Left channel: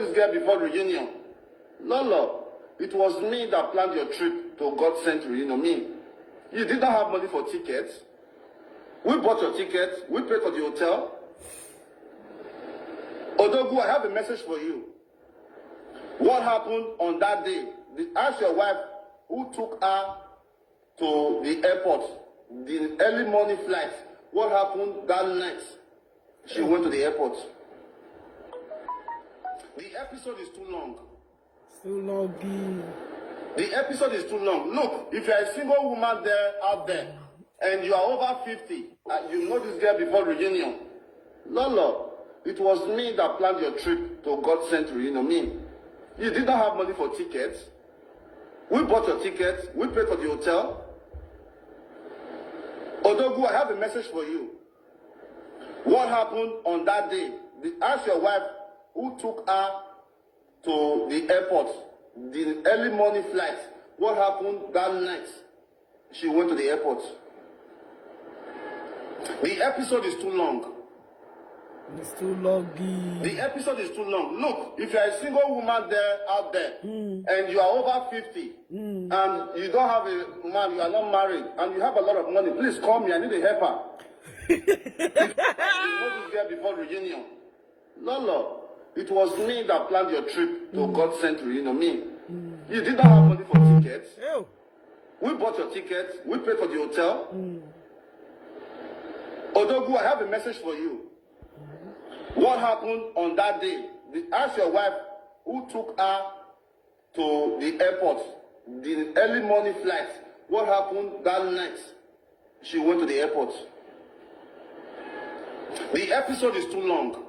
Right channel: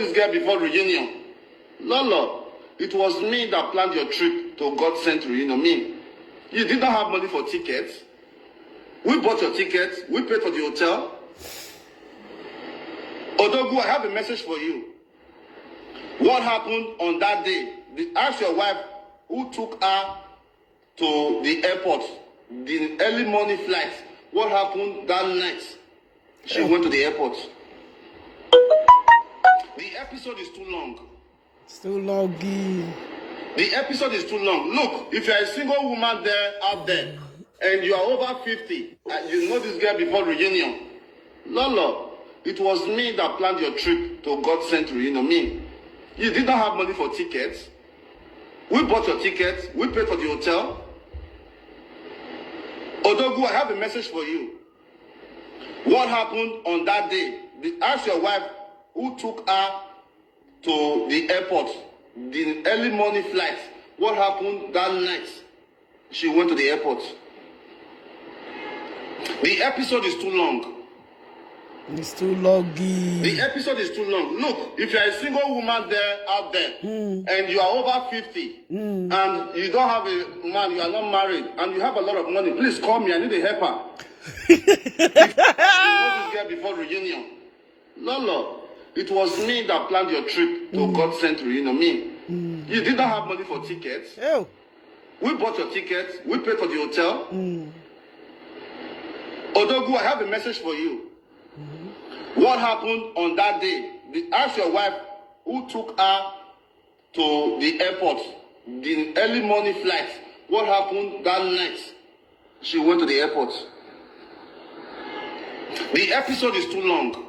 this girl before reunion. Lolo, it was me that planned your trip to God sent reunion. Me. You did not have money for tickets. We bought your tickets. We paid for the hotel. Osagie, I have a message for you. What happened on that day? Ask your wife who took her to the airport, the early morning flight. What happened that night? She went to the airport. The episode is too long. It's too long. The episode is too long. Look, if you're a single woman there out there and you are over 50, you know this girl before reunion. Lolo, it was me that planned your trip to God sent reunion. Me. You did not have money for tickets. We bought your tickets. We paid for the hotel. Osagie, I have a message for you. What happened on that day? Ask your wife who took her to the airport, the early morning flight. What happened that night? She went to the airport. The episode is too long. It's too long. The episode is too long. Look, if you're a single woman there out there and you are over 50 and you don't have a man, you are not married, and you have a lot of money, please call me. I need a helper. If you know this girl before reunion. Lolo, it was me that planned your trip to God sent reunion. Me. You did not have money for tickets. Ew. We bought your tickets. We paid for the hotel. Osagie, I have a message for you. What happened on that day? Ask your wife who took her to the airport, the early morning flight. What happened that night? She went to the airport. The episode is too long.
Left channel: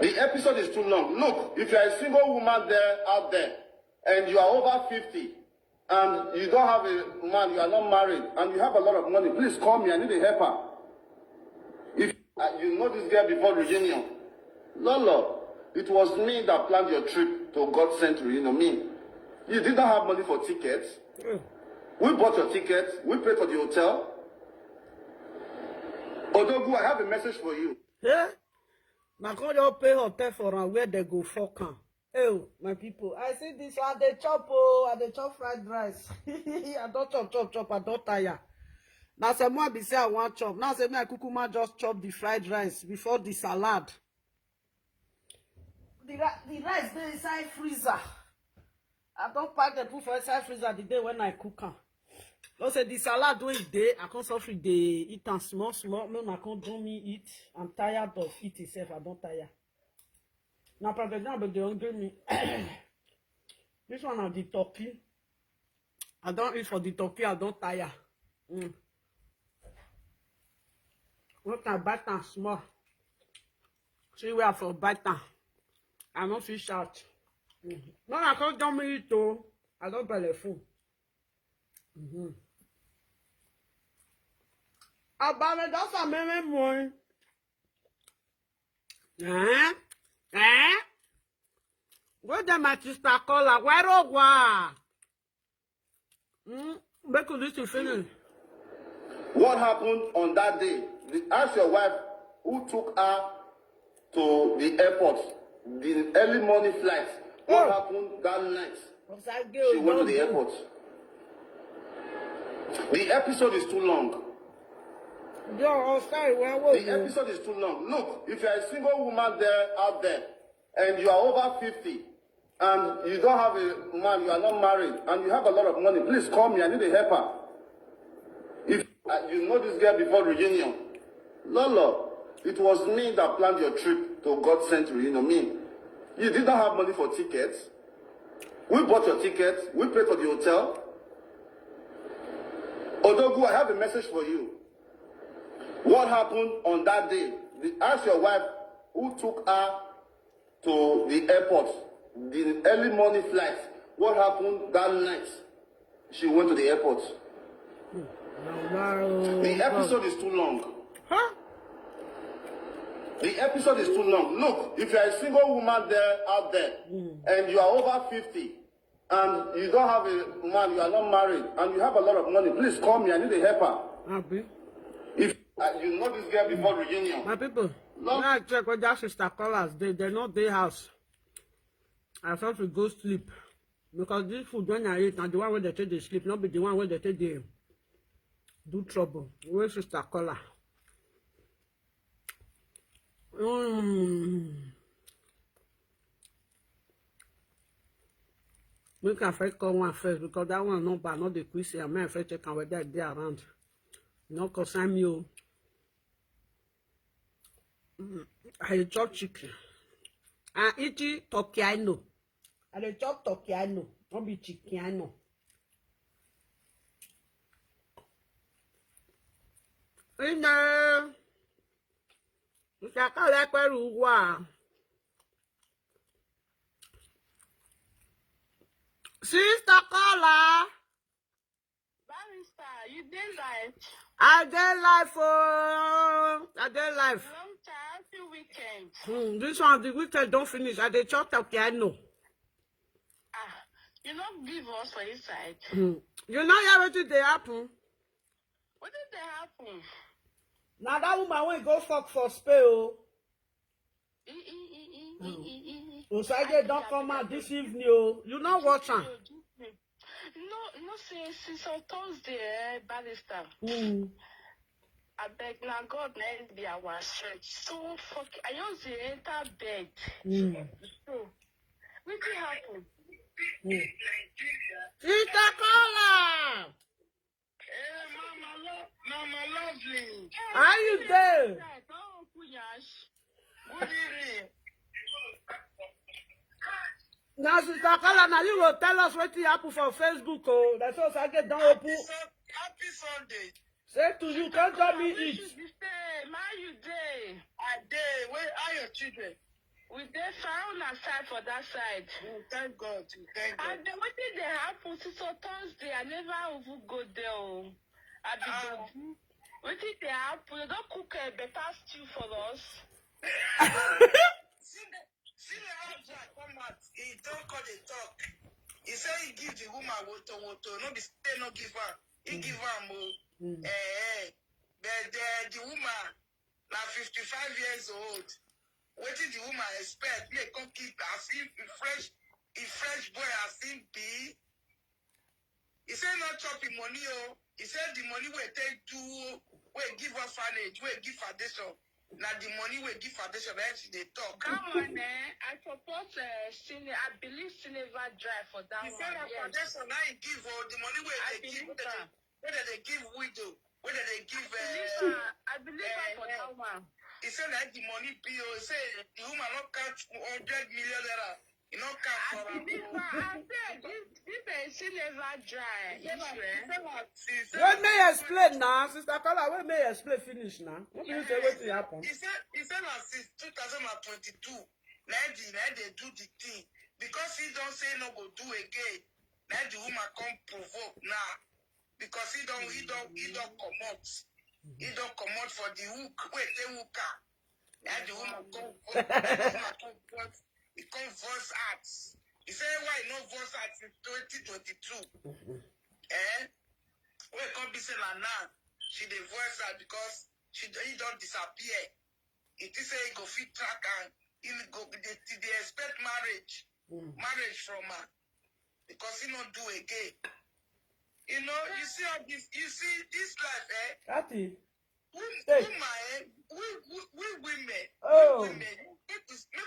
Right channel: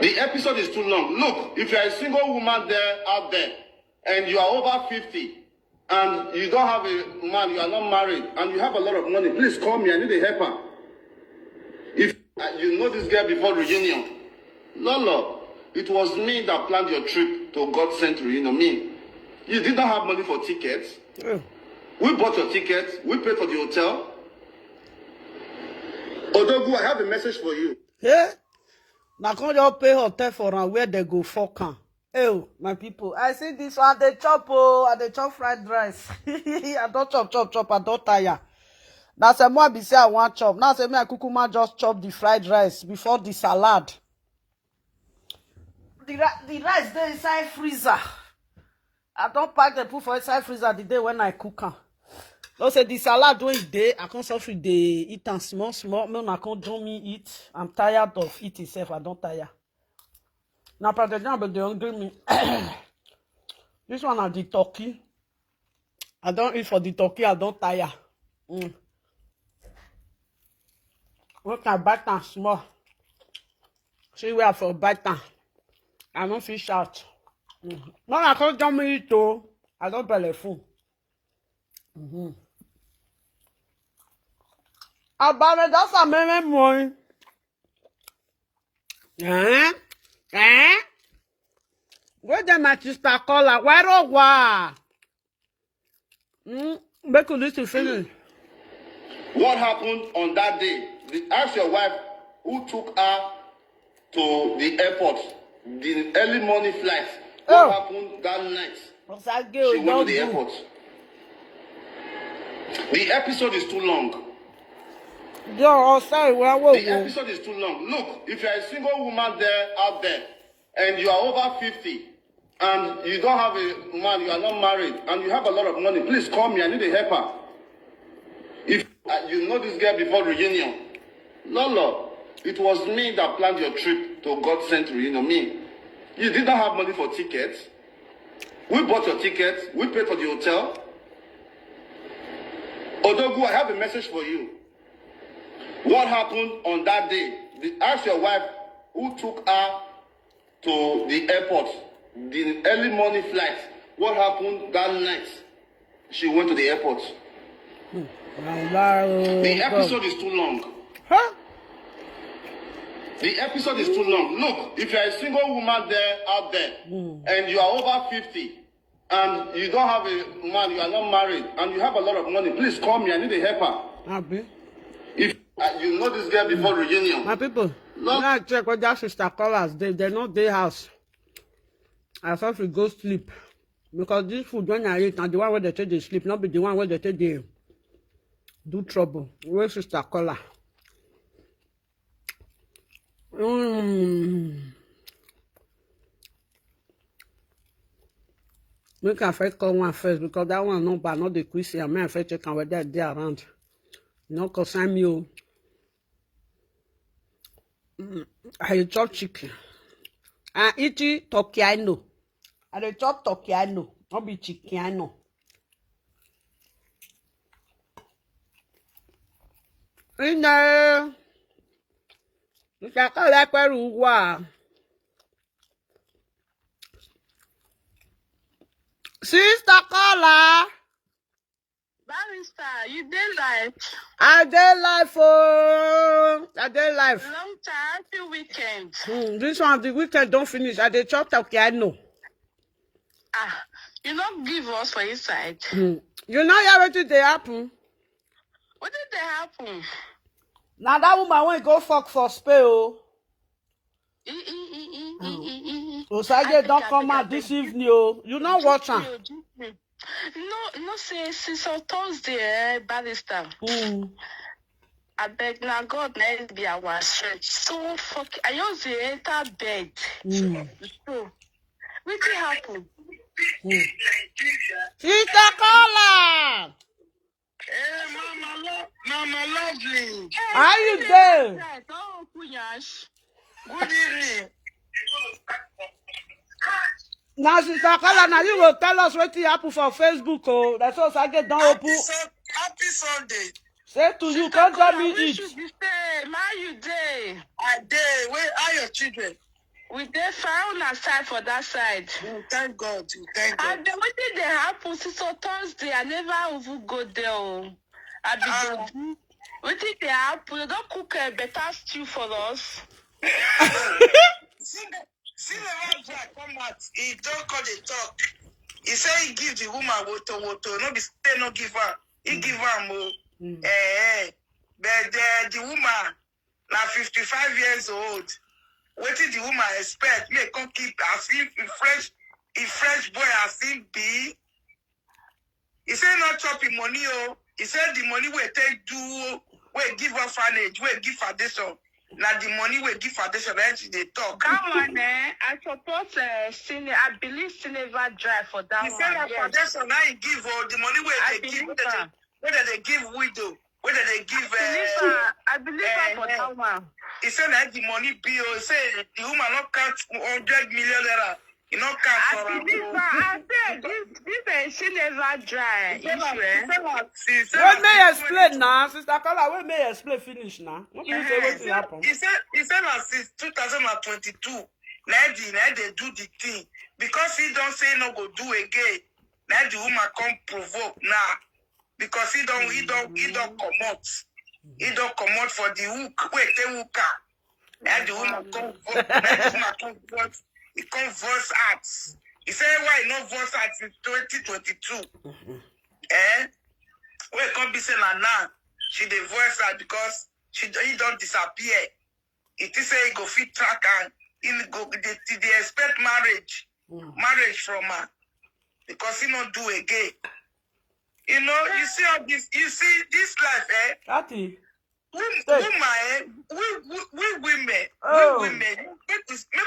The episode is too long. Look, if you're a single woman there out there and you are over 50 and you don't have a man, you are not married, and you have a lot of money, please call me. I need a helper. If you know this girl before reunion. Lolo, it was me that planned your trip to God sent reunion. Me. You did not have money for tickets. We bought your tickets. We paid for the hotel. Osagie, I have a message for you. Yeah? Now come you pay hotel for and where they go fuck am. Oh, my people, I see this one, they chop, they chop fried rice. I don't chop, I don't tire. Now say more be say I want chop. Now say me I kukuma just chop the fried rice before the salad. The rice there inside freezer. I don't pack the food for inside freezer the day when I cook am. Don't say the salad when it day, I can't suffer the eat and small. Me I can't do me eat. I'm tired of eating itself. I don't tire. Now but they hungry me. This one are the turkey. I don't eat for the turkey, I don't tire. What can bite and small? See where for bite and I don't fish out. No, I can't do me eat too. I don't belly full. About it, that's a meme morning. Where the my sister call her? Where oh wa? Make you listen finish. What happened on that day? Ask your wife who took her to the airport, the early morning flight. What happened that night? Osagie, she went to the airport. The episode is too long. The episode is too long. Look, if you're a single woman there out there and you are over 50 and you don't have a man, you are not married, and you have a lot of money, please call me. I need a helper. If you know this girl before reunion. Lolo, it was me that planned your trip to God sent reunion. Me. You did not have money for tickets. We bought your tickets. We paid for the hotel. Osagie, I have a message for you. What happened on that day? Ask your wife who took her to the airport, the early morning flight. What happened that night? She went to the airport. The episode is too long. Huh? The episode is too long. Look, if you're a single woman there out there and you are over 50 and you don't have a man, you are not married, and you have a lot of money, please call me. I need a helper. If you know this girl before reunion. My people. Look, I check what that sister callers. They're not their house. I thought we go sleep. Because this food when I eat, and the one where they take they sleep, not be the one where they take they do trouble. Where sister caller? Make I first call one first because that one no bad, not the Prissy. I may first check whether they around. No concern me. Oh. I chop chicken. I eat it turkey. I know. I chop turkey. I know. Not be chicken. I know. In there, you can call that Peru. Sister caller. Barrister, you did live. I dey life, oh. I dey life. Long time, happy weekend. This one, the weekend don't finish. I dey chop turkey. I know. You not give us for inside. You know hear wetin dey happen. What did they happen? Now that woman wey go fuck for Spain, oh. Osagie don't come out this evening, oh. You know watch am. No, say since on Thursday, Barrister. I beg now God let be our strength. So fuck I just enter bed. So what happened? Sister caller. hey, Mama Lovely. How you dey? Good evening. Now sister caller, now you will tell us wetin happen for Facebook, oh. That's all Osagie don open. Happy Sunday. Say to you, come tell me eat. You day. I day. Where are your children? We dey found a side for that side. Thank God. Thank God. And then what did they happen since on Thursday? I never even go there. I be what did they happen? They don't cook a better stew for us. See the man Jack come out. He don't call the talk. He say he give the woman water. No be say no give her. He give her more. But the woman now 55 years old. What did the woman expect? Me come keep as if fresh boy as if be. He say not chopping money, oh. He said the money we take do, we give orphanage, we give foundation. Now the money we give foundation, they talk. Come on, I support I believe Silver Drive for that he one. He said that foundation now he give all the money where they give, whether they give widow, whether they give. I believe for that one. He said that the money bill. He said the woman not count 100 million naira. He not count for her. I said this Silver Drive. What may you explain now, sister caller? What may you explain finish now? What do you say what will happen? He said that since 2022, now they do the thing because he don't say no go do again. Now the woman come provoke now because he don't come out. He don't come out for the hook. Wait, the hook. Now the woman come vote. Now the woman come vote. He come voice acts. He said why no voice acts in 2022. We can't be saying now. She the voice act because he don't disappear. It is say he go fit track and he go they expect marriage from her because he not do again. You know, you see how this this life, Cathy. We women, make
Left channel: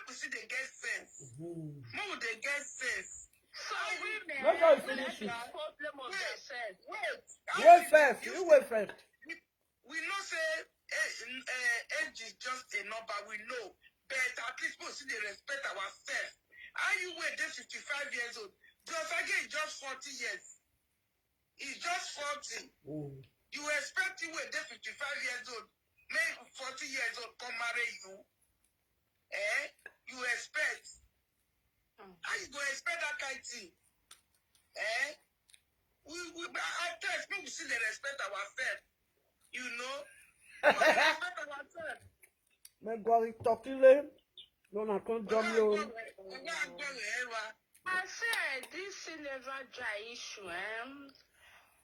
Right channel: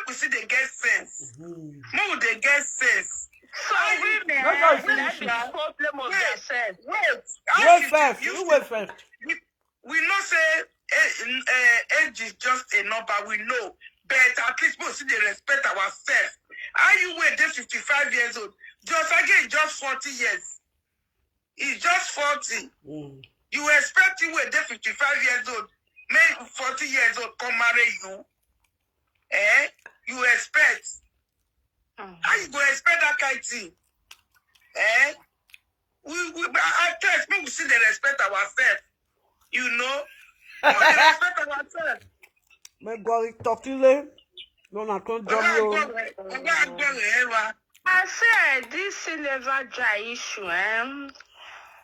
we see they get sense. More they get sense. So women, that's problem of themselves. Wait first. You wait first. We know say age is just a number. We know, but at least we see they respect ourselves. How you wait? They're 55 years old. Just again, just 40 years. He's just 40. You expect you were there 55 years old, maybe 40 years old, come marry you. You expect. How you go expect that kind of thing? I test, we see they respect ourselves. You know? We respect ourselves. Me go talkile. No, I can't jump you. I said this Silver Dry issue,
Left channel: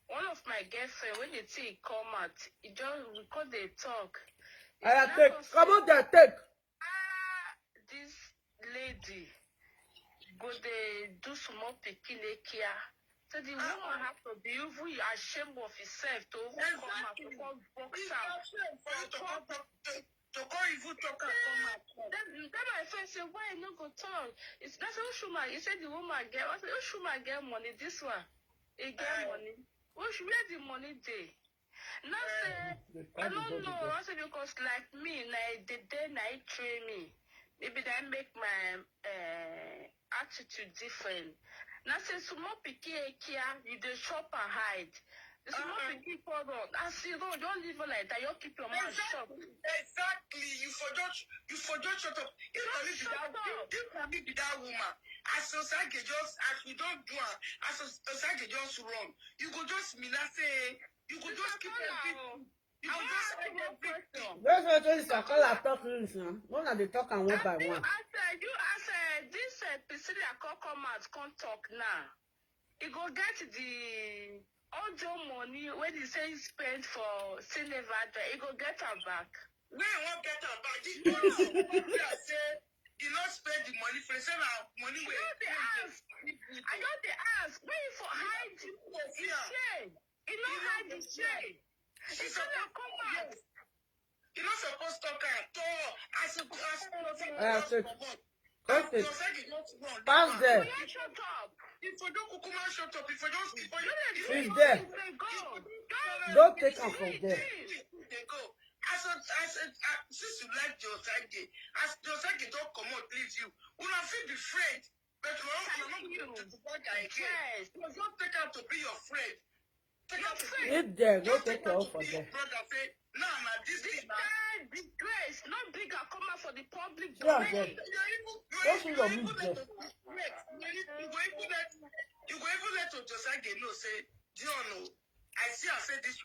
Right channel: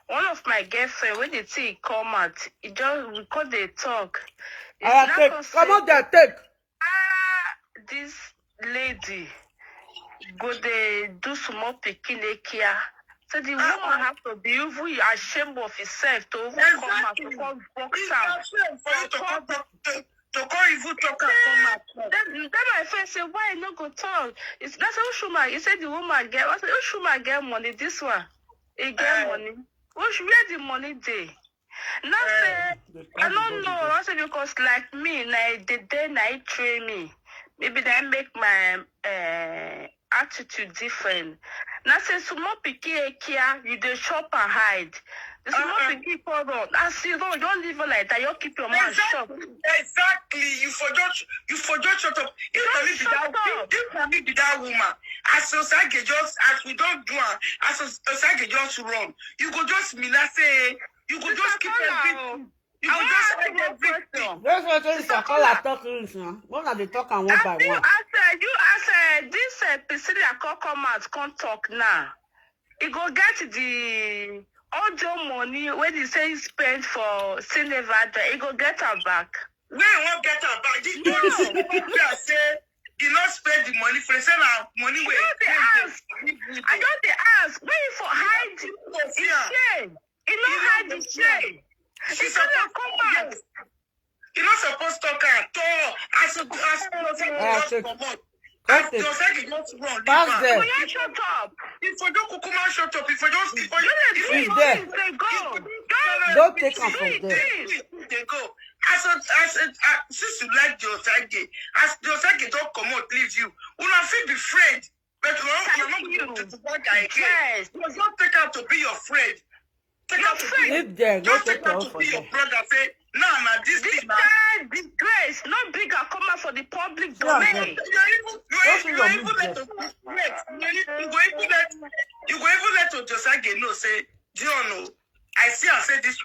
one of my girlfriend when the tea come out, we call they talk. I take. Come on there, take. This lady go they do small picking here. So the woman have to be even ashamed of herself to even come out to come box out. To come even talk and come out. Then my friend say, why not go talk? That's how Shuma. He said the woman get. I said, oh Shuma get money. This one, he get money. Where the money day? Now say, I don't know. I say because like me, the day I train me, maybe that make my attitude different. Now say small picky here, you dey shop and hide. The small picky for run. I see don't live like that. You keep your mouth shut. Exactly. You forgot shut up. If only be that woman. As Osagie just as we don't do it, as Osagie just run. You go just say you go just keep everything. You go just hide everything. That's what is a call at talking now. One of the talk and one by one. I said this Prissy come out, can't talk now. He go get the audio money when he say he spent for Cinevada, he go get her back. We won't get her back. This don't say he not spend the money for the money. I got the ask. Wait for hide his shame. He not hide his shame. She's supposed to come out. You're not supposed to talk at all. I should come out. Pass there. Shut up. If you don't come out, shut up. If you don't, He's there. Don't take off from there. They go. Since you like the Osagie, as the Osagie don't come out, leave you. You not feel be afraid. But you're not going to the bad guy again. You must not take out to be your friend. Take out to be Live there. Go just take take out off to from be your there. brother. Say, no, this thing. Disgrace, not bigger come out for the public Yeah, domain. You go even let Osagie know, say, Dion, I see I say this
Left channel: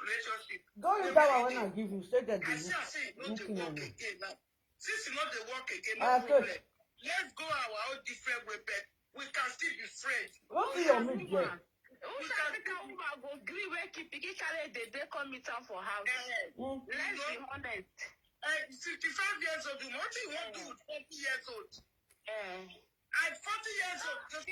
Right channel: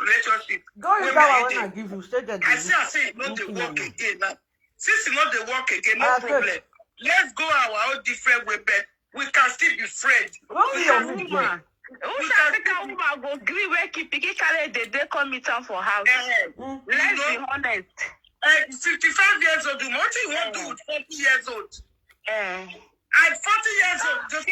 relationship. Go use that one when I give you. Stay there. I see I say it not the work again now. Since it not the work again, no I problem. said- Let's go our own different way, but we can still be friends. Don't be your meat there. Who shall think a woman go gree where keep picking carry the day come meet am for house? Let's be honest. 55 years old, what do you want to do with 40 years old? At 40 years old, just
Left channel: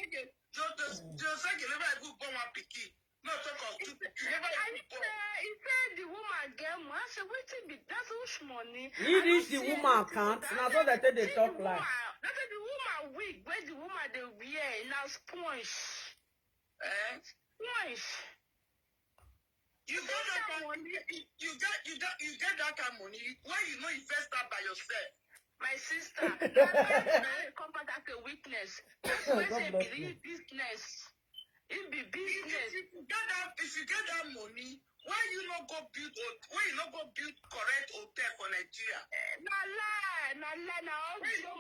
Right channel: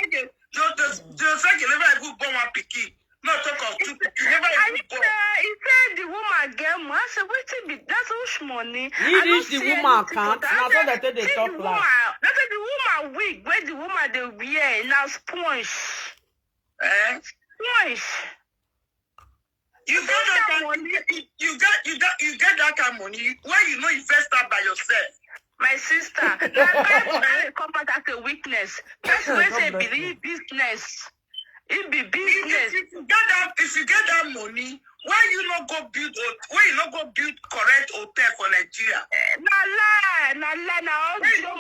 like you never even born one picky. Not talk of two picky. Never even born. He said the woman get money. I said, wait, that's huge money. He reach the woman account. Now so that they talk like. That's the woman wig where the woman they wear now sponge. Sponge. You got that money. You get that kind of money. Why you not invest that by yourself? My sister, that come out as a weakness. That's why say believe business. It be business. If you get that money, why you not go build correct hotel for Nigeria? Nah. Why you not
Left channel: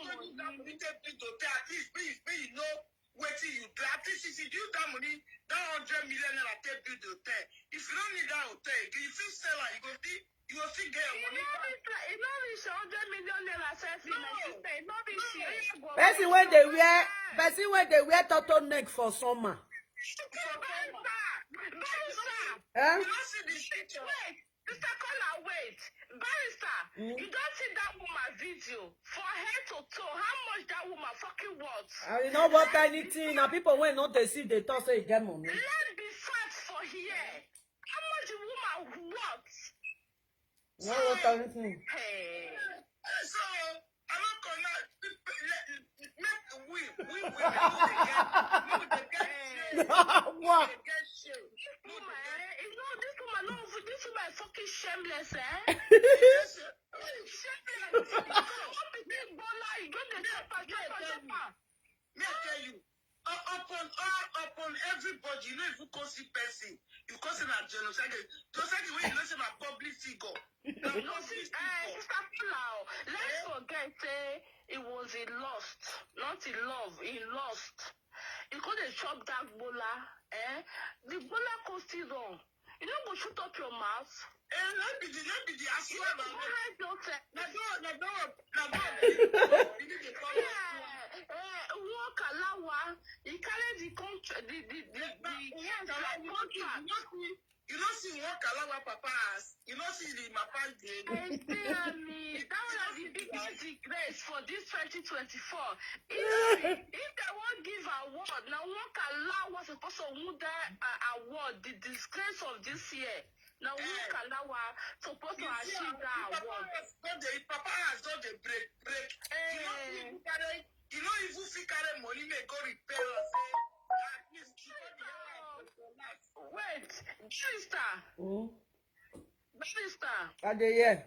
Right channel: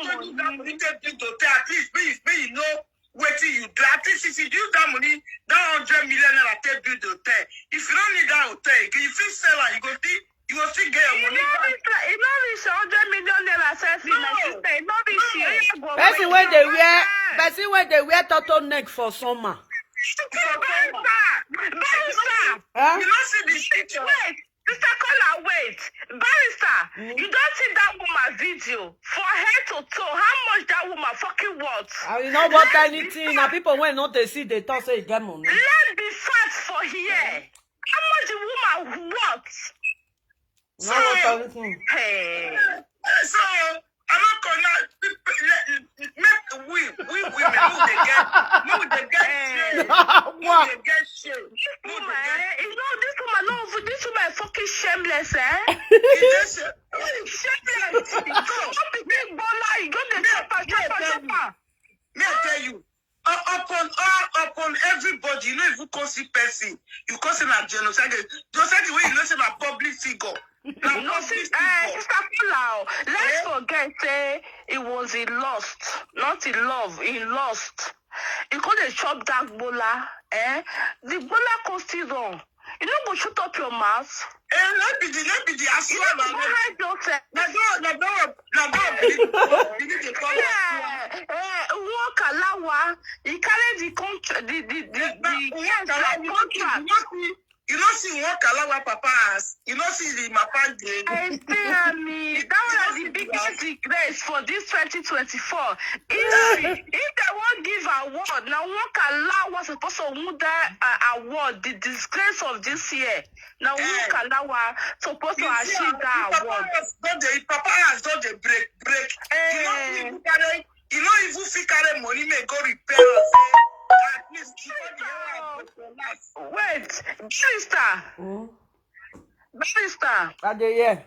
go use that money to build hotel? At least you know what you do. At least if you use that money, that 100 million naira to build hotel. If you don't need that hotel, if you sell it, you go still get your money back. It not reach 100 million naira selfie, my sister. It not reach here. Person when they wear turtleneck for summer. Barrister. You don't see the picture. Wait, Mr. Kola, wait. Barrister, you don't see that woman video from head to toe. How much that woman fucking worth? I will not want anything. Now people when not they see they talk say you get money. Let's be fat for here. How much the woman worth? No want anything. Hey. So I'm not gonna we women who they get What? This woman, no, this woman is fucking shameless, eh? Shameless. Don't be big baller. You got the chopper. May I tell you, upon everybody, you know, if you call see person, you call him a genocide. Just like the way you know him a public figure. Sister Palau, let's forget it was in lust, not in love, in lust. You could have chopped that bola, the bola could still wrong. You know, go shoot up your mouth. Let me the assume. Walk alawa. He carried the contract. You don't see want Kalawa Papa's. You know, see the Mapa game. I say, me, that was the biggest regret for this 2024. If they won't give award, now one Kalawa was supposed to win that award, the disgrace of this year. Now one Kalawa supposed to achieve that award. Papa has done the break. You know, if you carry money, may go repair. At least wait, Barrister. Are they here?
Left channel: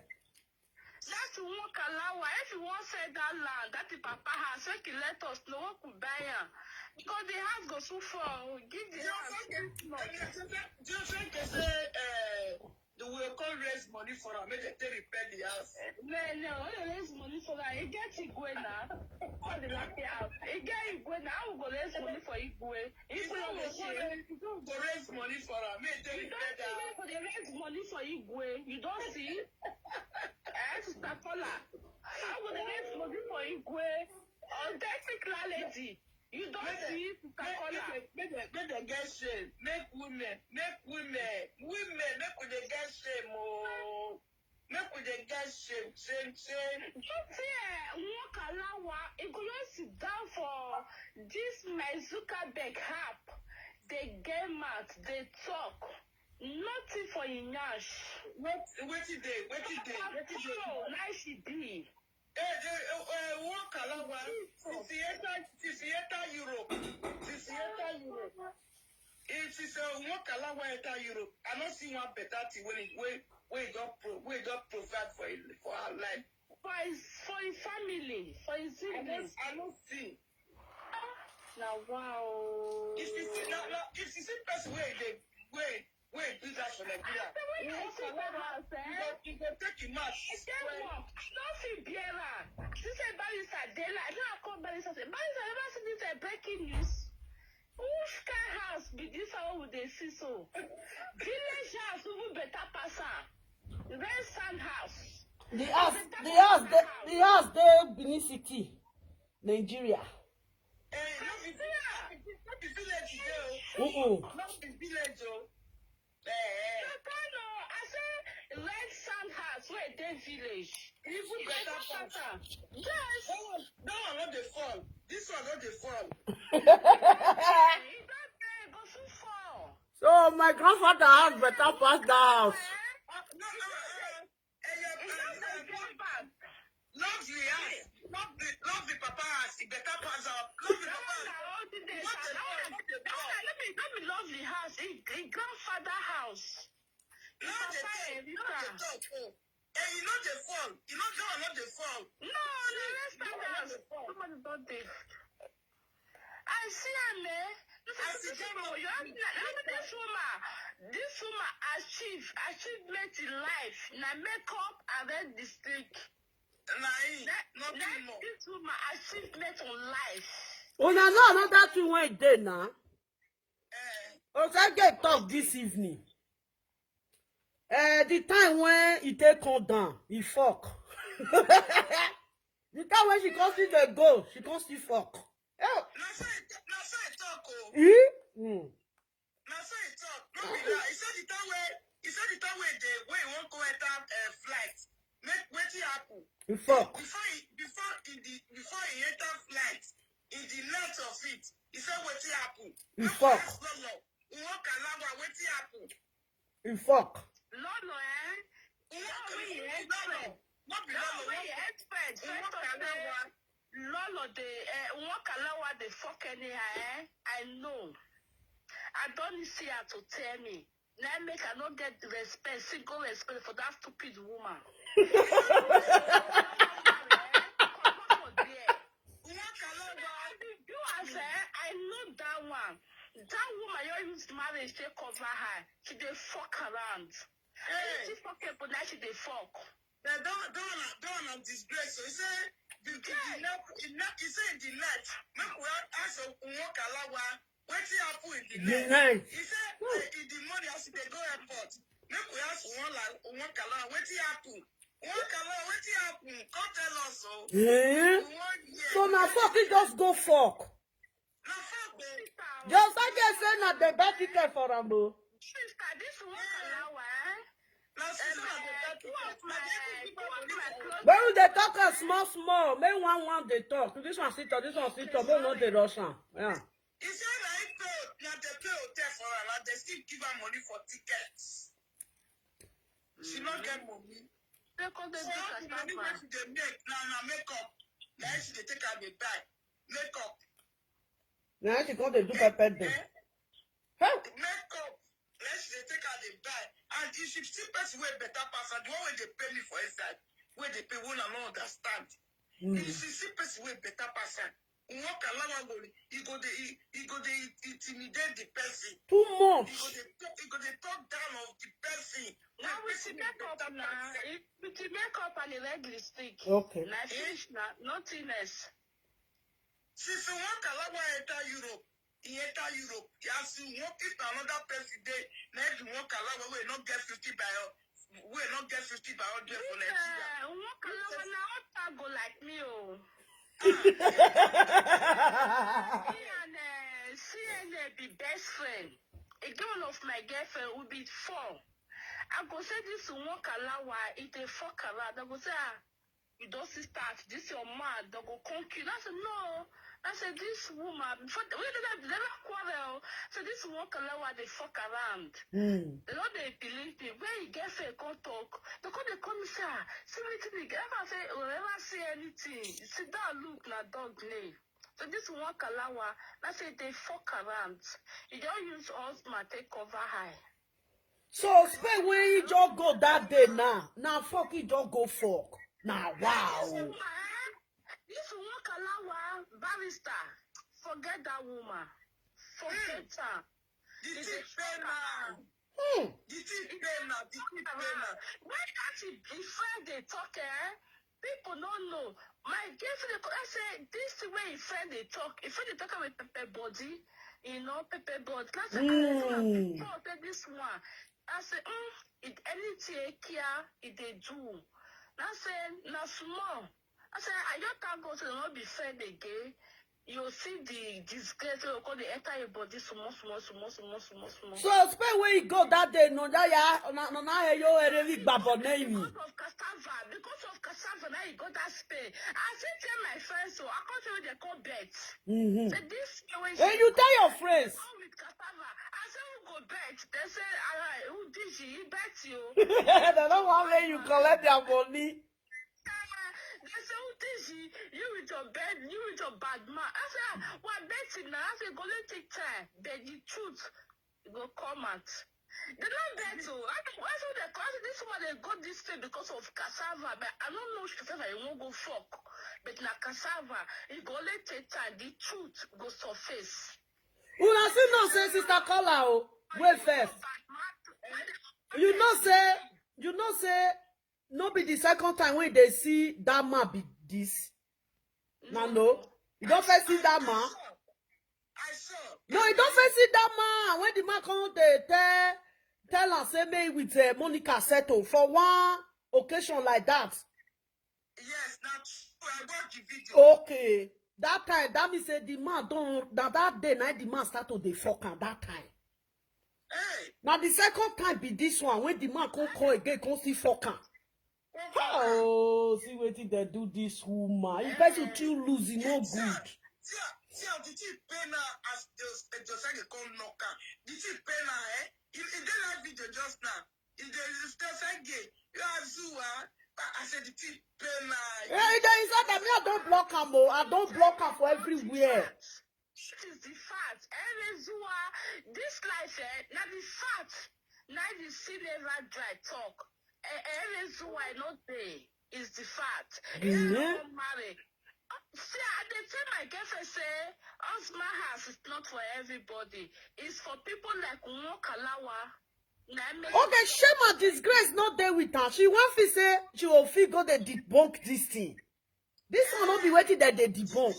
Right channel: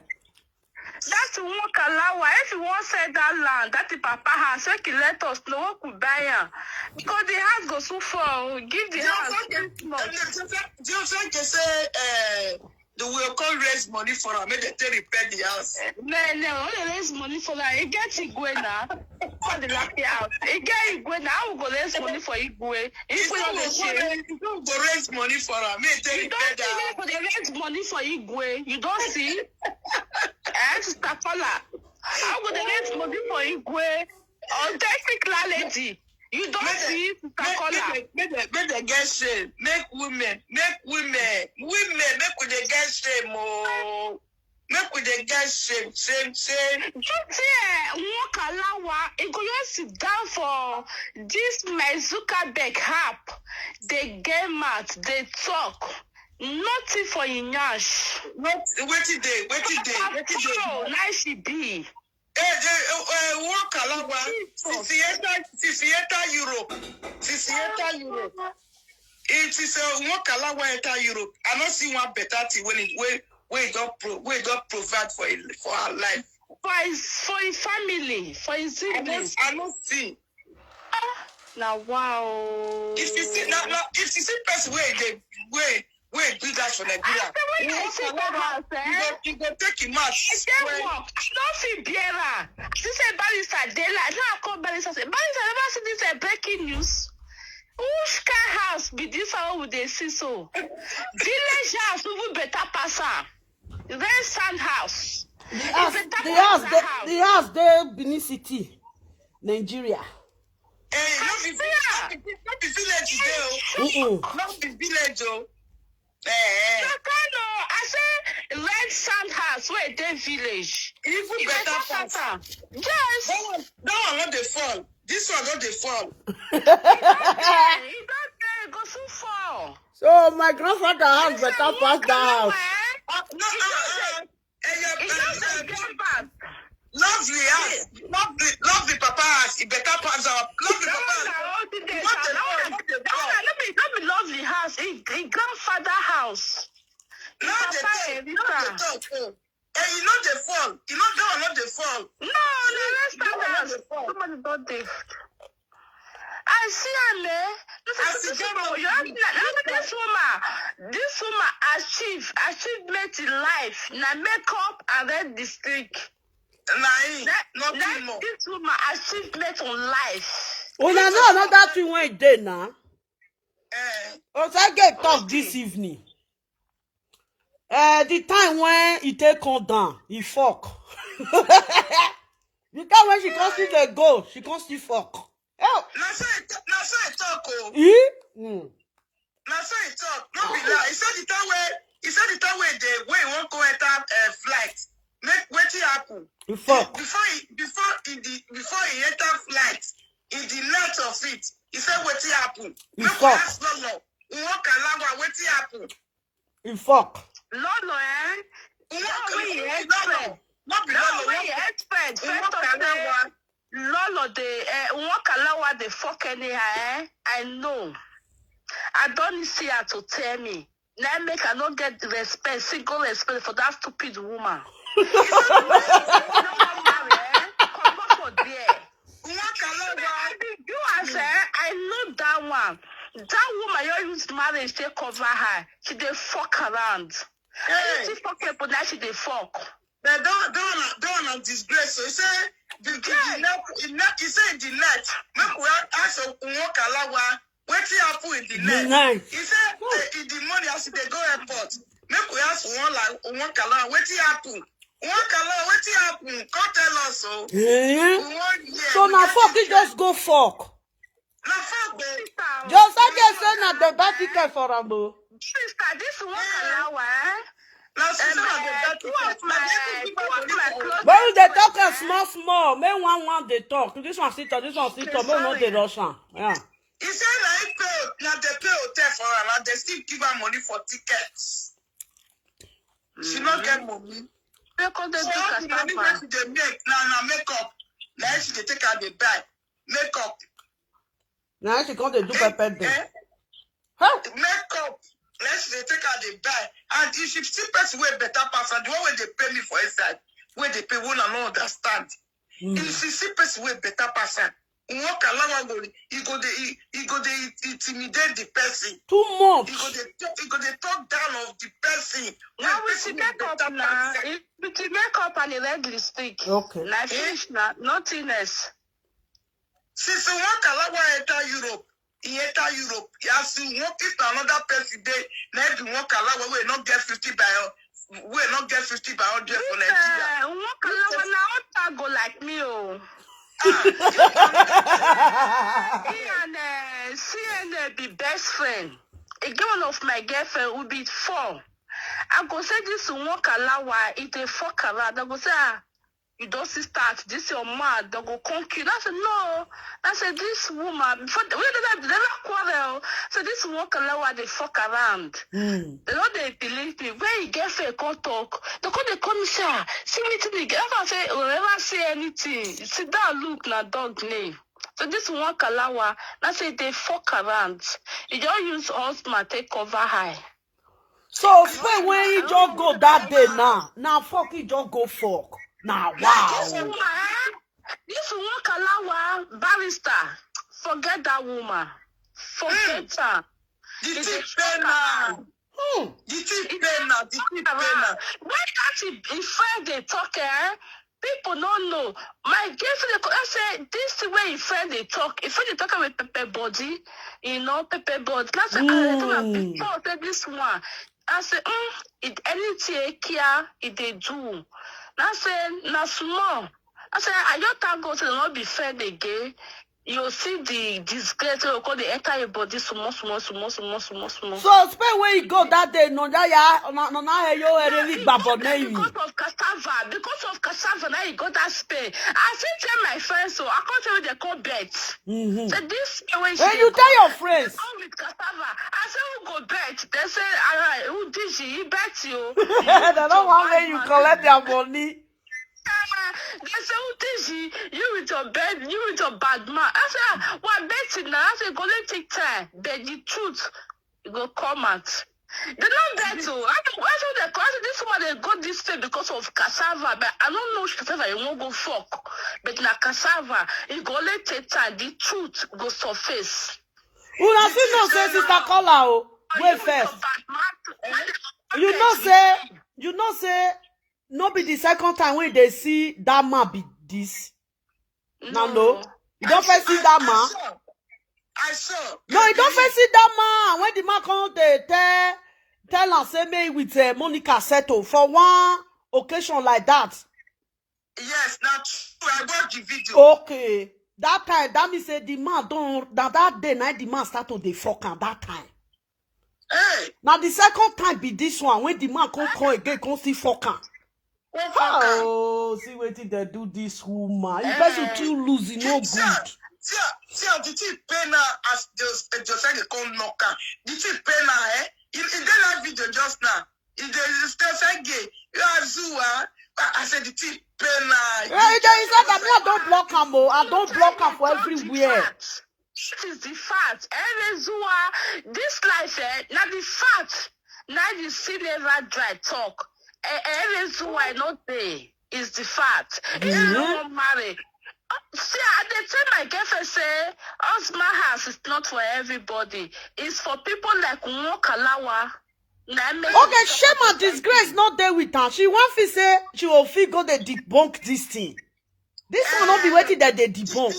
That's one Kalawa. If you want to sell that land, that the Papa has, so he let us know what could buy it. Because the house goes so far. Give the house. Just say, they will come raise money for her, make they repair the house. No, only raise money for that. You get Igwe now. For the lucky house. You get Igwe now. I will go raise money for Igwe. If we don't go raise money for her, make they repair the house. You don't see they raise money for Igwe. You don't see? Sister Paula. I will raise money for Igwe. Authentic lady. You don't see Sister Paula. Make they get shame. Make women, make we they get shame. Oh. Make we they get shame. Just walk Kalawa. It go just sit down for this my Zuckerberg app. They get mad. They talk. Nothing for Inyash. Wait today. Oh, nice she be. Walk Kalawa. Sisieta Europe. It is a walk Kalawa enter Europe. I don't see one better thing when it we don't provide for our life. For his family, for his siblings. I don't see. Now wow. If you see person where do that for Nigeria. You go take him out. I don't feel better. This is Barrister Dela. Now I call Barrister. Barrister never see this breaking news. Which kind house be this one with the see so? Village house even better passer. Red sand house. The house there Benin City, Nigeria. Not the village there. Not the village though. I say red sand house where they village. Even better passer. Yes. That one not the fall. This one not the fall. It don't go so far. So my grandfather has better pass that house. Lovely house. Lovely Papa house. It better pass up. Lovely Papa. Not be lovely house. It grandfather house. No, the talk. You know the fall. You know that one not the fall. No, the rest of us. Somebody don't do. I see this woman achievement in life. Na makeup and then district. Nothing more. This woman achievement on life. Oh, no, another thing went there now. Osagie talk this evening. The time when he take on down, he fuck. The time when she can't see the goal, she can't see fuck. Oh. Now so it talk. Now so it talk. No be lie. He said the time where they won't go enter flight. Make wetin happen. He fuck. Before he enter flight, in the night of it, he said wetin happen. He fuck. Lolo. Walk along wetin happen. He fuck. Lolo, Lolo. Not be Lolo. Lolo. Expert. First of all, Lolo, walk along the fuck anyhow. I know. I don't see her to tell me. Now make I not get respect, single respect for that stupid woman. You I know that one. That woman you use marriage to cover her. She dey fuck around. And she fuck people now she dey fuck. They don't disgrace. So he said he said in the net. Make we ask walk along wetin happen in the net. He said in the morning as they go airport. Make we ask walk along wetin happen. Wetin happen? Come tell us so. So now fuck it just go fuck. Na fuck Just I just say na the bad ticket for Rambo. Sister, this one allow, Now, sister, two of my close. But they talk small. May one they talk. This one sit up. May not the Russian. Yeah. He said, now they pay hotel for her, and they still give her money for tickets. She not get money. Because they So, do the money that they make, now makeup. Now she they take her, they buy. Makeup. Now she come to do pepper them. Huh? Makeup. Let's they take her, they buy. And if you see person way better person, the one where they pay me for inside, where they pay, one and not understand. If you see person way better person, walk along go, he go they intimidate the person. Too much. He go they talk down of the person. Now we should make up now. We should make up and a red lipstick. Okay. Now finish now, nothing else. Since walk along enter Europe, he enter Europe. He has to walk it another person day. Now if you walk along we not get 50 by 100 for Nigeria. Walk along now, go like me, oh. CN be best friend. One of my girlfriend will be 4. I go say this walk allow it a fuck around. I go say you don't see start this your mad. They go conquer. I said no. I said this woman before they never quarrel. So this walk allow they fuck around. They don't they believe me. When you get fair can't talk, they come and say, see me to the girl. I say, oh, never say anything. Sit down, look, na dog name. So this one kalawa, I say they fuck around. You just use husband take cover high. So spend when you just go that day now. Now fuck you just go fuck. Now wow. This one kalawa barrister. Forget that woman. Forget her. This is pena. This is pena. Why can't he friend they talk, people don't know. My girlfriend, I say, this the way friend they talk. If they talk with pepper body, pepper body. That's before this one. I say, it anything here, it they do. I say, na small. I say, I just thank God to not be friend again. You see the disgrace you call the entire body small. So spend where you go that day, no because of cassava, now you got that spray. I still tell my friends, so I can't tell you they call bet. So this way when you tell your friends. With cassava, I say who go bet. They say, alright, who did she bet you? They don't want when you collect their money. They say, you with your bed, you with your bad man. I say, well, betting now. I say, go let take time. But the truth, you go come out. They don't bet, so I say, this woman, they got this thing because of cassava. But I don't know cassava, you won't go fuck. But na cassava, you go let take time. The truth go surface. Una see no say sister Kola wait first. You know say no be the second time when they see that man be this. No. You don't first see that man. I saw. No, you don't first see that man. When the man come they tell and say me with Monica settle for one occasion like that. Yes, that's true. I got the video. Okay. That time, that means say the man don't that day night the man start to the fuck at that time. Hey. Now the second time be this one when the man come again come see fuck. Oh, see what they do this woman. You person too losing no good. See, did you pay now as just like they call knocker? Did you pay now, You did that video just now. If there is still say gay, you are Zua. I said, did you pay now? Yeah, there is that me. I don't block him. I don't block him for everywhere. This is the fact. Zua, this life, now the fact. Now you see never dry talk. Zua not there is the fact. If no one marry. See, they tell my girlfriend say, husband house is not for everybody. It's for people like Nwokalawa. Okay, shame and disgrace not there with her. She want to say she will feel go they debunk this thing. This will not be waiting that they debunk.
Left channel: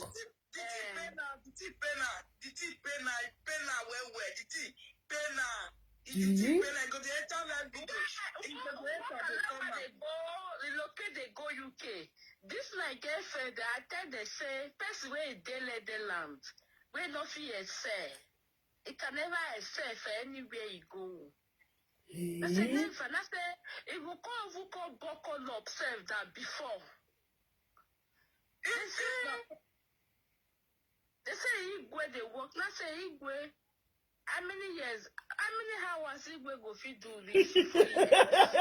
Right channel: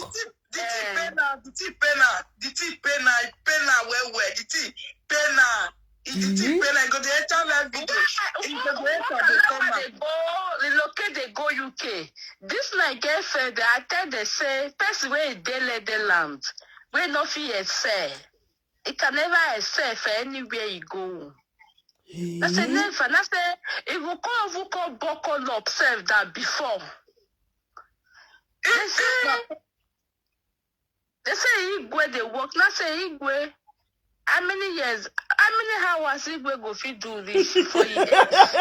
Relocate they go UK. This my girlfriend, I tell they say, first way they let the land. We no fear say. It can never excel for anywhere you go. I say never. I say if we come buckle up self that before. They say Igwe they work. Now say Igwe. How many years? How many hours Igwe go fit do this for you? That's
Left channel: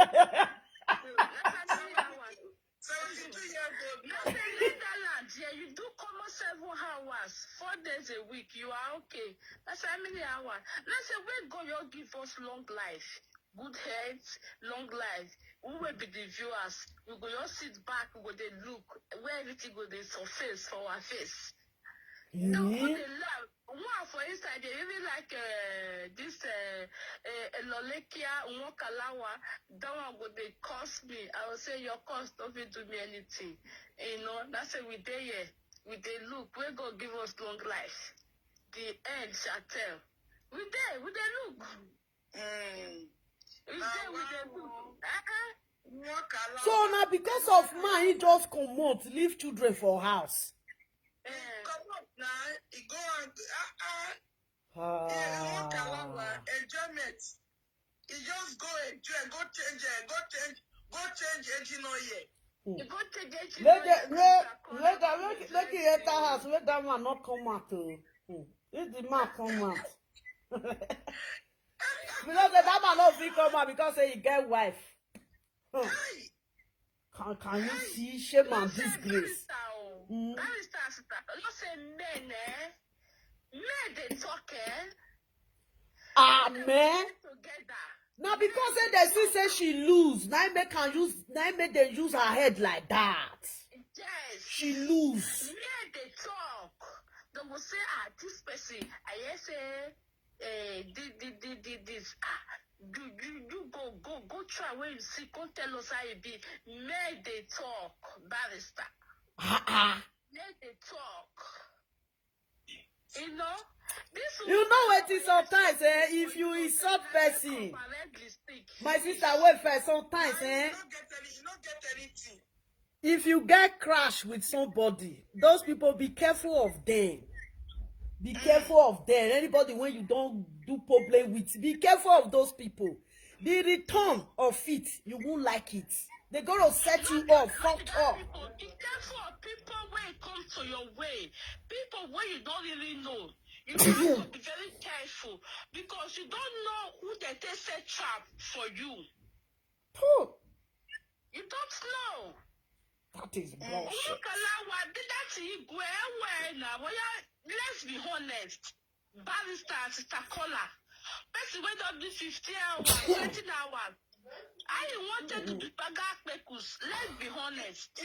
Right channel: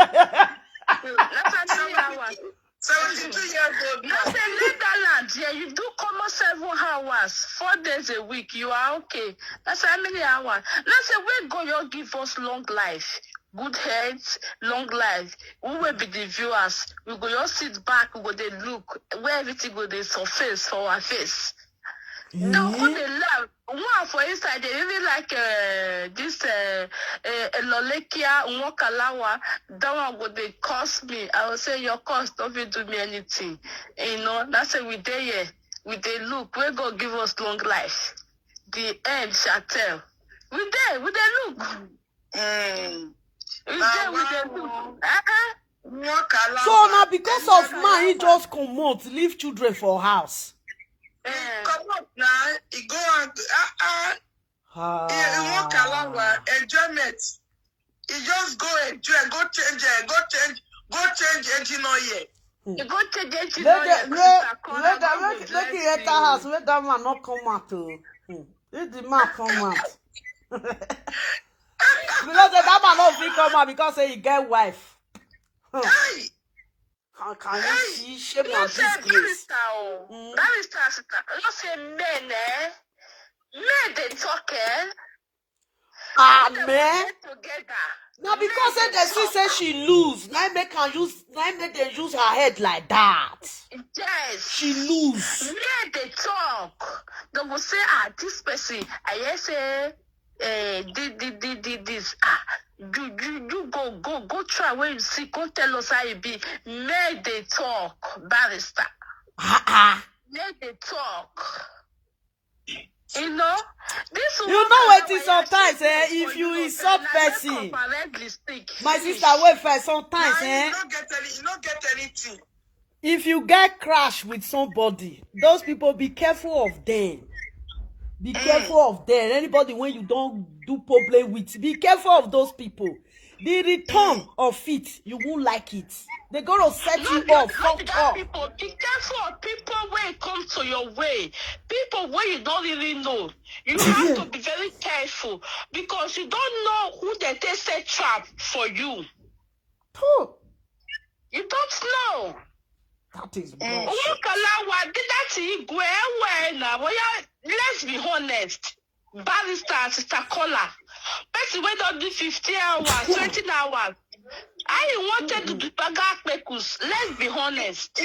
how many hours. 72 years old now. Now say Netherlands, yeah, you do come 7 hours, 4 days a week. You are okay. That's how many hours. Now say we go you give us long life. Good health, long life. We will be the viewers. We go just sit back, we go they look where everything go they surface for our face. The whole they love. One for inside they really like this Lolekia Nwokalawa. That one go they cost me. I will say your cost don't even do me anything. You know, that's why we there here. We they look, we go give us long life. The end shall tell. We there look. We there look. So now because of man, he just come out, leave children for house. Come up now, he go and he walk along enjoyment. He just go enjoy, go change engine oil. You go to the Let the enter house, let that man not come out. Let the man come out. Because that man not free come out because he get wife. Hey! Can you see shame and disgrace? That is you say men, men they talk, Man. together. Now because they see say she lose, now make them use her head like that. Yes. She lose. Men they talk. They will say, this person, I hear say, this, you go try where you see, go tell us how it be. Men they talk, barrister. Men they talk. You know, this You know what it is sometimes, if you insult person. My sister wait first sometimes, You don't get anything. if you get crash with somebody, those people be careful of them. Be careful of them. Anybody when you don't do problem with, be careful of those people. The return of it, you won't like it. They're gonna set you up, fucked up. People, be careful of people when it comes to your way. People where you don't really know. You have to be very careful because you don't know who they set trap for you. You don't know. That is bullshit. Let's be honest. Barrister, sister caller. Person wait on the 50 hours, 20 hours. I wanted to do Pagakpekus. Let's be honest.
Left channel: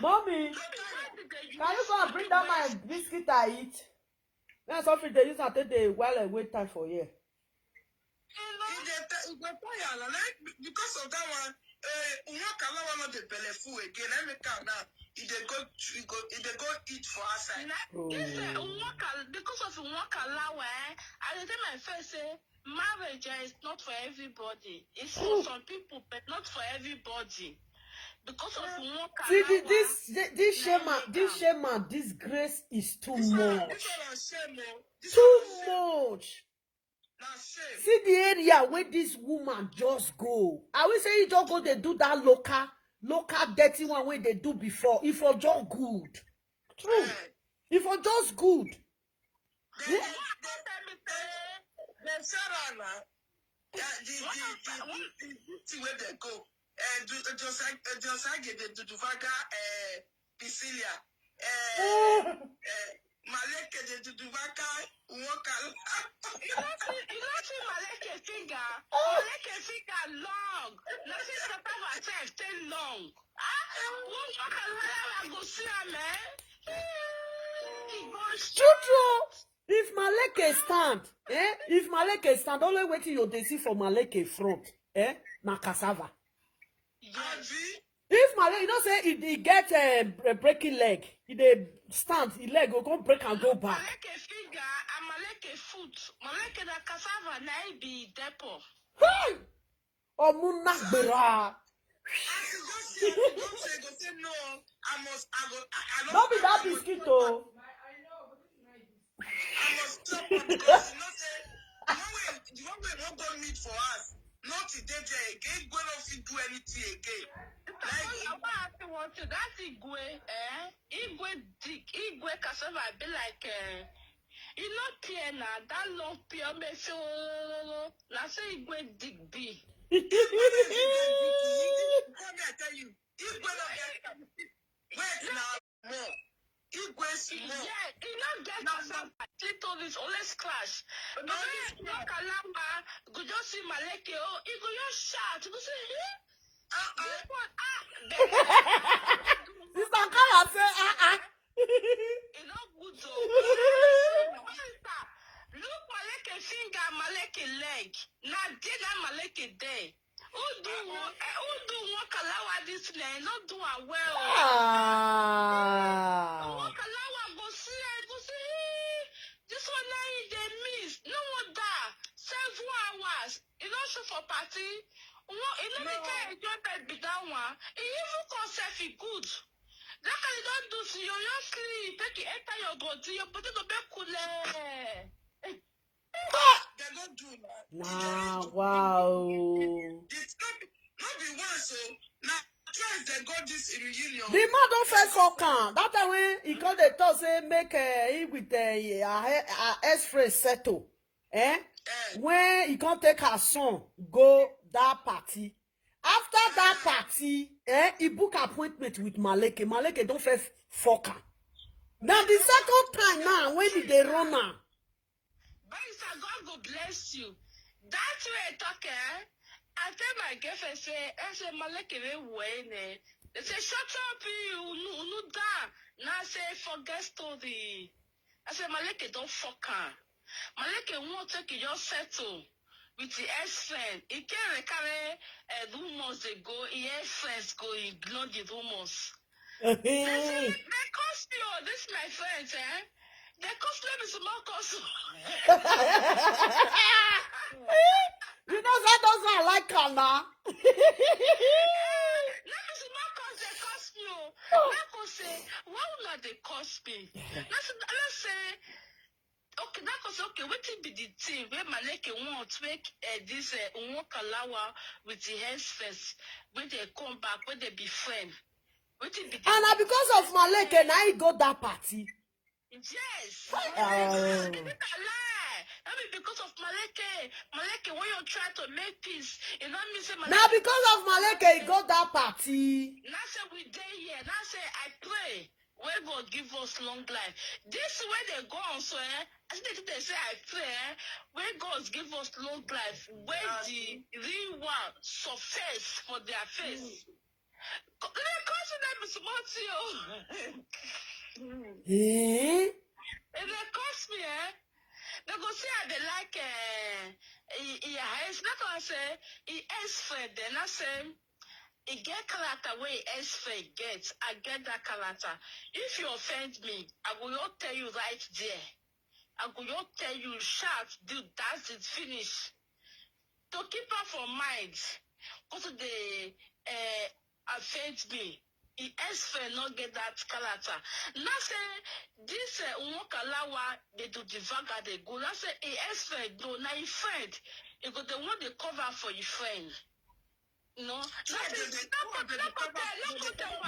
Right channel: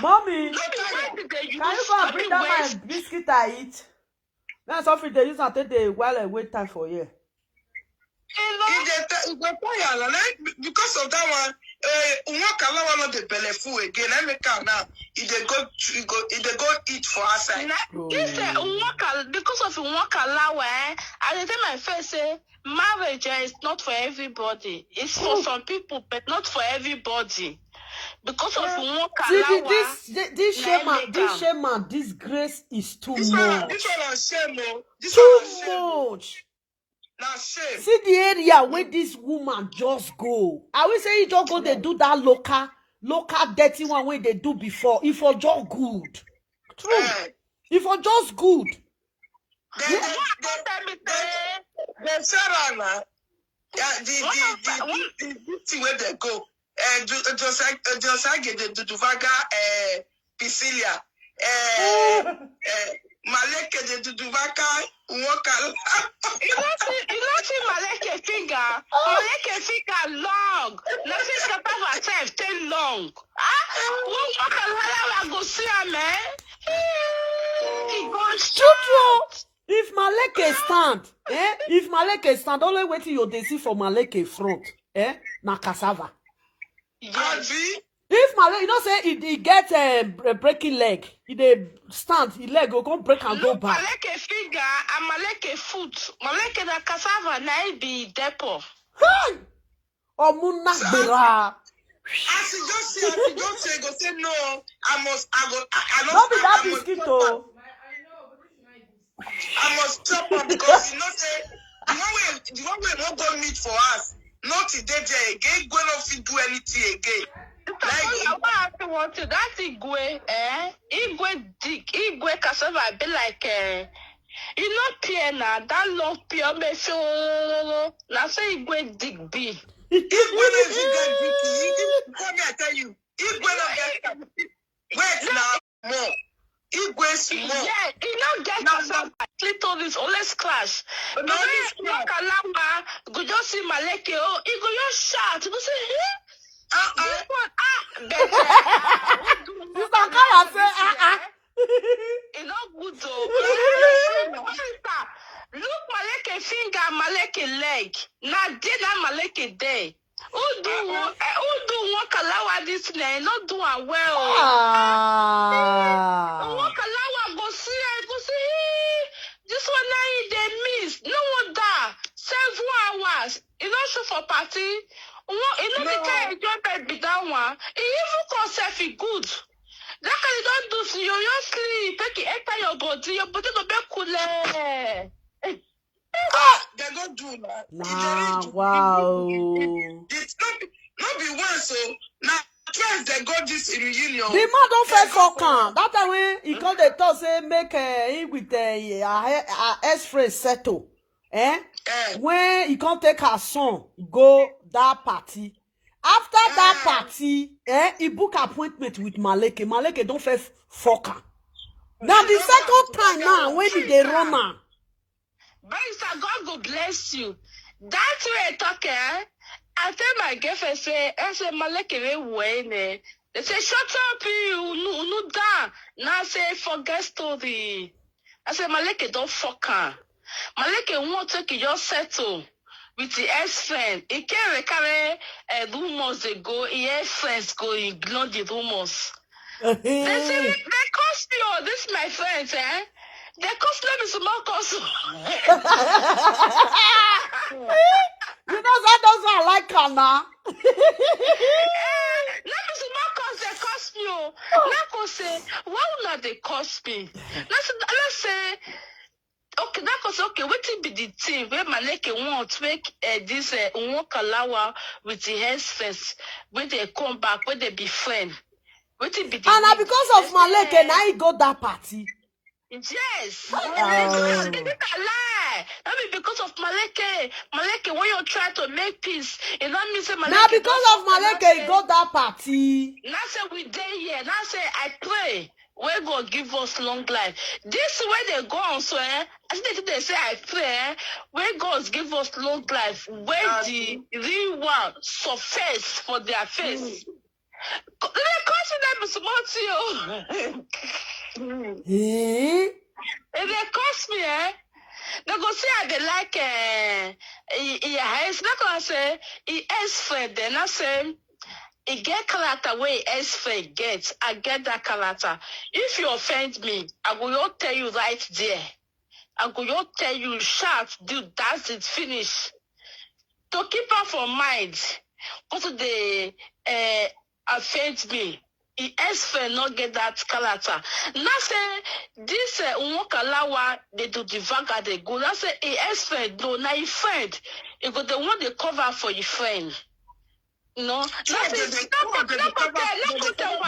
Mommy, can you go and bring down my biscuit I eat? That's something they use and take the while I wait time for you. Because of that one, Nwokalawa not the belleful again. I make out now. If they go eat for outside. Because of Nwokalawa, at the time I first say marriage is not for everybody. It's for some people, but not for everybody. Because of Nwokalawa. See, this shame and disgrace is too much. This one is shame. Too much. Now shame. See the area where this woman just go. I will say you just go, they do that local dirty one where they do before. If you're just good. True. If you're just good. The Sarah, the where they go. Osagie the Duvaga Pisilia. Maleke de Duduvaka Nwokalawa. You don't see Maleke finger. Maleke finger long. Nothing can have herself too long. Nwokalawa go see her, man. He goes True. If Maleke stand, if Maleke stand, only waiting you they see for Maleke front, na cassava. yes. If Maleke, you know say he get a breaking leg, he dey stand, his leg go come break and go back. Maleke finger and Maleke foot. Maleke na cassava na be depot. Hey! Omuna gbera. As you don't say, go say no. I must Don't be that biscuit, oh. I must stop her because you know say The one way won't go meet for us. Not today again. Go not fit do anything again. That Igwe, Igwe dig, Igwe cassava be like, you know, Piena, that long pure me so, now say Igwe dig be. Igwe is Igwe. Come here, I tell you. Igwe no get. Wait now, more. Igwe small. Yeah, you know, get cassava. Little this always clash. But when you walk along, go just see Maleke, oh, you go just shout, you go say, this one, Sister Kala say, It's not good though. Look Maleke finger, Maleke leg. Now dinner Maleke day. Who do one kalawa this name? Not do a well. One kalawa go see. This one now they miss. No one da 7 hours. You don't show for party. You know the kind of job be that one. It even cause self good. That kind you don't do so you sleep. Take it enter your body go be cool. They don't do that. nah, wow. It's not be one so now twice they got this reunion. The man don't fail for can. That time when he called the talk say make him with ex-friend settle. When he can't take her son go that party. After that party, he book appointment with Maleke. Maleke don't fail for can. Now the second time now when they run now. Barrister, God will bless you. That's way talk, I tell my girlfriend, I say, Maleke, way, they say, shut up, you, no, down. Now I say, forget story. I say, Maleke, don't fuck her. Maleke won't take your settle with the ex-friend. He can't carry rumors they go, his friends go ignore the rumors. They say, they cost me, oh, this my friends, They cost them is small cost. You know that doesn't like her now. Let me small cost they cost me. Now go say, why not they cost me? Let's say, okay, that was okay. What be the thing where Maleke want to make this Nwokalawa with the hands first when they come back, when they be friend. What be the And now because of Maleke, now he go that party. Yes. It's a lie. That be because of Maleke. Maleke, when you try to make peace, it don't mean say Maleke. Now because of Maleke, he go that party. Now say we day here. Now say I pray. Where God give us long life. This way they go on, so as they say I pray, where God give us long life, where the real one surface for their face. They cost them small to you. If they cost me, they go say I they like it's not gonna say he ex-friend, then I say he get character where he ex-friend gets. I get that character. If you offend me, I will tell you right there. I will tell you shout, dude, that's it, finish. To keep her for mind, because they offend me. He ex-friend not get that character. Now say this Nwokalawa they do the vanga they go. Now say he ex-friend no, now he friend. He go the one they cover for your friend. No,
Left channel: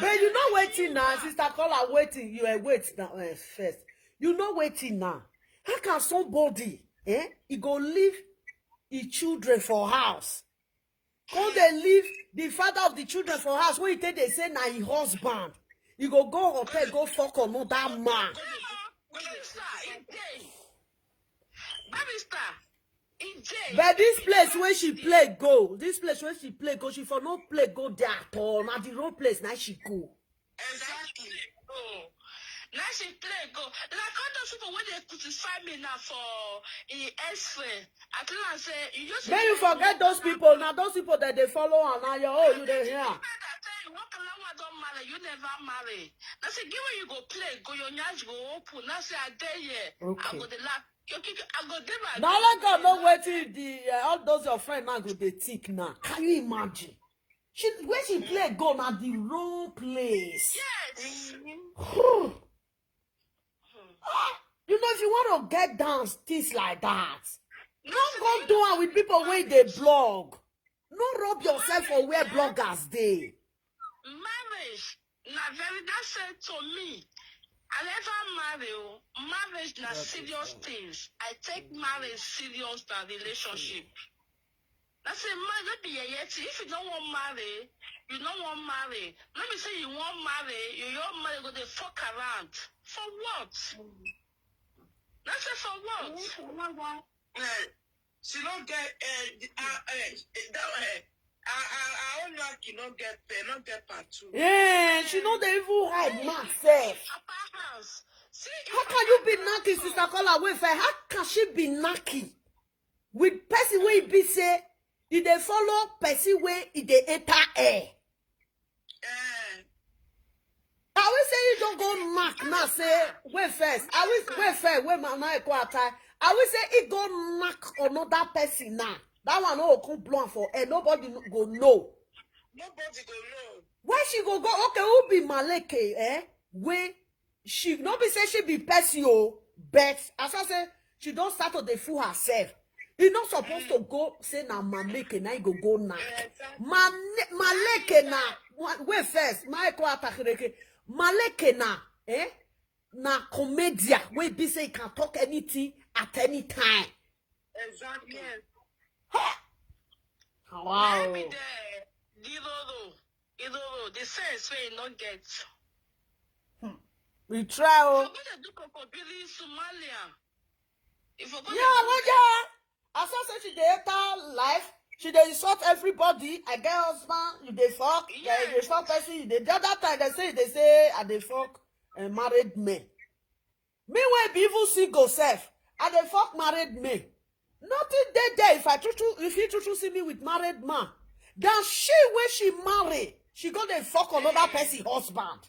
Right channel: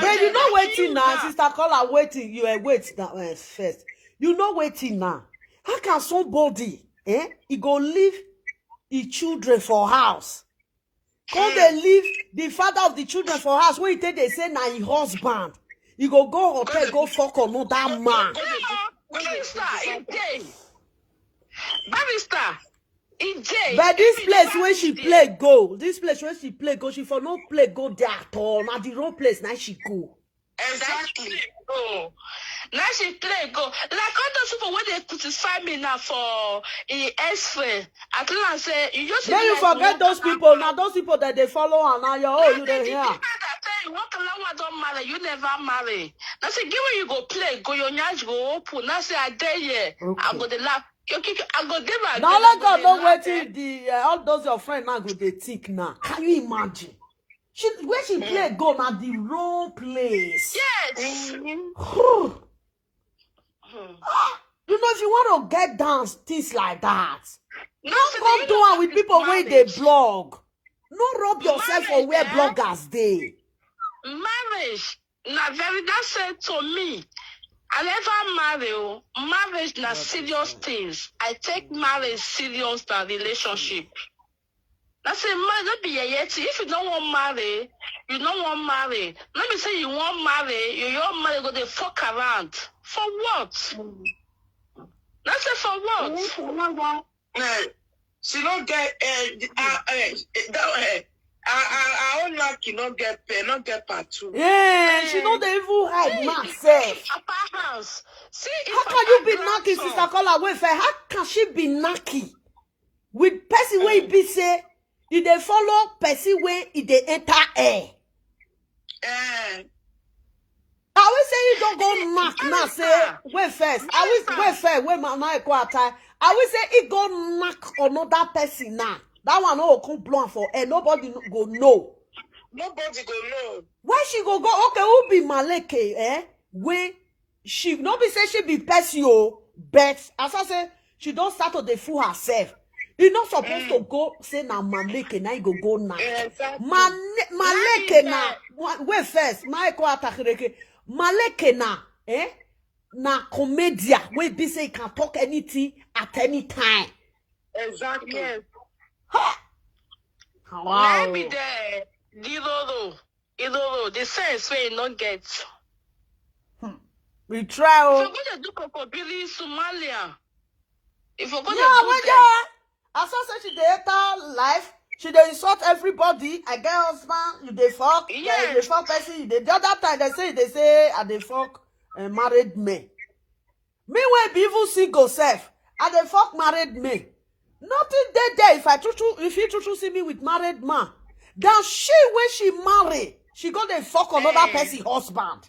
but you know waiting now, Sister Caller waiting. You are waiting now first. You know waiting now. How can somebody he go leave his children for house? Come they leave the father of the children for house. When they say now his husband, he go hotel, go fuck on that man. But this place where she play go, she for no play go there at all. Now the wrong place now she go. Exactly. Oh. Now she play go. Like all those people when they crucify me now for ex-friend. At least say you just. Then you forget those people. Now those people that they follow and now you there here. Don't marry, you never marry. Now say give when you go play, go your nyash go open. Now say I dare here. Okay. I go the laugh. I go give her. Now let God know waiting the all those your friends now go they think now. Can you imagine? Where she play go now the wrong place. Yes. You know if you want to get down things like that, Don't go do it with people where they blog. No rub yourself for where bloggers they. Marriage, na very that said to me. I never marry. Marriage na serious things. I take marriage serious than relationship. That's a man, don't be a yeti. If you don't want marry, you don't want marry. Let me say you want marry, you don't marry, go they fuck around. For what? That's it for what? She don't get our own lucky not get pay, not get part two. Yeah, she know they even hide myself. Papa house. See, How can you be knocky, Sister Kola? Wait, how can she be knocky? With person where be say, if they follow person where if they enter air. I will say you don't go knock now. Say wait first. I will wait first. Wait my now time. I will say it go knock another person now. That one no come blown for air. Nobody go know. Nobody go know. Why she go? Okay, who be Maleke? When she not be say she be person but as I say she don't start to the fool herself. You not supposed to go say na Maleke now you go knock. Exactly. Maleke na wait first. My ko atakireke. Maleke na na comedia where be say you can talk anything at any time. Exactly. Yes. Wow. Maybe the Lolo, the sense where you not get. We try. If you're going to do Kokobili Somalia, if you're going Yeah, to when do you as I say she dey enter life, she dey insult everybody. I get husband, you dey fuck, Yes. you dey fuck person, you dey the other time they say I dey fuck married men. Meanwhile, be even single self, I dey fuck married men. Nothing there if you true see me with married man. Then she when she marry, she go dey fuck another person husband.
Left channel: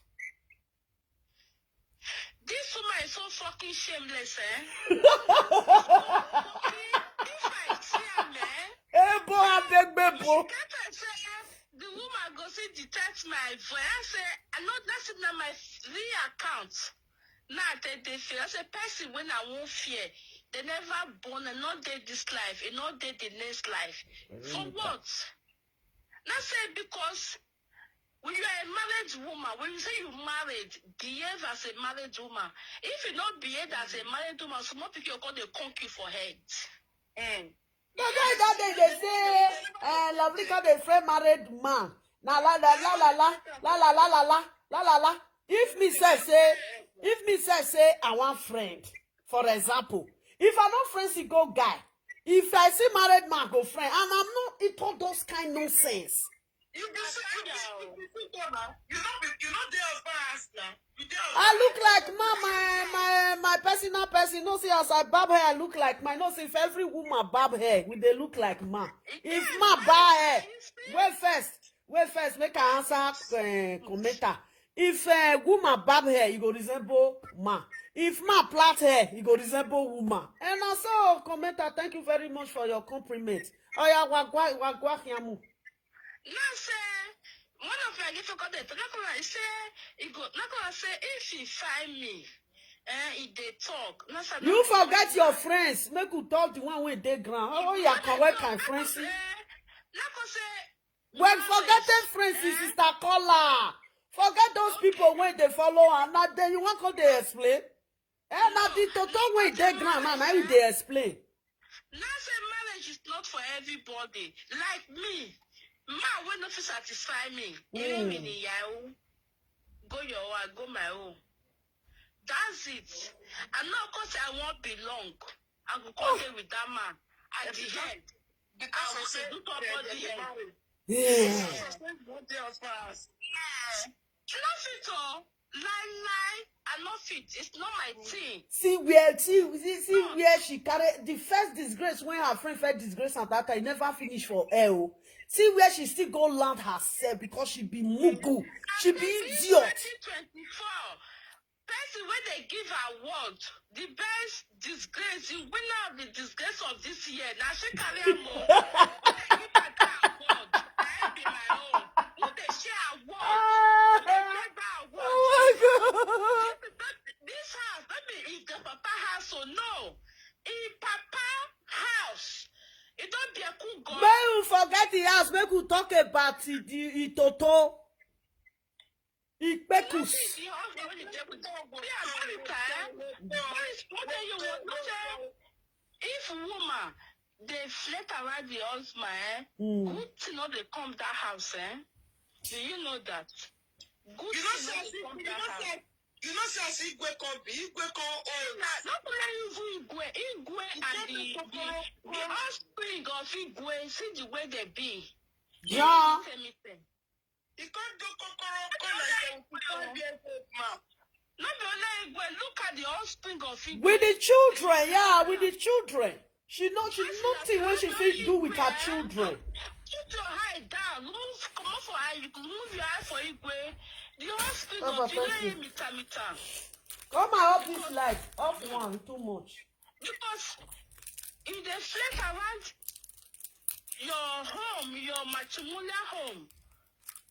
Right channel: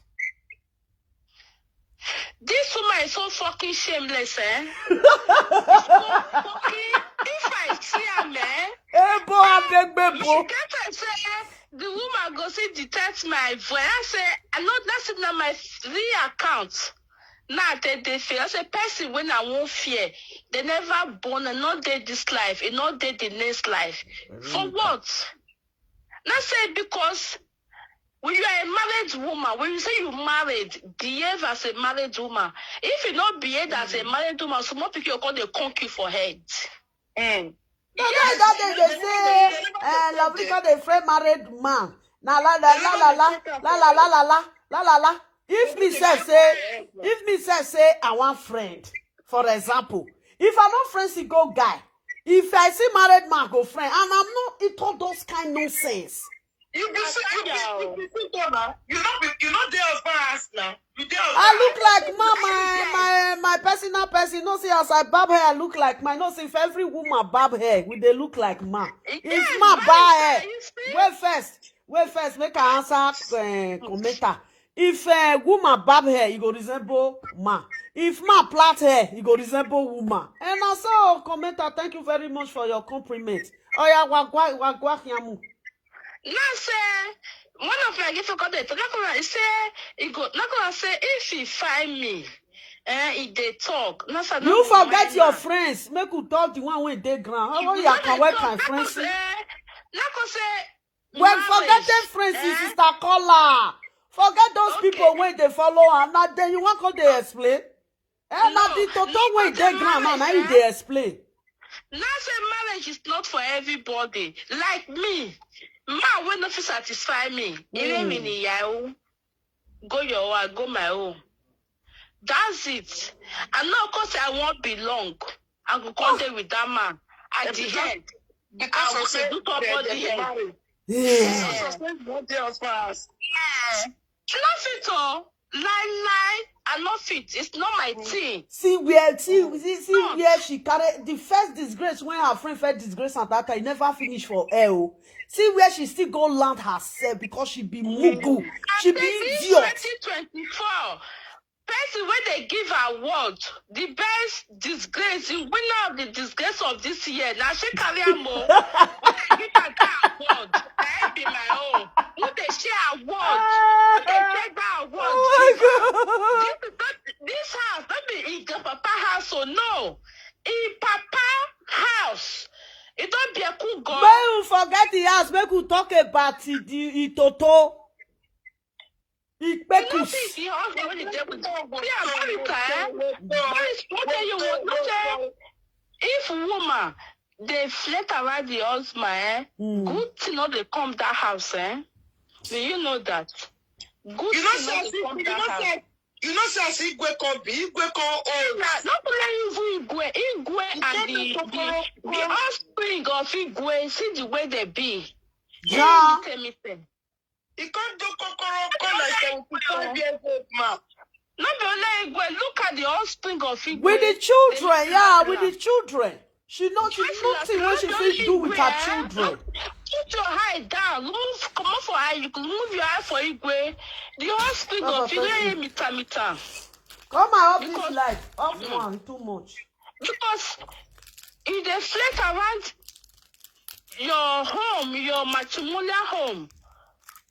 this woman is so fucking shameless, eh? So fucking, if I see her, man, Hey boy, I beg you bebo. should get her say, the woman go see detect my voice. I say, I know that's not my real account. Now they fear. I say, person when I won't fear, they never born and not dead this life, and not dead the next life. For what? Not say because when you are a married woman, when you say you married, behave as a married woman. If you not behave as a married woman, some more people are going to conk you for head. That day they say, lovely cause they friend married man. Na la la la la la la la la la la la la la. If me say I want friend, for example, if I not friend see go guy, if I see married man go friend, and I'm not it all those kind nonsense. You be now. You not there as far as now. You there. I look like my personal person. No see as I barb hair, I look like my. No see if every woman barb hair, will they look like man? If man barb hair, wait first, make I answer commenter. If woman barb hair, you go resemble man. If man plait hair, you go resemble woman. And also commenter, thank you very much for your compliment. Oh yeah, wagwa yamu. Now say one of my gift forgot it. Say it go not gonna say if he find me, if they talk. No, sir, You forget your friends. Make you talk the one when they ground. How you can work my friends? Not gonna say. Well, forget them friends, Sister Kola. Forget those people when they follow and now then you want to they explain. Now the total way they ground and now they explain. Now say marriage is not for everybody. Like me. Man will not satisfy me. Go your way, go my own. That's it. And now, of course, I won't belong. I will come there with that man at the end. Because I will say do top of the head. Yeah. Not there as far as. Not fit all. Lie. I'm not fit. It's not my thing. See where she carried the first disgrace when her friend felt disgrace at that time. It never finished for her. See where she still go land herself because she be mugu. She be idiot. 2024. Person when they give award, the best disgrace, the winner of the disgrace of this year. Now she carry more. Give her that award. That be my own. Who they share award? Who they take that award? Oh my God. This house, not be in the papa house, so no. In papa house. a cool girl. May you forget the house. Make you talk about the Toto. You know, see, the husband when he get with if woman they flirt around the husband, good thing not they come that house, Do you know that? Good thing not they come that house. You know, say Igwe come be Igwe come old. Not only Igwe and the offspring of Igwe, see the way they be. Yeah. He can't do kokoro like 75 years old man. No, but Igwe, look at the offspring of Igwe. With the children, yeah, with the children. She nothing when she fit do with her children. Put your eye down. Come on for eye. You can move your eye for Igwe. The offspring of Igwe, mita. Come on, up this light. Up one, too much. Because if they flirt around your home, your matrimonial home,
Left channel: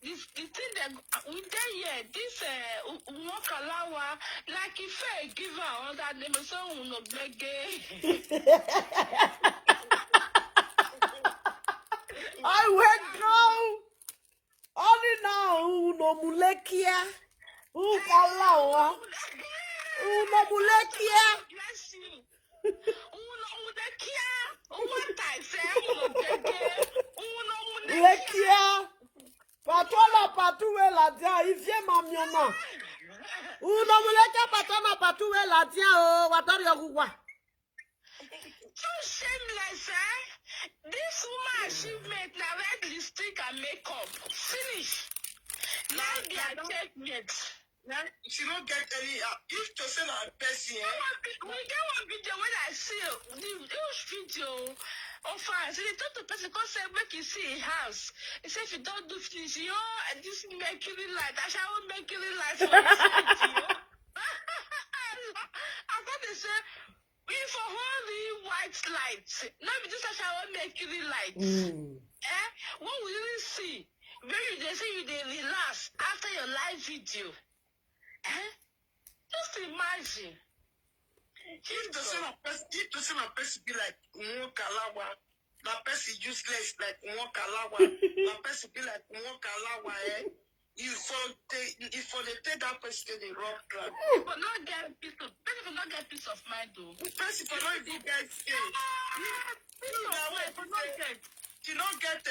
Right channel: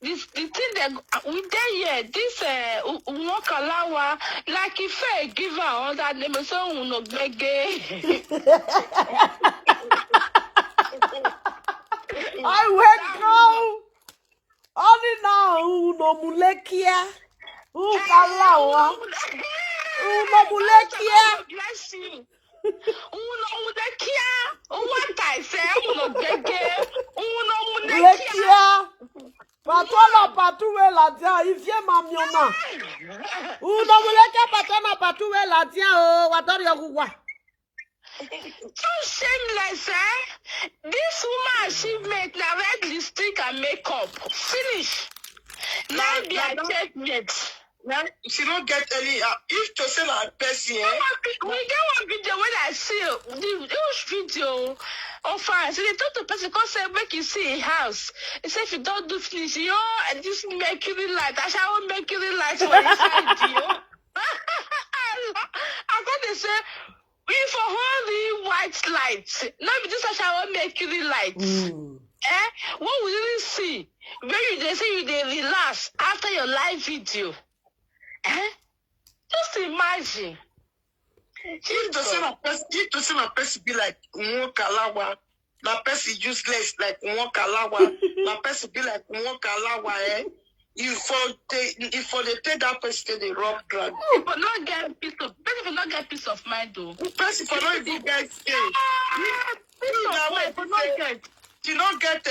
the thing that we there here, this Wakalawa, like if I give her all that name, so no bege. I went go. Only now, no mulekia. Kalawa. No mulekia. Bless you. What I say, no bege. No mulekia. Patola patoué la dia, il vient mamiona. Ou no muleka patana patoué la dia, oh, watori yogwa. So shameless, This woman achievement, na red lipstick and makeup. Finish. Now be a checkmate. She don't get any, if to say like person, We get one video when I see the video. Oh, fine. So they told the person, because make you see a house. They say, if you don't do finish, and this mercury light, I shall mercury light for inside you. I thought they say, we for holy white lights. Not this I shall mercury lights. What we didn't see, when they say you they relax after your live video. Just imagine. If to see a person be like Mwokalawa, na person useless like Mwokalawa, na person be like Mwokalawa, if for they take that person they rob drug. But not get peace of mind though. Person for not even get she don't get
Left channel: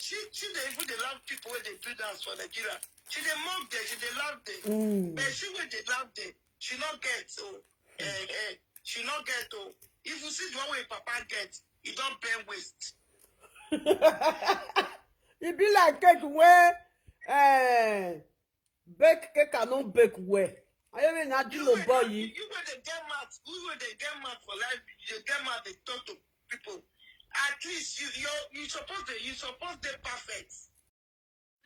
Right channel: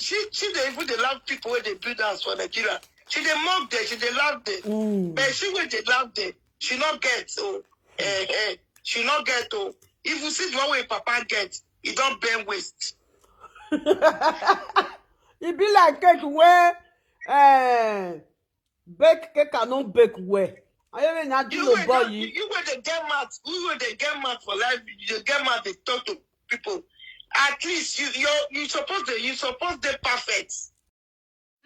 she they even they love people when they build house for Nigeria. She they mock them, she they love them. But she when they love them, she not get so she not get oh. If you see the one way Papa gets, he don't burn waste. It be like cake where bake cake cannot bake where. I even not do no boy. You when they get mad, for life, you get mad, they talk to people. At least you supposed to perfect.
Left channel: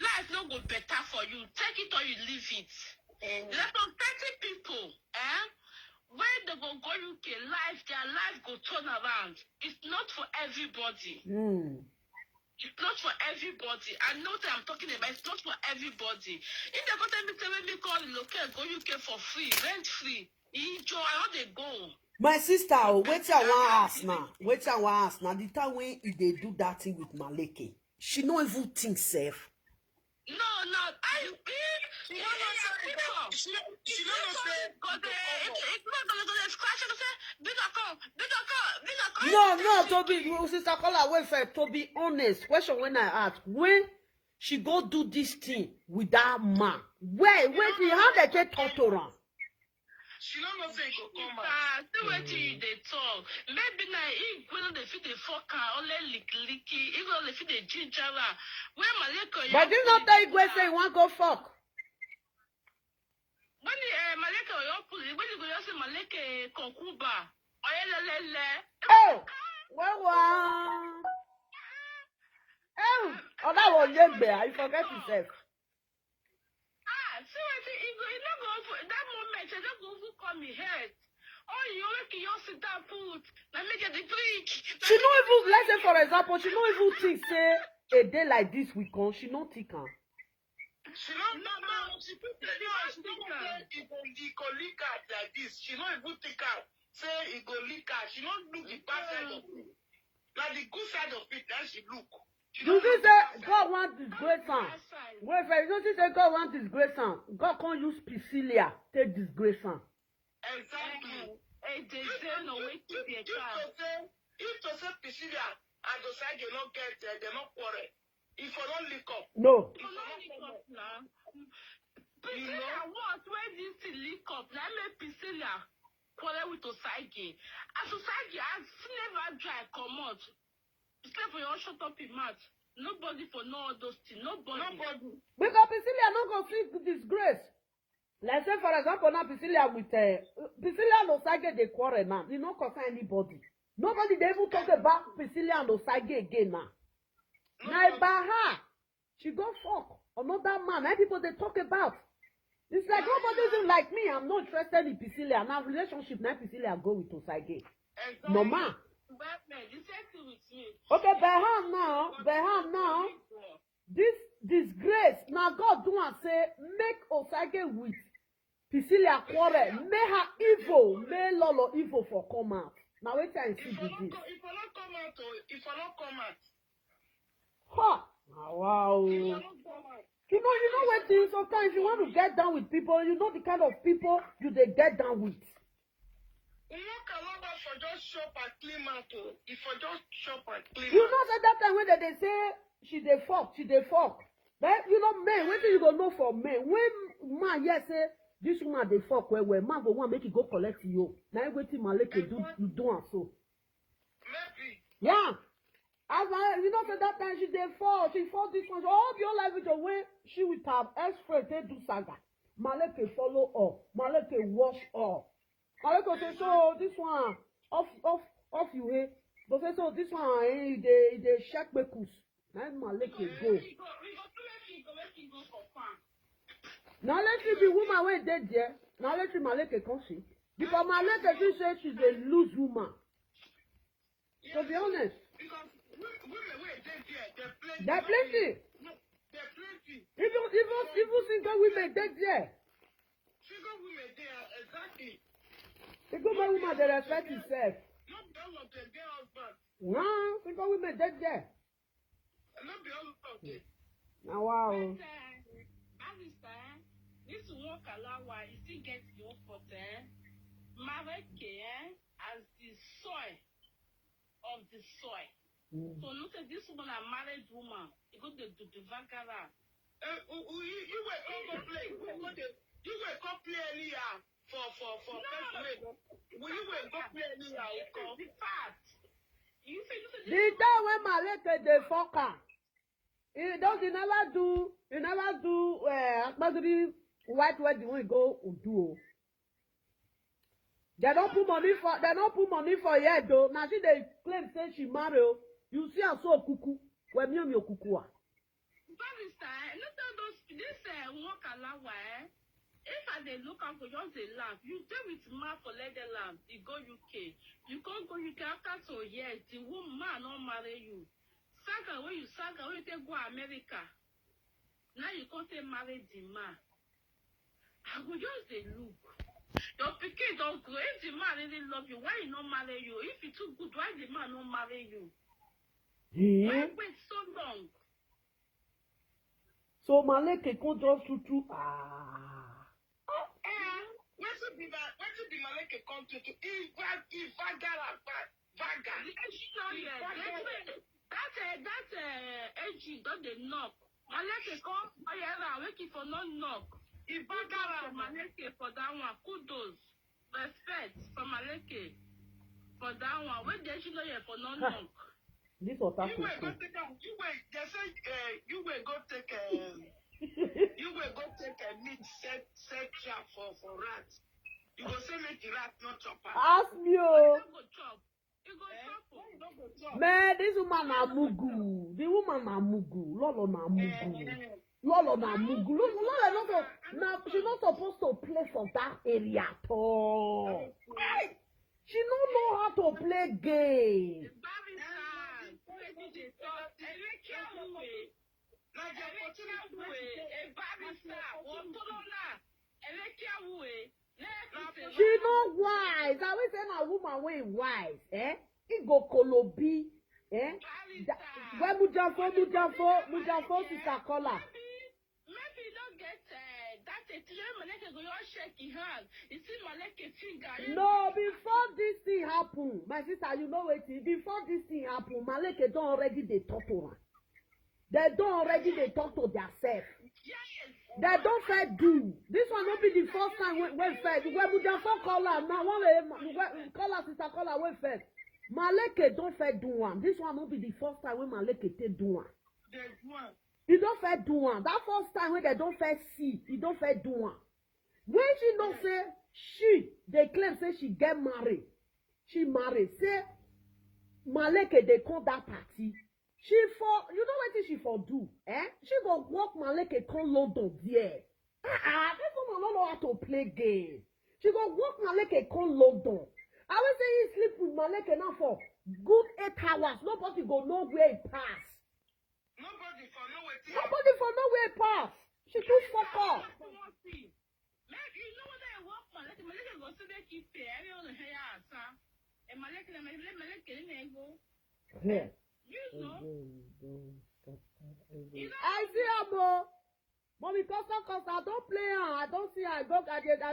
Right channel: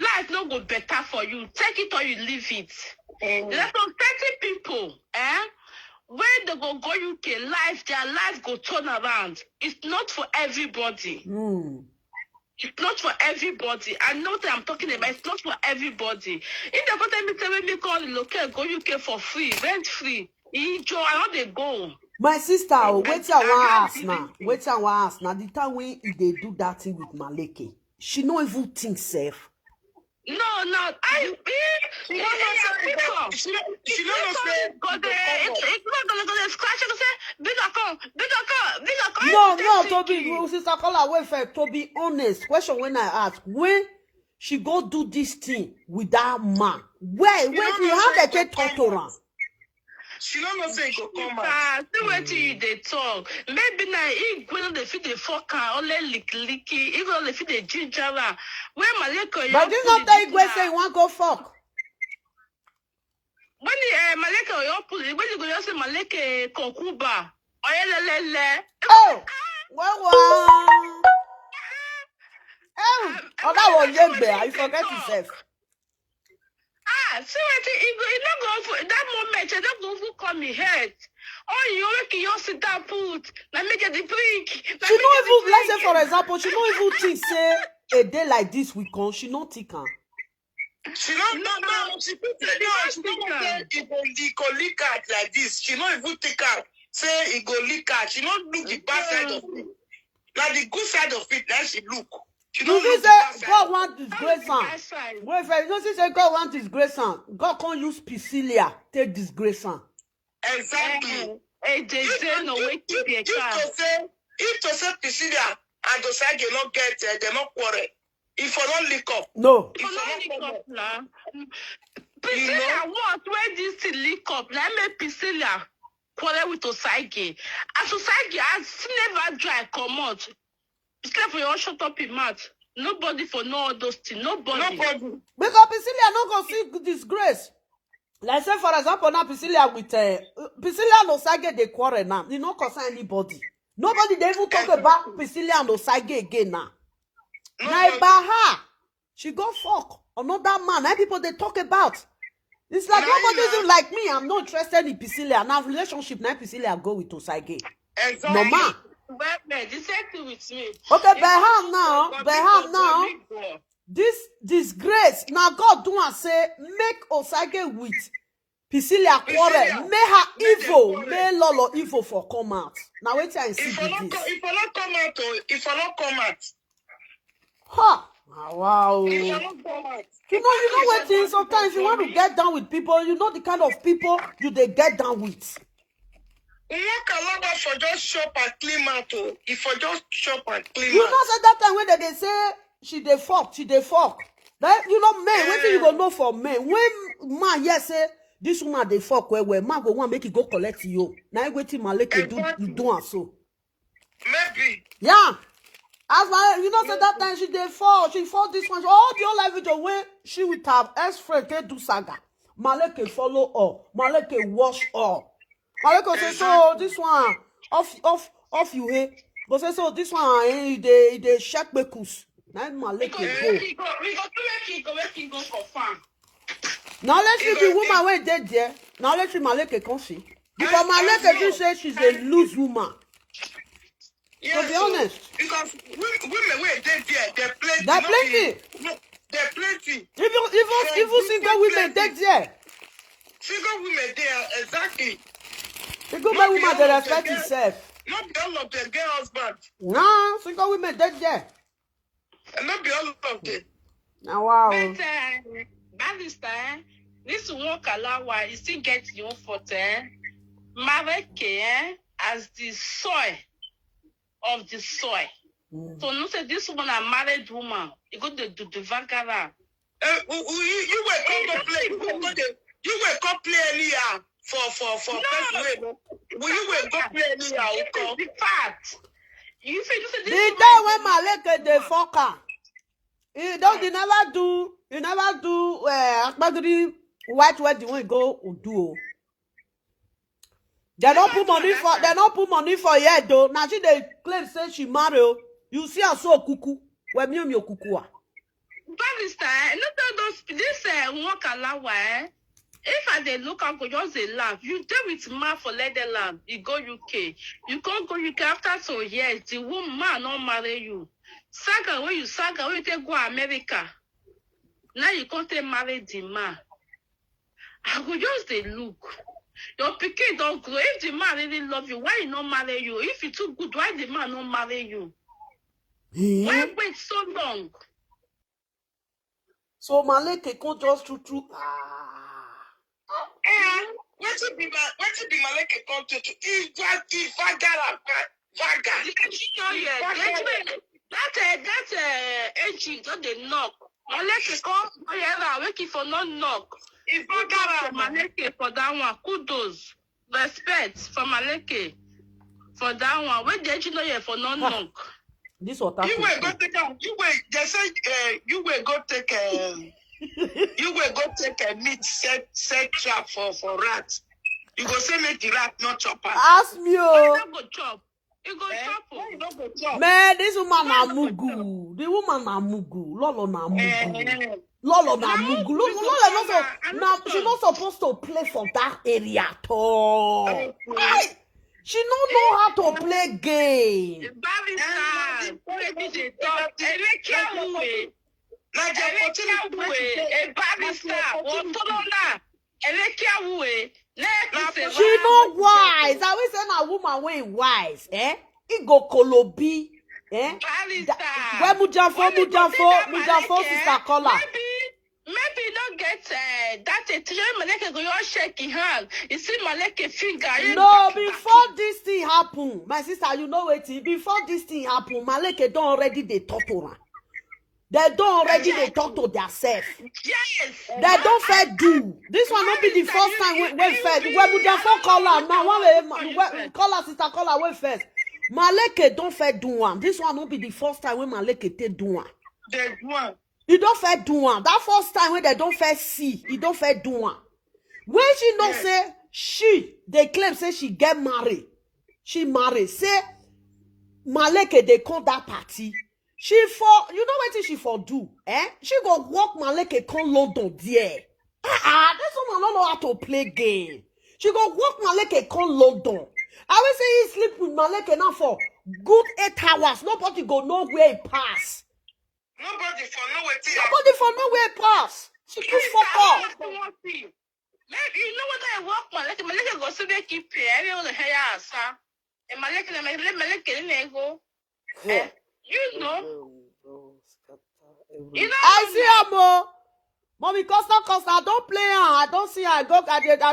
Life no go better for you. Take it or you leave it. There's some 30 people, when they go UK, their life go turn around. It's not for everybody. It's not for everybody. I know that I'm talking about. It's not for everybody. If they go tell me call the local go UK for free, rent free. Enjoy, how they go. My sister, wait till one ask now. Wait till one ask now. The time when they do that thing with Maleke, she no even think safe. No, I she don't know. No, Toby, sister call away for to be honest. Question when I ask, when she go do this thing with that man, where how they get talk to her? She don't know say go come out. See what you they talk. Maybe now if when they feed the fucker, only licky, even if they ginger. Where Maleko? But you not tell Igwe say you want go fuck. When Maleko you pull it, when you go say Maleke kokuba, oh, well. Oh, that was Yembe. I forget himself. See what you not go for that moment, you don't go for me head. Oh, you make you sit down put. Let me get the break. She don't even, let's say for example, she don't even think say a day like this we come, she not think her. She don't know. She put it go leak out like this. She don't even think her. Say it go leak out. She don't look the bad side of it. Like the good side of it, now she look. She You don't see, look the say bad side. God want disgrace am. Outside. Wait, you know, say God want disgrace am. God can't use Priscilla take disgrace am. Exactly. They say no way to be a car. If to say Prissy and Osagie not get, they not quarrel. If I don't lick up, No. if I don't come up, Priscilla what where this thing leak up? Let me Priscilla quarrel with Osagie. As Osagie has never dry come out. It's like for you all shut up in mouth. Nobody for no all those things. Nobody. Because Priscilla no go see disgrace. Let's say, for example, now Priscilla with Priscilla and Osagie they quarrel now. You don't concern anybody. Nobody they even talk about Priscilla and Osagie again now. Now about her, she go fuck another man. Now people they talk about. It's like nobody even like me. I'm not interested in Priscilla. Now relationship now Priscilla go with Osagie. Exactly. No man. Well, the same thing with me. Okay, by her now. This disgrace. Now God do and say make Osagie with Priscilla quarrel. Make her evil. Make Lolo evil for come out. Now wait till I see If I this. not come out, Ha! Wow. if I not come out. You know what thing sometimes you want to get down with people, you know the kind of people you they get down with. You can for just shop and clean out. If I just shop and clean You out. know say that time when they say she dey fuck. Then you know men, what you go know for men? When man yes say this woman dey fuck well, man go want make it go collect you. Now waiting Maleke do and so. Maybe. Yeah. As my, you know, say that time she fought this one. All the whole life video when she with her ex-friend they do saga. Maleke follow all. Maleke wash all. Maleke say so this one off you here. Go say so this one they check bekus. Now Maleke go. We go for farm. Now let's see the woman when dead there. Now let's see Maleke come see. Because Maleke just say she's a loose woman. Yeah, To be honest. Because women were dead there, they're plenty. They're plenty. They're plenty. Even single women dead there. Single women there, exactly. The good man woman they respect himself. Not be all of them get husband. No, single women dead there. And not be all of them. Now wow. But Barrister, this walk allow why you still get your photo. Mareke as the soil of the soil. So no say this woman a married woman. You go to do the Vagara. You were come to play. You were come play anyhow for No. Will you were go play anyhow? The fact. You say The this day when Maleke dey fuck her, he never do Akpagiri white wedding when he go do. They don't put money for yet though. Now she they claim say she marry. You see her so kuku. Where me kuku. Barrister, not all those this walk allow why. If I dey look out for just a laugh, you deal with man for Netherlands, you go UK. You can't go UK after some years, the woman not marry you. Saga when you take go America. Now you can't take marry the man. I go just dey look. Your pikin don't grow. If the man really love you, why he not marry you? If you too good, why the man not marry you? Why wait so long? So Maleke can just true. What to be Maleke come to? If Vagara. That aging don't they knock. Maleke come. Oh yeah, waiting for no knock. If Vagara Maleke for that one, kudos, respect for Maleke for that one. Where did you know you for no knock? This what happened. You were go take they say you were go take a meat set trap for rats. You go say make the rat not chop her. Ask me You don't go chop. You go You don't go chop. Man, this woman na mugu. The woman na mugu. Lolo na mugu. Lolo na mugu. Lolo not so. She not supposed to play for that area at all. She don't know how to play game. Barrister, maybe they talk. She not wise. I always say na woman wey wise. He go kolobi. Where Mujafo, sister caller. Maybe you don't get that Maleke go your shaking hand. You see Maleke finger. No, before this thing happen, my sister, you know what? Before this thing happen, Maleke don't already they talk to her. They don't already they talk to themselves. Yes. They don't fair do. This one not be the first time when first. When Mujafo call her now, one call her sister call her when first. Maleke don't fair do one. This one not be the first time when Maleke take do one. The one. You don't fair do one. That first time when they don't fair see, you don't fair do one. When she don't say they claim say she get married. She married. Say Maleke they come that party. She for you know what she for do? She go walk Maleke come Loadooh there. This woman don't know how to play game. She go walk Maleke come Loadooh. I will say he sleep with Maleke now for good 8 hours. Nobody go know where he pass. Nobody for nowhere pass. She do fuck off. Maybe you know what I walk Maleke go so they keep every on the hair son. And Maleke go. You know. I see her, Mommy, Costa, don't play her. I don't see her. I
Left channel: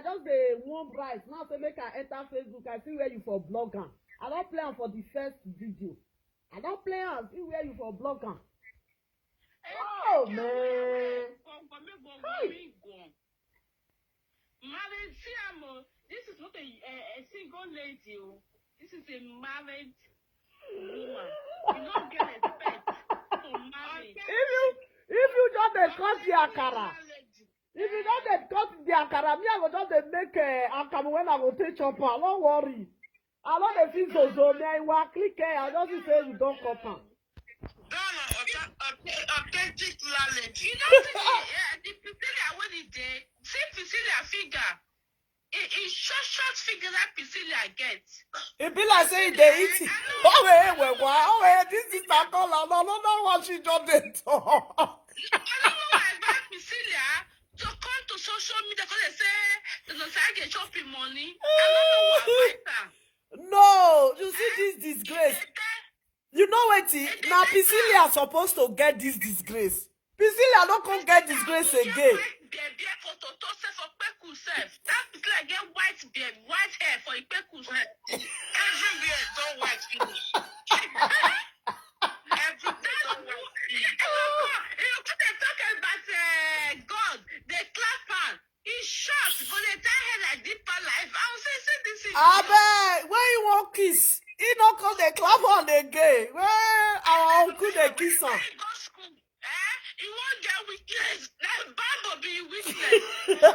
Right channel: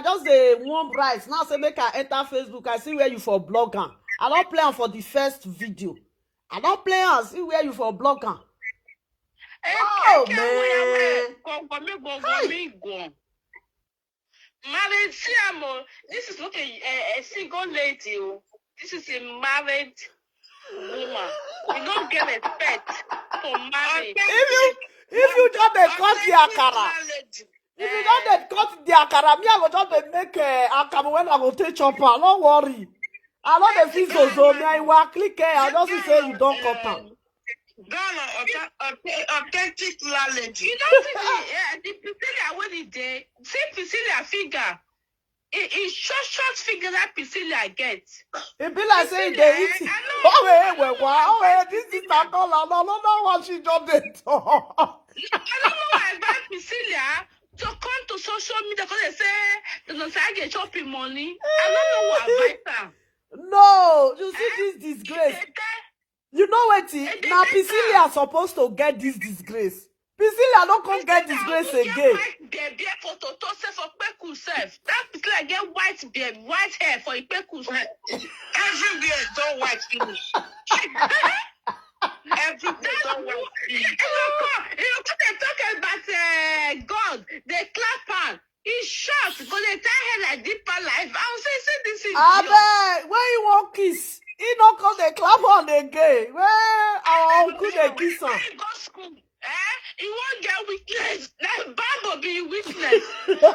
just warm rice. Now say make her enter Facebook. I see where you for blog her. I don't play her for the first video. I don't play her. See where you for blog her. Oh man. Married, this is not a single lady. This is a married woman. You don't get respect for marriage. If you just cut the akara, if you just cut the akara, me I go just make akara when I go take chopper. Don't worry. I know the fees so me I will click it. I just say you don't cut them. Authentic knowledge. You know, the Priscilla when it day, say Priscilla figure. It's short figure that Priscilla gets. It be like saying they eat. This is not all. I don't know what she just did. I don't know why I buy Priscilla to come to social media because they say the Osagie shopping money. I don't know why I buy them. No, you see this disgrace. You know what? Now Priscilla are supposed to get this disgrace. Priscilla don't come get disgrace again. That Priscilla get white hair for a peku. Every beard don't white finish. Every beard don't white finish. You know, they talk about God, they clap her. He's short because they tie her like deeper life. I will say this is. Abe, when you want kiss, he don't come they clap on again. Where our uncle they kiss her. Go school. He won't get weakness. That Bible give you weakness. That's why he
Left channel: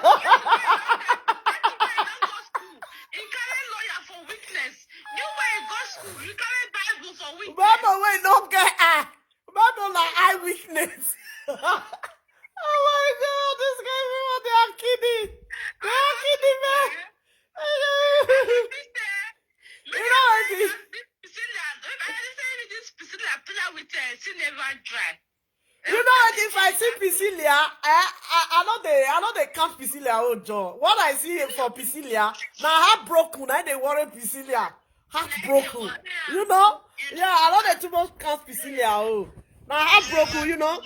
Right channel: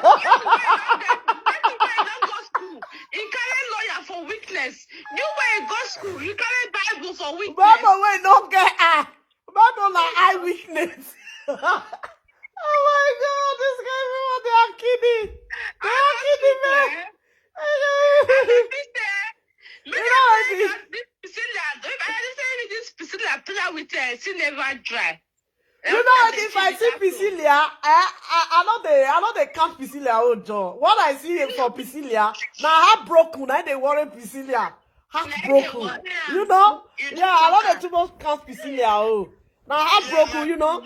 don't go school. He carry lawyer for weakness. You when you go school, you carry Bible for weakness. Bible when don't get eye. Bible like eye weakness. Oh my God, this guy, everyone, they are kidding. They are kidding, man. You know what? This Priscilla pillar with she never dry. You know what? If I see Priscilla, I know they can't Priscilla out, John. What I see for Priscilla, now heartbroken, I they worry Priscilla. Heartbroken. You know? Yeah, I know they too much can't Priscilla out. Now heartbroken, you know?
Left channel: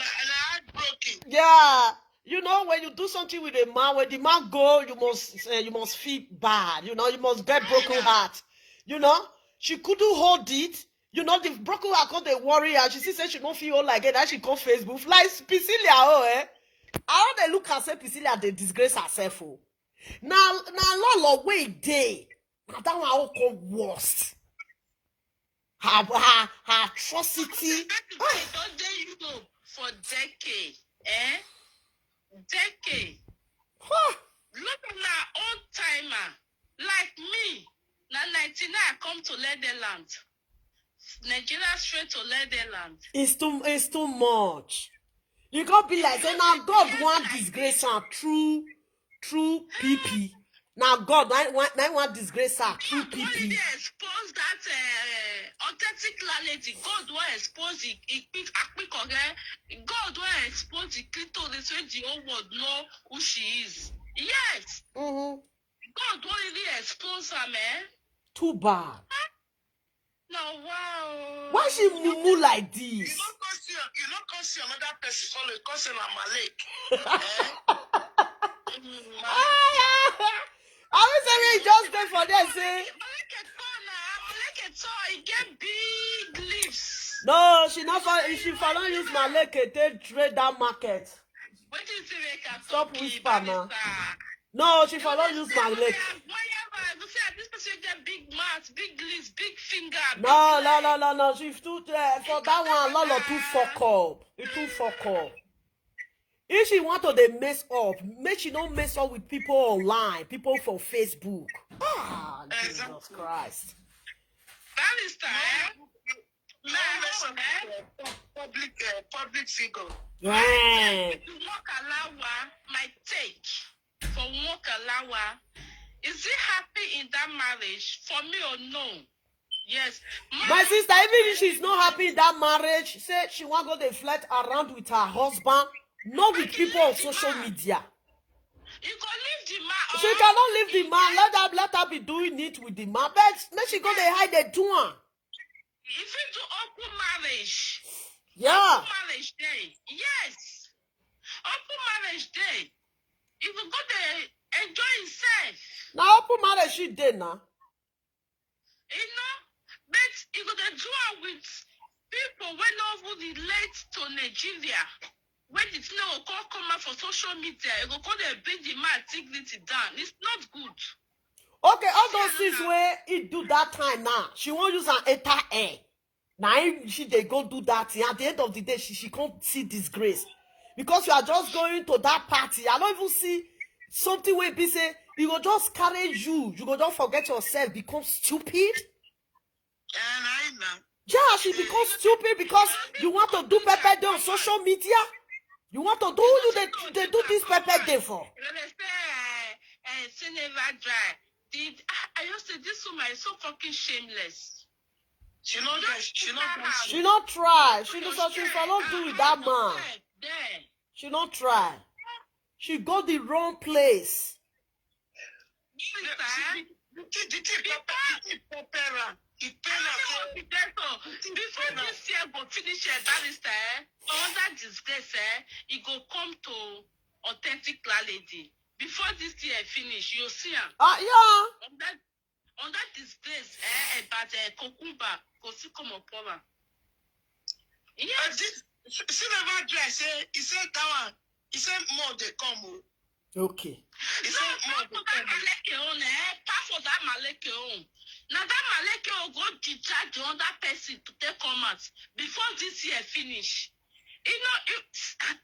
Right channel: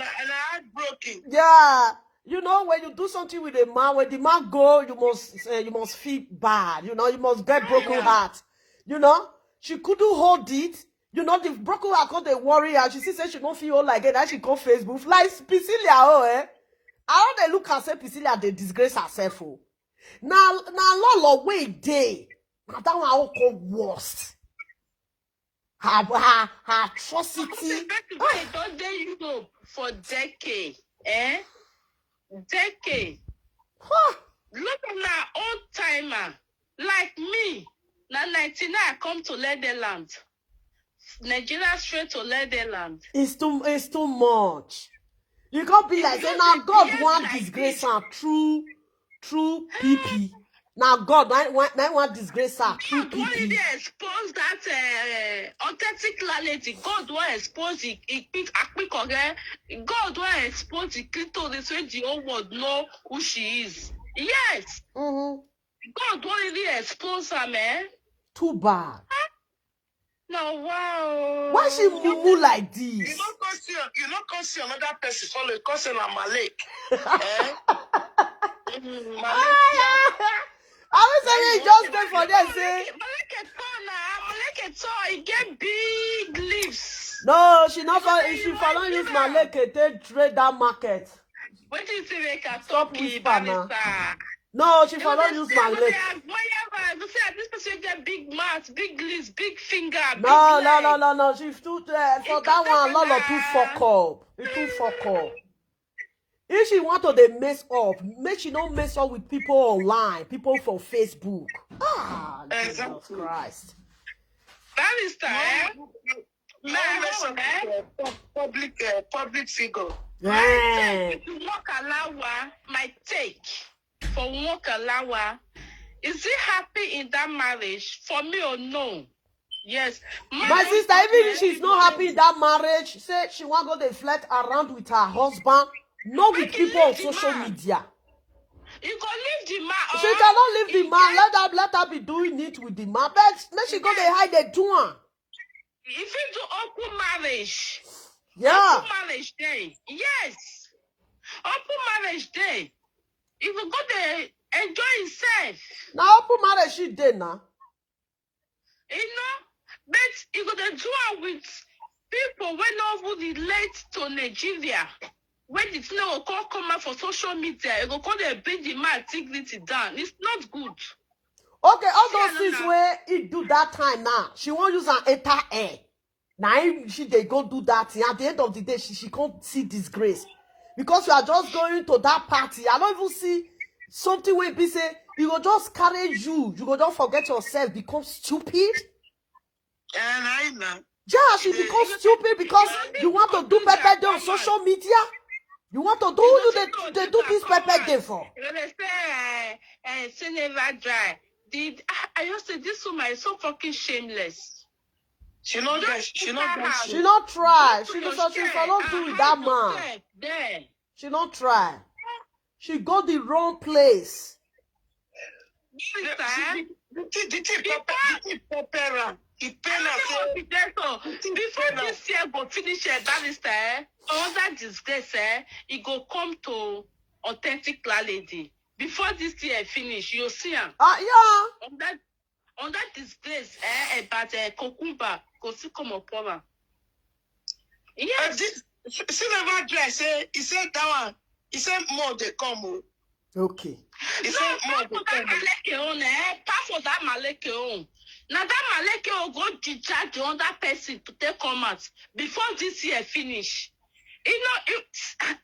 Yeah. You know, when you do something with a man, when the man go, you must feel bad. You know, you must get broken heart. You know? She couldn't hold it. You know, the broken heart called the warrior. She said she don't feel like it. That she call Facebook. Like Priscilla, I don't they look and say Priscilla, they disgrace herself. Oh. Now, Lolo, wait day. Now that one all called worst. Her atrocity. Don't they Europe for decades, Decades. Look at that old timer. Like me. Now 99 I come to Netherland. Nigeria straight to Netherland. It's too much. You can't be like say now God want disgrace her through PP. Now God want disgrace her through PP. God really expose that authentic reality. God want expose it quick again. God want expose it to this way the whole world know who she is. Yes. Mm-hmm. God want really expose her, man. Too bad. No, wow. Why she moo like this? You don't come see another person follow. You come say na Malek. I was saying just there for them say. Maleke tall, he get big lips. No, she not for. She for not use Maleke to trade that market. What do you think they can Stop whisper now. No, she for not use Maleke. This person get big mouth, big lips, big finger. No. She's too for that one. Lolo too fuck up. It too fuck up. If she want to they mess up, make she don't mess up with people online, people from Facebook. Jesus Christ. Public figure. Yeah. My take for Nwokalawa, is he happy in that marriage? For me or no? Yes. My sister, even if she's not happy in that marriage, say she want to go to flirt around with her husband, not with people on social media. You can leave the man. She cannot leave the man. Let her be doing it with the man. But let she go to hide the door. If you do open marriage. Yeah. Open marriage day. Yes. Open marriage day. You will go there, enjoy himself. Now open marriage she did now. You know, but you go to do it with people when nobody relate to Nigeria. When the thing will come out for social media, you go call them bring the man dignity down. It's not good. Okay, all those things where he do that time now. She won't use an enter air. Now they go do that thing. At the end of the day, she can't see disgrace. Because you are just going to that party. I don't even see something where people say, you go just carry you. You go just forget yourself, become stupid. Yeah, she becomes stupid because you want to do Pepe Day on social media. You want to do they do this Pepe Day for? I used to say this woman is so fucking shameless. She not try. She not do with that man. She not try. She go the wrong place. Before this year go finish barrister, all that disgrace, it go come to authentic lady. Before this year finish, you'll see him. Yeah. On that disgrace, about Kokumba, go see come up over. Yes. She never try. He said that one. He said more they come. Okay. He said more they come. Pass for that Maleke on. Now that Maleke will go discharge the other person to take comment before this year finish. You know,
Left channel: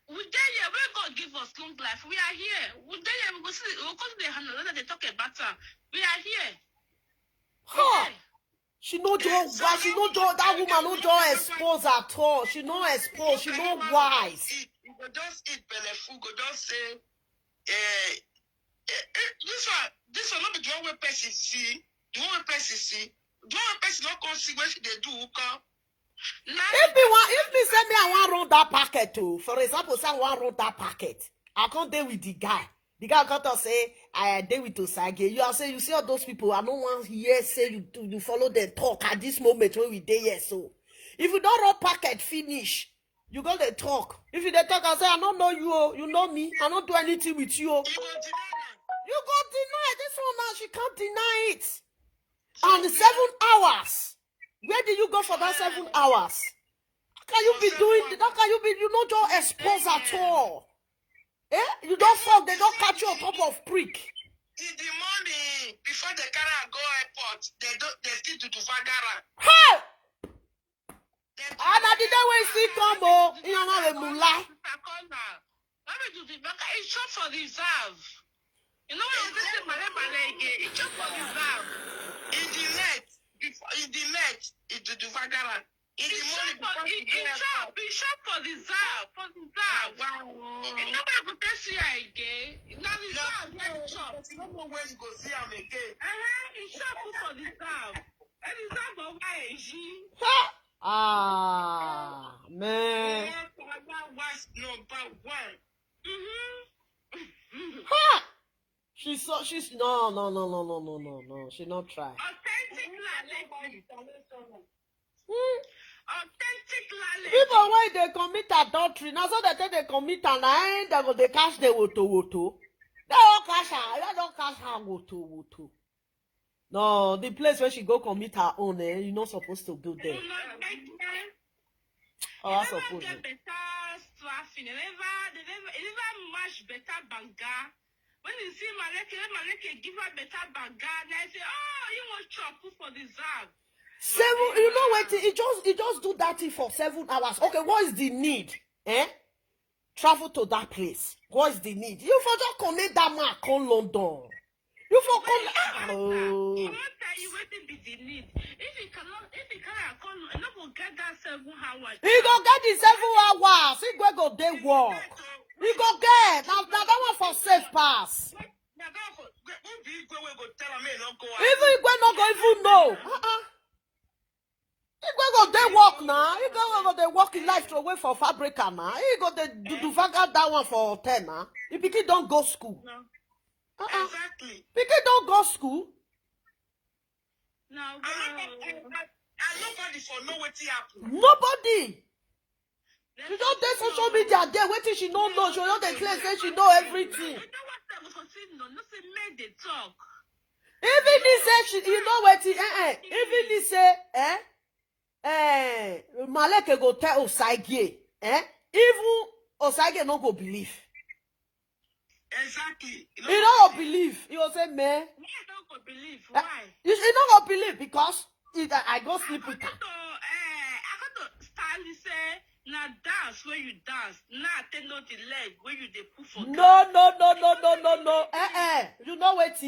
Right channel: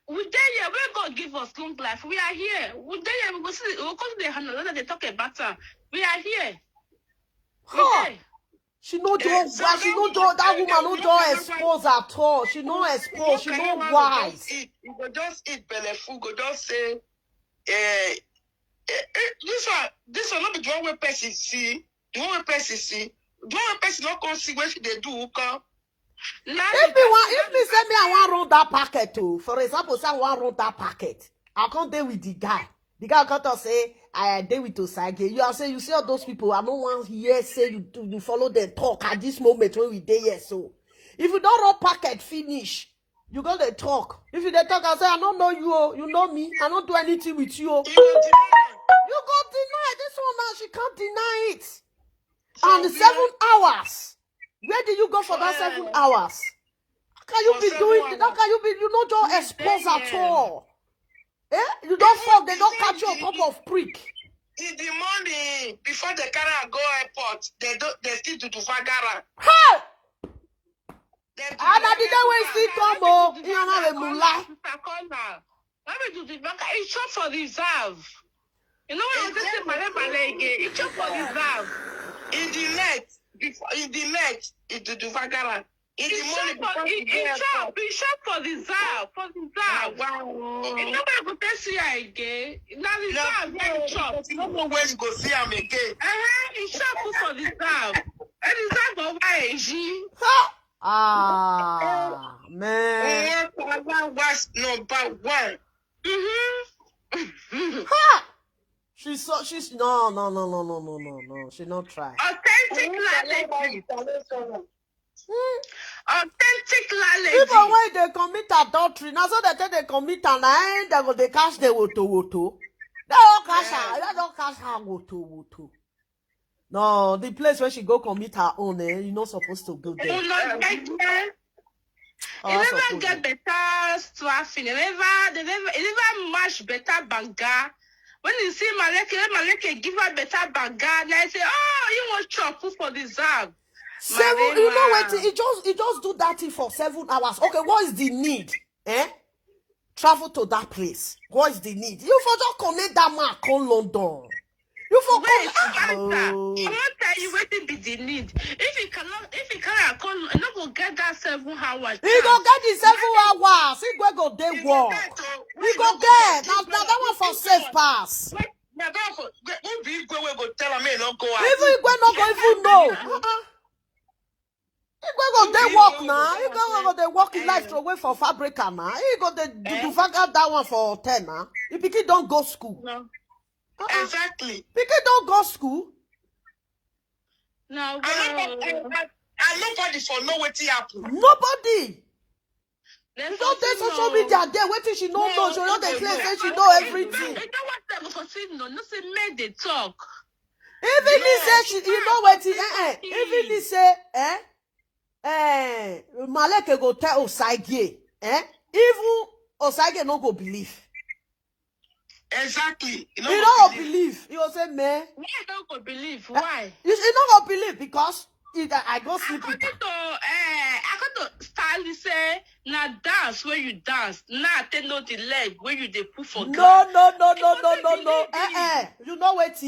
we there here, we God give us long life. We are here. We there here, we go see, we go to the handle, they talk about her. We are here. Huh. She no do why she no do that woman no do expose at all. She no expose, she no wise. You go just eat belleful, go just say this one not be the one way person see. The one way person see. The one way person not come see what they do come. If me say me I want run that packet too, for example, say I want run that packet, I can't deal with the guy. The guy got to say I deal with Osagie. You are saying you see all those people. I don't want here say you follow them talk at this moment when we there here. So if you don't run packet finish, you got to talk. If you talk, I say I don't know you. You know me. I don't do anything with you. You go deny this one now. She can't deny it. And 7 hours. Where did you go for that 7 hours? How can you be doing? How can you be? You don't just expose at all. Eh? You don't fuck. They don't catch you on top of prick. In the morning before the car go airport, they still do Fagara. How? And the day when see come oh, you know have a mullah. Let me do the back. It's short for reserve. You know what I'm saying? It's short for reserve. In the net, it do Fagara. In the morning before the airport. It's short for reserve. For reserve. Wow. You know where you go see her again. Now reserve very short. You don't know where you go see him again. It's short for reserve. And reserve of YG. Ah, man. Was number 1. Ha! She's no. She not try. Authentic lady. Authentic lady. People when they commit adultery, now so they commit and they go they cash the woto. They don't cash her. They don't cash her woto. No, the place where she go commit her own, you're not supposed to go there. You not get there. Oh, You that's never supposed get better staffing. You never match better banga. When you see Maleke give her better banga, they say, oh, you want chop for the zag. 7, you know what? It just do that thing for 7 hours. Okay, what is the need? Travel to that place. What is the need? You for just connect that man come London. You for I won't tell you what be the need. If you cannot come, you not go get that 7 hours. He go get the 7 hours. He go day work. He go get. Now that one for safe pass. Even if we not go even know. He go day work now. He go they work in life to away for fabrica now. He go they do that one for 10 now. He pikin don't go school. No. Exactly. Pikin don't go school. No, I nobody for know what happen. Nobody. You don't take social media there. What she know? She know the place where she know everything. You know what them for say no say make they talk. Even he say she, you know what? Even he say, Maleke go tell Osagie, even Osagie no go believe. Exactly. You don't believe. You will say, man. Why don't go believe? Why? You don't go believe because I go sleep with her. I got to style say now dance where you dance. Now take no the leg where you they put for. No. You know what?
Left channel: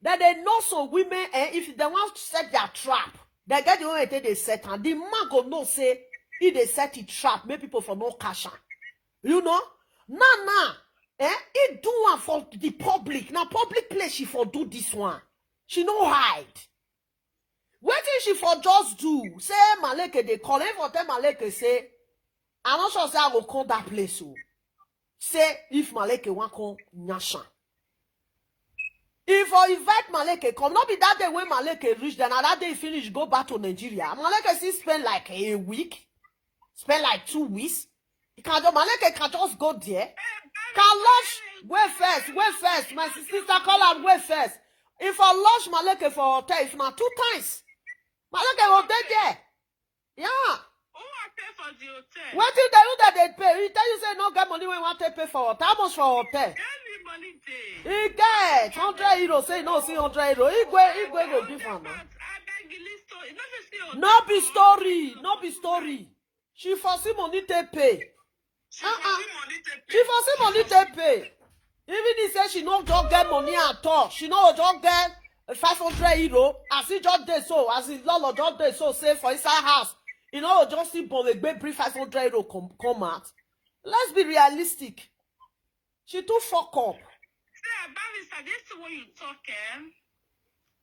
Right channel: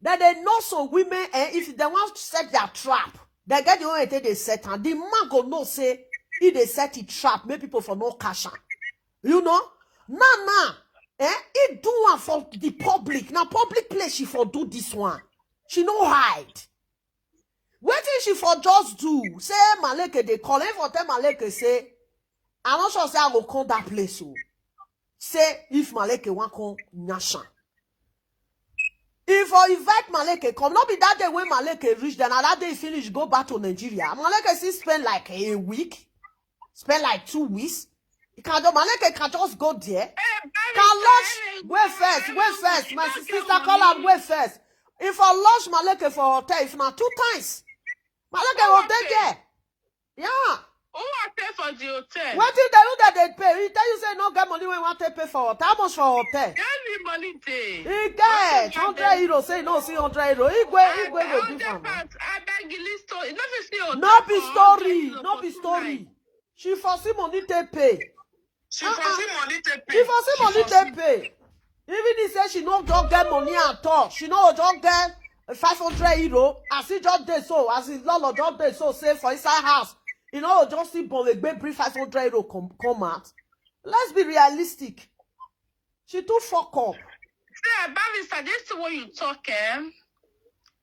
That they know so women. If they want to set their trap, they get the way they set her. The man go no say if they set it trap, make people for no cash. You know? Nah. He do one for the public. Now public place she for do this one. She no hide. What did she for just do? Say Maleke they call him for tell Maleke say, I'm not sure say I will come that place. So say if Maleke want come Nyasha. If I invite Maleke come, not be that day when Maleke reach then that day finish go back to Nigeria. Maleke still spend like a week, spend like 2 weeks. Maleke can just go there. Can launch wait first. My sister call out wait first. If I launch Maleke for hotel, if not 2 times, Maleke will be there. Yeah. Who I pay for the hotel? What did they do that they pay? He tell you say no get money when you want to pay for hotel. How much for hotel? Give me money day. He get 100 euros. Say no, see 100 euros. He go give him. I beg you story. No be story. She foresee money to pay. She foresee money to pay. She foresee money to pay. Even he say she no just get money at all. She no just get 500 euro. As he just did so, as he Lolo just did so, say for inside house. You know, just see bring 500 euro come out. Let's be realistic. She too fuck up. See, Barrister, this is what you talk,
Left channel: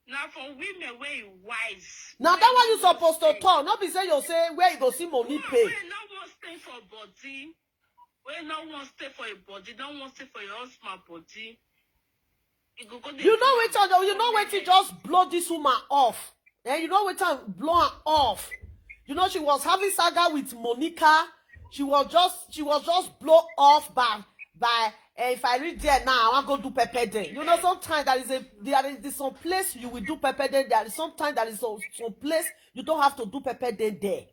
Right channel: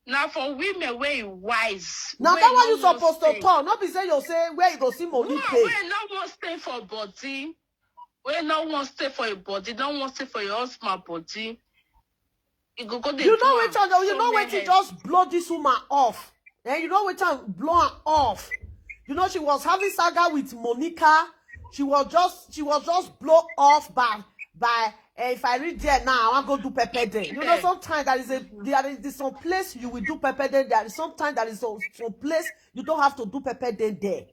Now for women, where you wise. Now that one you supposed to talk. Not be say you say where you go see money pay. Where no one stay for body. Where no one stay for your body. No one stay for your husband body. You know what you just blow this woman off. And you know what time blow her off. You know she was having saga with Monica. She was just blow off by if I read there now, I want to do pepper day. You know, sometimes there is some place you will do pepper day. There is sometimes there is some place you don't have to do pepper day there.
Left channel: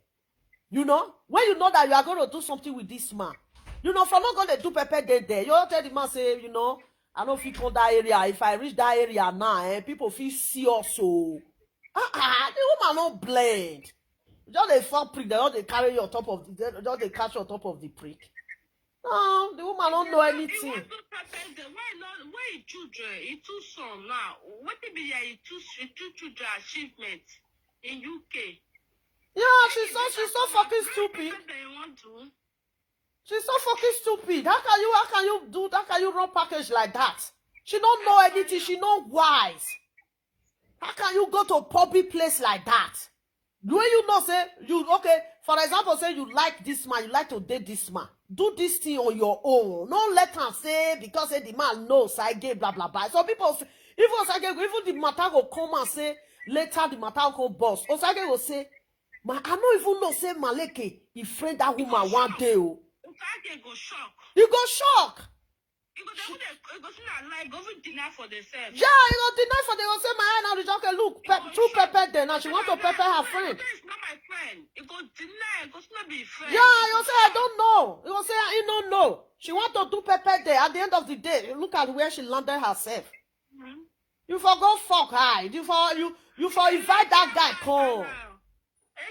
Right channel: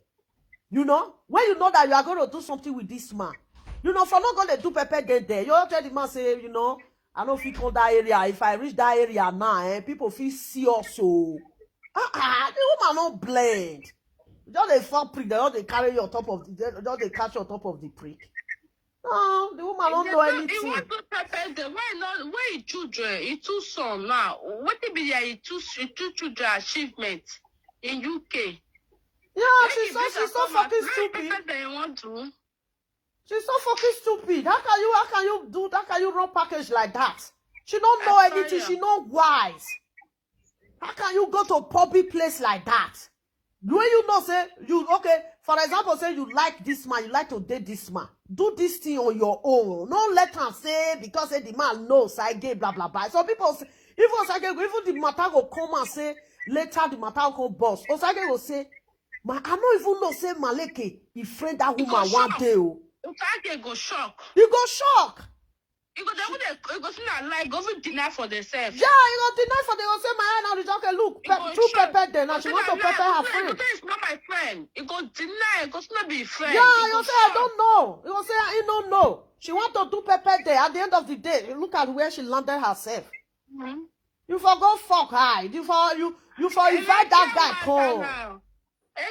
You know, when you know that you are going to do something with this man, you know, if I'm not going to do pepper day there, you don't tell the man say, you know, I don't feel on that area. If I reach that area now, people feel see also. The woman not blend. Just they fall prick, they don't they carry you on top of they catch you on top of the prick. No, the woman don't know anything. Why you children? You two son now. What it be there? You two children achievement in UK. Yeah, she's so fucking stupid. She's so fucking stupid. How can you run package like that? She don't know anything. She not wise. How can you go to a public place like that? The way you know, say, for example, say you like this man, you like to date this man. Do this thing on your own. Don't let her say, because say the man knows, I gave blah, blah, blah. So people say, even the matter will come and say, later the matter will come boss. Osagie will say, Ma, I don't even know say Maleke, he friend that woman one day. Oh. Osagie go shock. You go shock. You go see that like go even deny for themselves. Yeah, you go deny for they go say my hand now. The okay, look, two pepper there now. She want to pepper her friend. It's not my friend. It go deny. It go not be friend. Yeah, you say I don't know. You say I don't know. She want to do pepper there. At the end of the day, look at where she landed herself. You for go fuck her. You for invite that guy come. You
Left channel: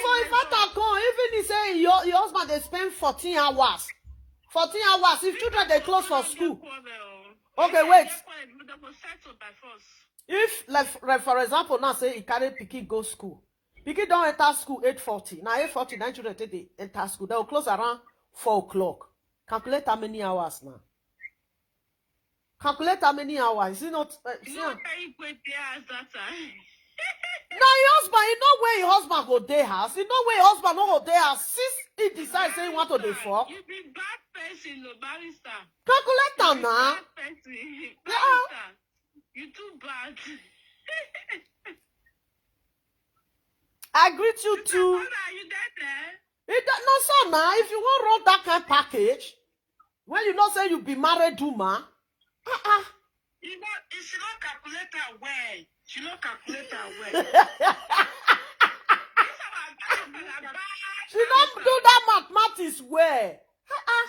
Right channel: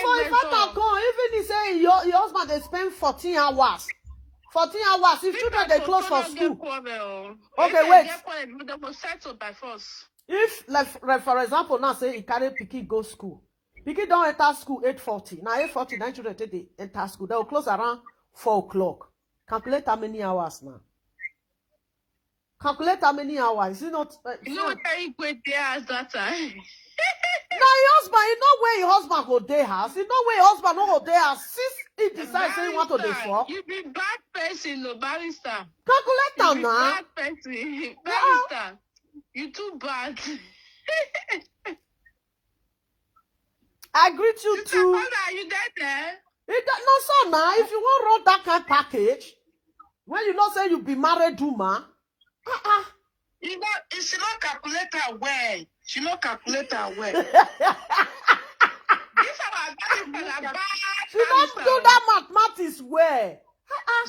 for invite her come. Even he say your husband they spend 14 hours. 14 hours. If children they close for school. Okay, wait. If like for example now say he carry Piki go school. Piki don't enter school 8:40. Now 8:40 9 children they enter school. They will close around 4 o'clock. Calculate how many hours now. Calculate how many hours. Is it not? No, carry great there that time. Now your husband, you know where your husband go there house. You know where your husband no go there house. Since he decides say he want to dey fuck. You be bad person, no barrister. Calculate am now. Bad person, barrister. You too bad. I greet you too. Are you there? No, so now if you want run that kind of package, when you know say you be married woman. You know, she not calculate her well. She not calculate her well. She not do that mathematics well.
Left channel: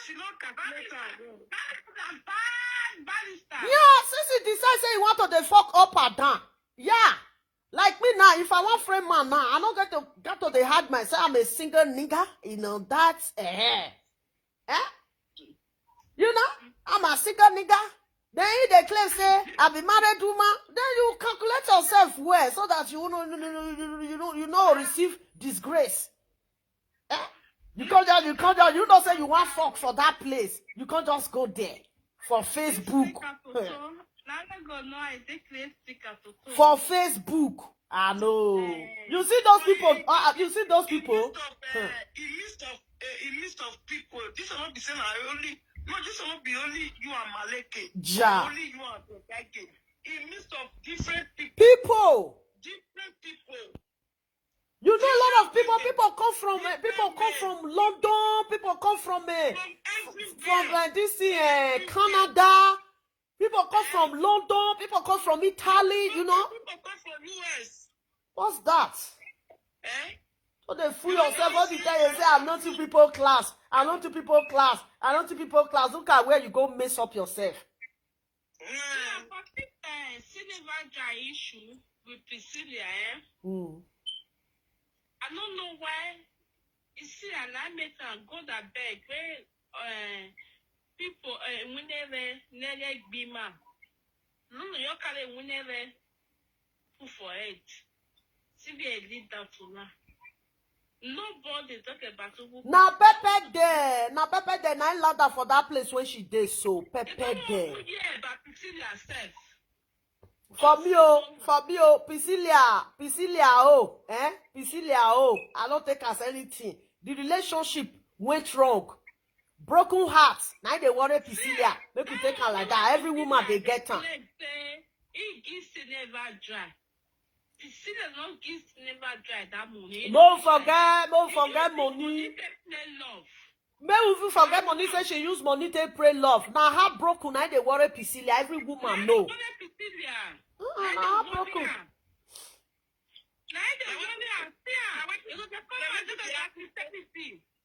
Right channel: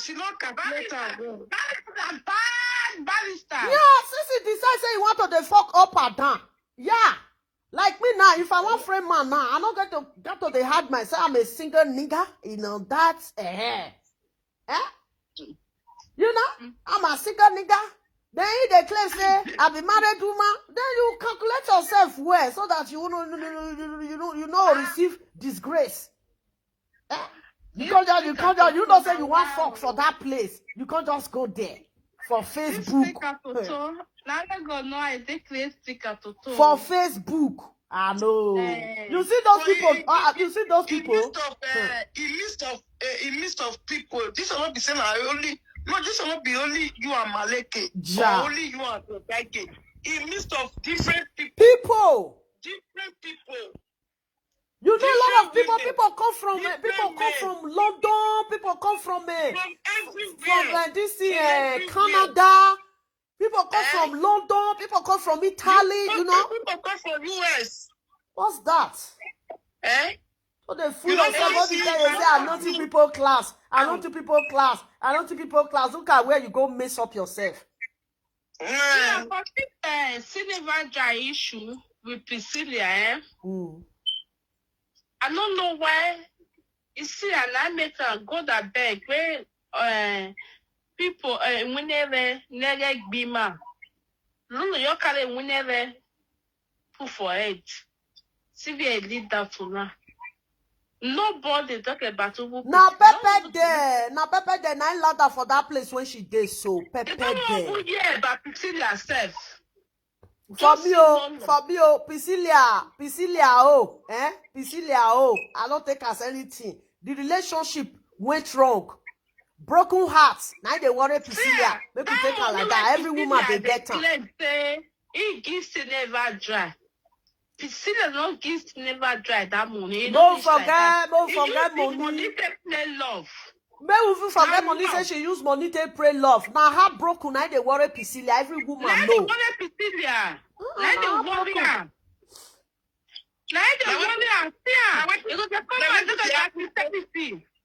She not calculate her well. That's a bad barrister. Yeah, since he decide say he want to dey fuck up and down. Yeah. Like me now, if I want friend man now, I don't get to the hard myself. I'm a single nigga. You know, that's You know, I'm a single nigga. Then if they claim say I be married woman, then you calculate yourself well so that you know receive disgrace. You can't just you don't say you want fuck for that place. You can't just go there for Facebook. For Facebook. I know. You see those people. You see those people. In list of people, this will not be saying only. No, this will not be only you and Maleke. Ja. Only you and Osagie. In list of different people. Different people. You know a lot of people. People come from London. People come from this Canada. People come from London. People come from Italy. You know. People come from US. What's that? So they fool yourself all the time. You say, I'm not to people class. I'm not to people class. I'm not to people class. Look at where you go mess up yourself. Yeah, but Cineva dry issue with Prissy, I don't know why. You see, and I met a God a beg where people whenever never be man. Lolo, you carry whenever put for it. See, we lead that for now. Nobody talk about who. Now Pepe there. Now I ladder for that place when she did so. Pepe there. Yeah, but Prissy herself. For me, Priscilla, I don't take as anything. The relationship went wrong. Broken hearts. Now they worry Priscilla. Make you take her like that. Every woman they get her. He gives to never dry. Priscilla don't give to never dry that money. Don't forget money. Love. May we forget money say she use money to pray love. Now her broken, now they worry Priscilla. Every woman know.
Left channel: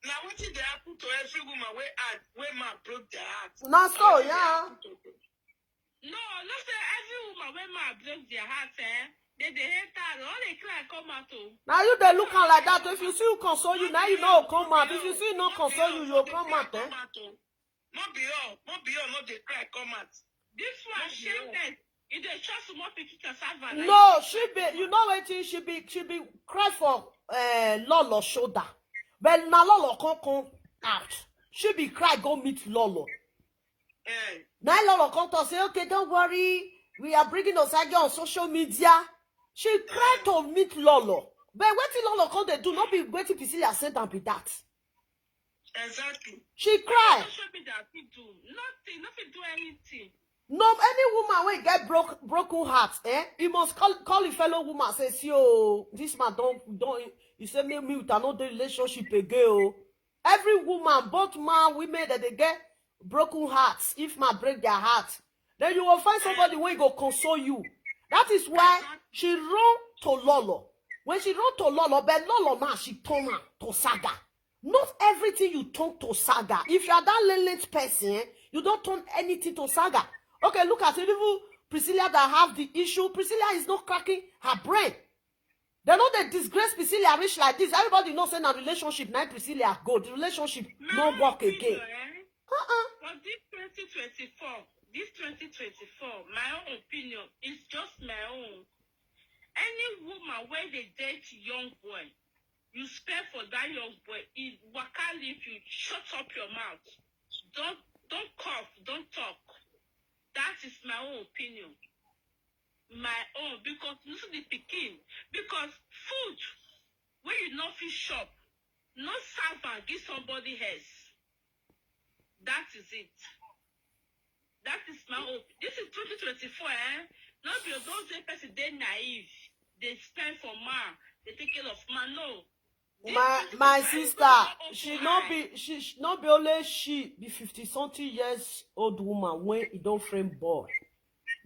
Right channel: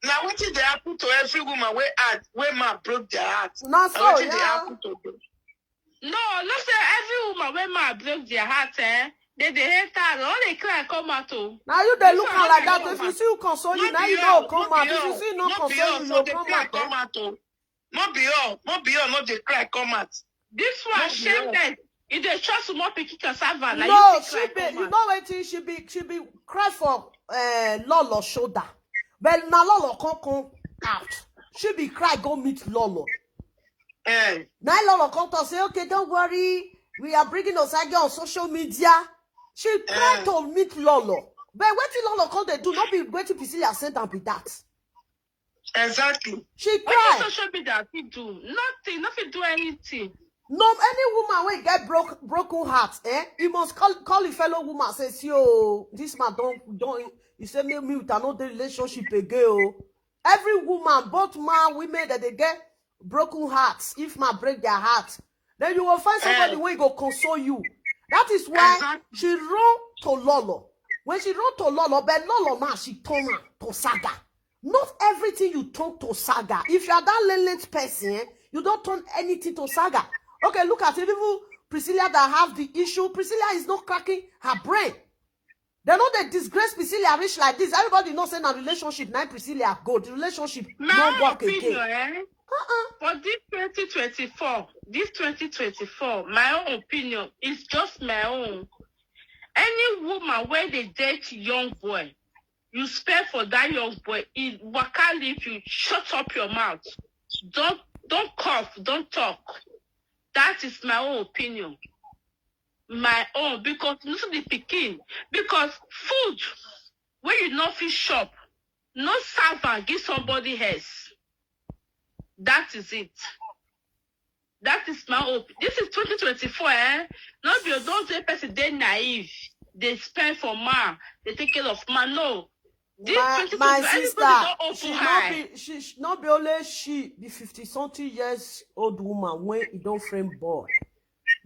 Now what did they happen to every woman where man broke their heart? Not so, yeah. No, not say every woman where man broke their heart, they hate her. All they cry come out. Now you they look like that. If you see you console you, now you know come out. If you see no console you, come out. Not be all, not they cry come out. This one shameless. If they trust more picky cassava, like no, she be. You know what? She be cry for Lolo shoulder. But now Lolo come out. She be cry go meet Lolo. Now Lolo come to say, okay, don't worry. We are bringing Osagie on social media. She tried to meet Lolo. But what did Lolo come they do? Not be waiting to see her sent and be that. Exactly. She cried. What social media do? Nothing do anything. No, any woman when get broken heart, he must call a fellow woman, says, yo, this man don't, you say me with another relationship again. Every woman, both man, women, that they get broken hearts, if man break their heart, then you will find somebody who go console you. That is why she run to Lolo. When she run to Lolo, but Lolo now she turn to Saga. Not everything you turn to Saga. If you are that lenient person, you don't turn anything to Saga. Okay, look at it. Even Priscilla that have the issue. Priscilla is not cracking her brain. They know they disgrace Priscilla rich like this. Everybody knows in a relationship, now Priscilla go. The relationship no work again. For this 2024, my own opinion is just my own. Any woman where they date young boy, you spare for that young boy, it waka leave you, shut up your mouth. Don't cough, don't talk. That is my own opinion. My own, because listen to the pikin. Because food, when you not fit shop, no servant give somebody else. That is it. That is my own. This is 2024, Not be those person they naive. They spend for man. They take care of man. No. My sister, she not be only she be 50-something years old woman when he don't frame boy.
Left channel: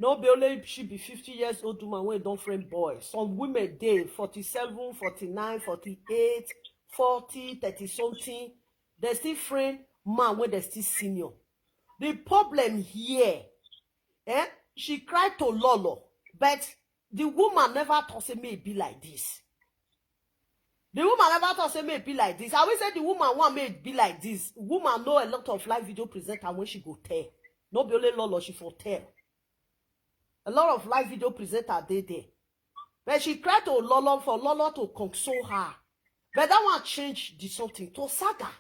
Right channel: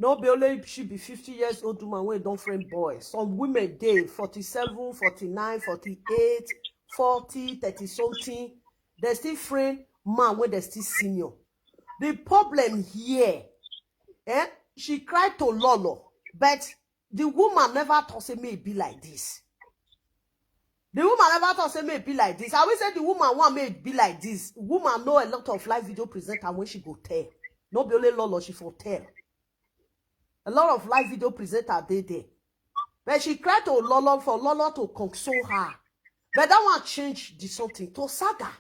No be only she be 50 years old woman when he don't frame boy. Some women they 47, 49, 48, 40, 30-something. They still frame man when they still senior. The problem here, she cried to Lolo, but the woman never thought say may be like this. The woman never thought say may be like this. I always say the woman want may be like this. Woman know a lot of live video presenter when she go tell. No be only Lolo, she for tell. A lot of live video presenter they there. But she cried to Lolo for Lolo to console her. But that one change the something to Saga.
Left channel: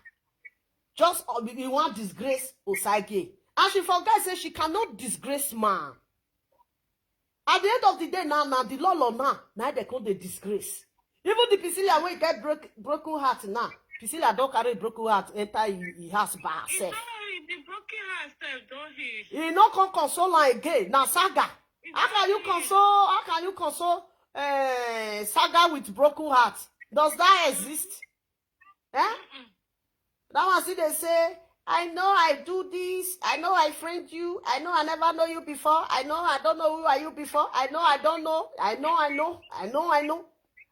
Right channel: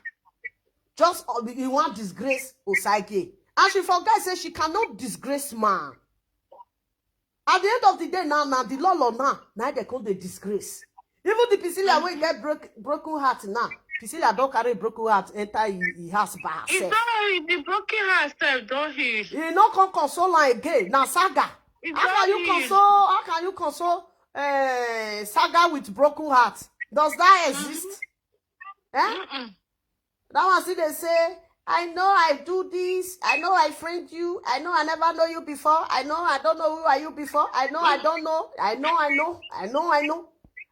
Just you want disgrace Osagie. And she forgot say she cannot disgrace man. At the end of the day now the Lolo now they call the disgrace. Even the Priscilla when get broken heart now. Priscilla don't carry broken heart enter he has by herself. The broken heart self don't heal. He not come console her again. Now Saga. How can you console Saga with broken heart? Does that exist? That one see they say, I know I do this. I know I friend you. I know I never know you before. I know I don't know who are you before. I know I don't know. I know.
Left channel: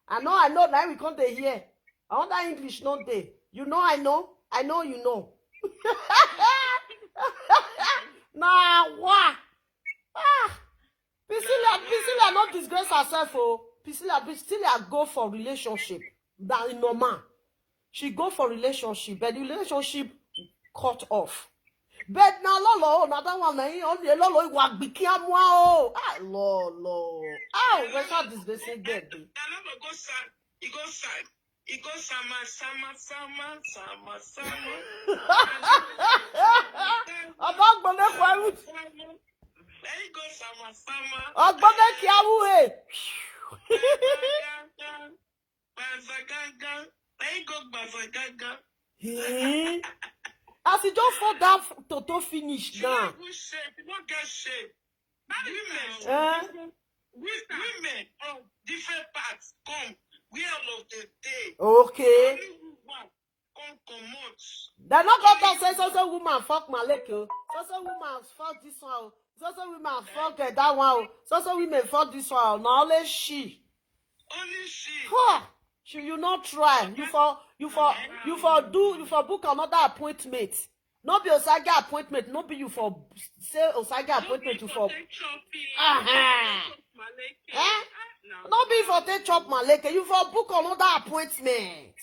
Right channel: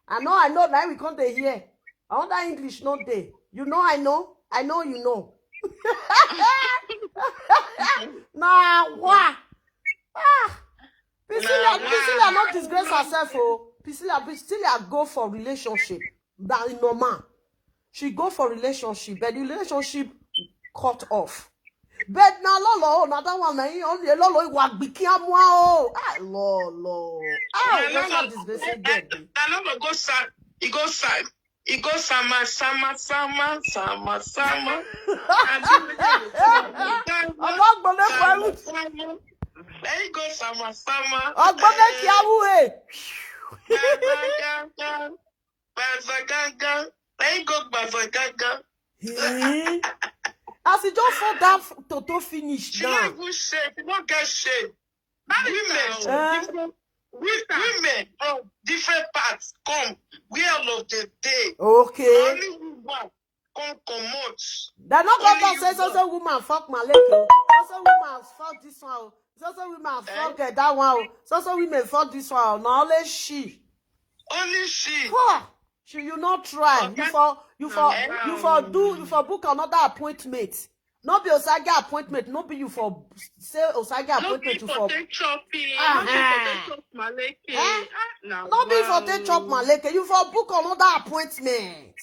Now we come to hear. I want that English not there. You know I know. I know you know. Nah, what? Priscilla not disgrace herself. Oh, Priscilla go for relationship. That is normal. She go for relationship, but the relationship cut off. But now Lolo, another one, only Lolo was became wow. Lolo. What's not disgrace again? Lolo go sad. He goes sad. He goes summer. I'm not gonna fight. There you go, summer. I'm gonna kill There you go, Bazagaga. As he just for that toto finish now. She not good shape. You don't get shape. Women from different parts come. We all of the day. Okay. Only woman come out. They're not going to say so woman fuck my leg. So woman fuck this one. So women fuck that one. So women fuck this one. Now only she. Only she. Huh. You not try. You for book another appointment. Not be Osagie appointment. Not be you for say Osagie appointment. You for take chopping. Not be for take chop maleke. You for book another appointment.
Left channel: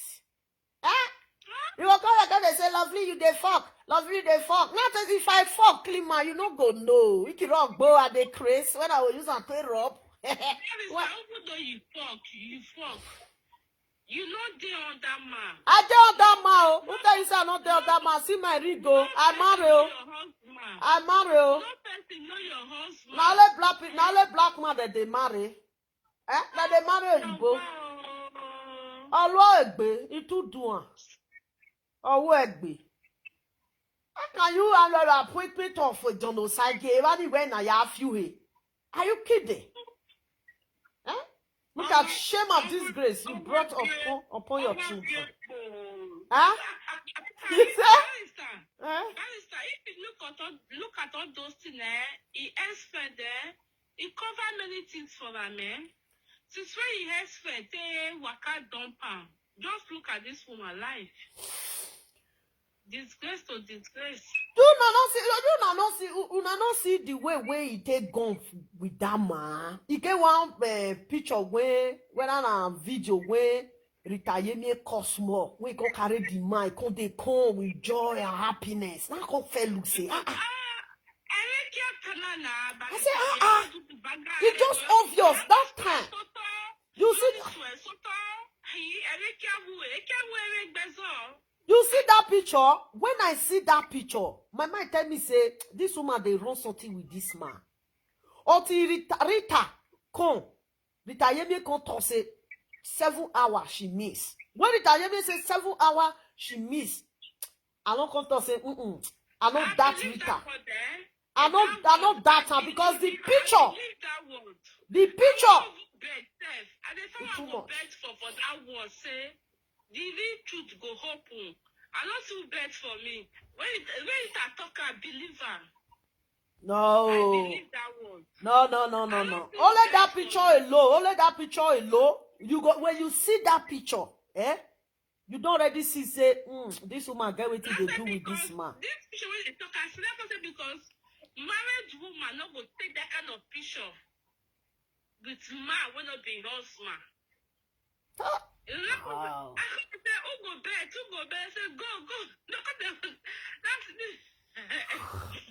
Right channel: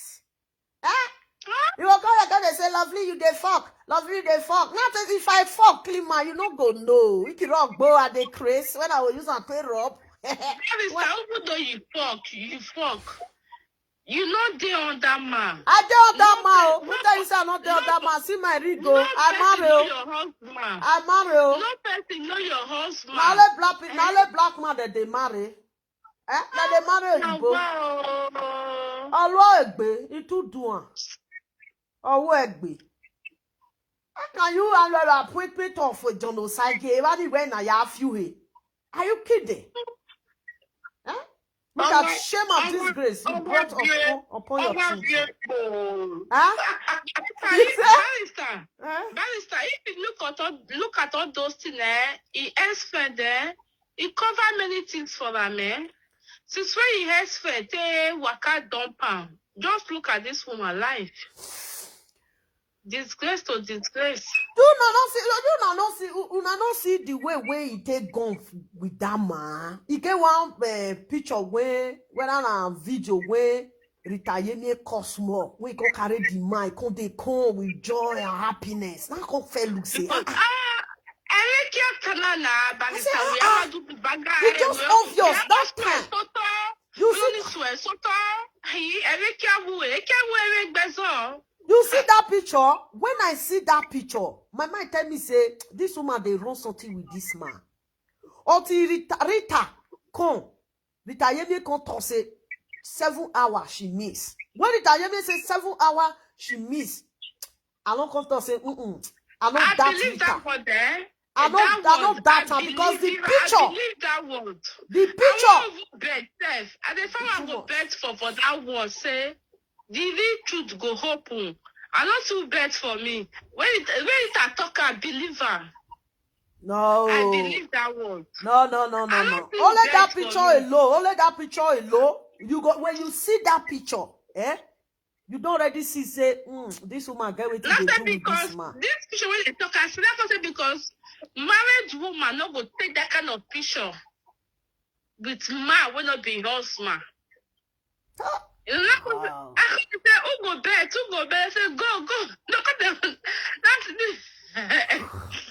You will come again and say, lovely, you dey fuck. Lovely, you dey fuck. Not as if I fuck, clean man, you no go know. You can rock bow at the craze when I will use a clear up. Even though you fuck. You know they on that man. I dey on that man. Who tell you say I not dey on that man? See my ring go. I marry. No person know your husband. Now let black man that they marry. That they marry Oyibo. Ọlọ́ ẹ̀gbẹ́, itu dùn. Ọwọ́ ẹ̀gbẹ́. How can you have an appointment of John Osagie when I have you here? Are you kidding? Eh? Look at shame and disgrace you brought upon your children. Huh? You say? Barrister, if you look at all those things, he expert he cover many things for them, Since when he expert, waka dump am. Just look at this woman life. Disgrace to disgrace. You not see the way he take gun with that man. He get one picture when a video when retire me Cosmo when he go carry the man, they come with joy and happiness. Now come fair look say it's just obvious that time. You see that picture? When I see that picture, my mind tell me say this woman they run something with this man. Until Rita come, Rita Yemi come to say 7 hours she miss. When Rita Yemi say 7 hours she miss, I don't come to say I know that Rita. I know that her because the picture. The picture. I go bet for that word say the real truth go open. I not too bet for me. When it a talker, believe her. No. I believe that word. No. Only that picture alone. Only that picture alone. You go when you see that picture, you don't already see say, this woman get what they do with this man. This picture when they talk, I see that person because married woman not go take that kind of picture with man will not be husband. Wow. I say, who go bet? I say, go. Look at them. That's this.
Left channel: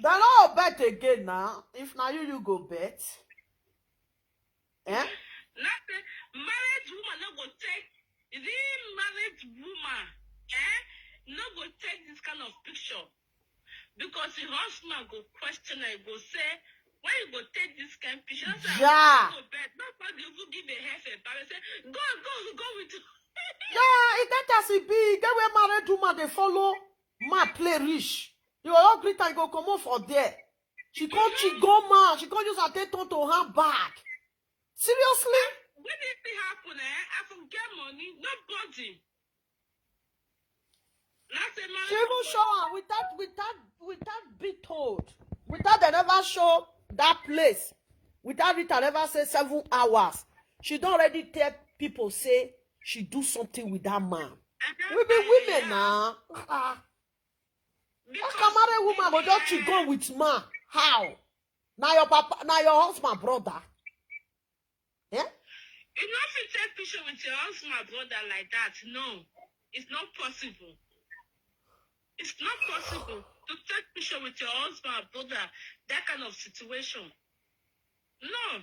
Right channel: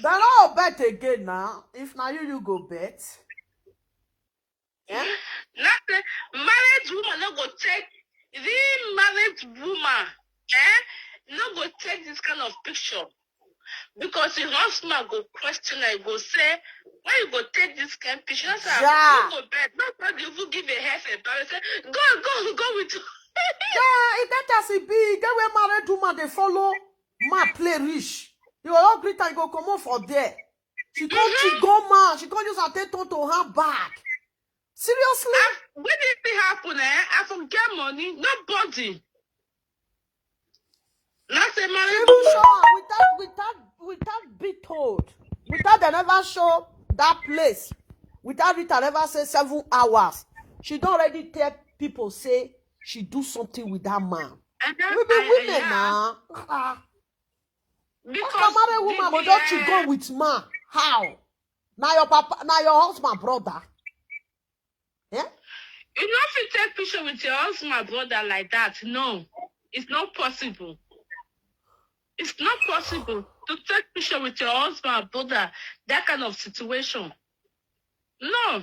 They're not bet again now. If now you go bet. Nothing. Married woman not go take the married woman. Not go take this kind of picture. Because the husband go question and go say, why you go take this kind of picture? Yeah. Go bet. Nobody will give a half a barrel. Say, go with you. Yeah, it that as it be. Get where married woman they follow man play rich. You all greet and go come on for there. She go man. She can't use her attention to her back. Seriously? When did it happen? I forget money. Nobody. Not a married She will show without be told. Without they never show that place. Without it I never say 7 hours. She don't already tell people say she do something with that man. We be women now. Because married woman but don't you go with man? How? Now your papa, now your husband brother. Yeah? You know if you take picture with your husband brother like that, no. It's not possible. It's not possible to take picture with your husband brother, that kind of situation. No.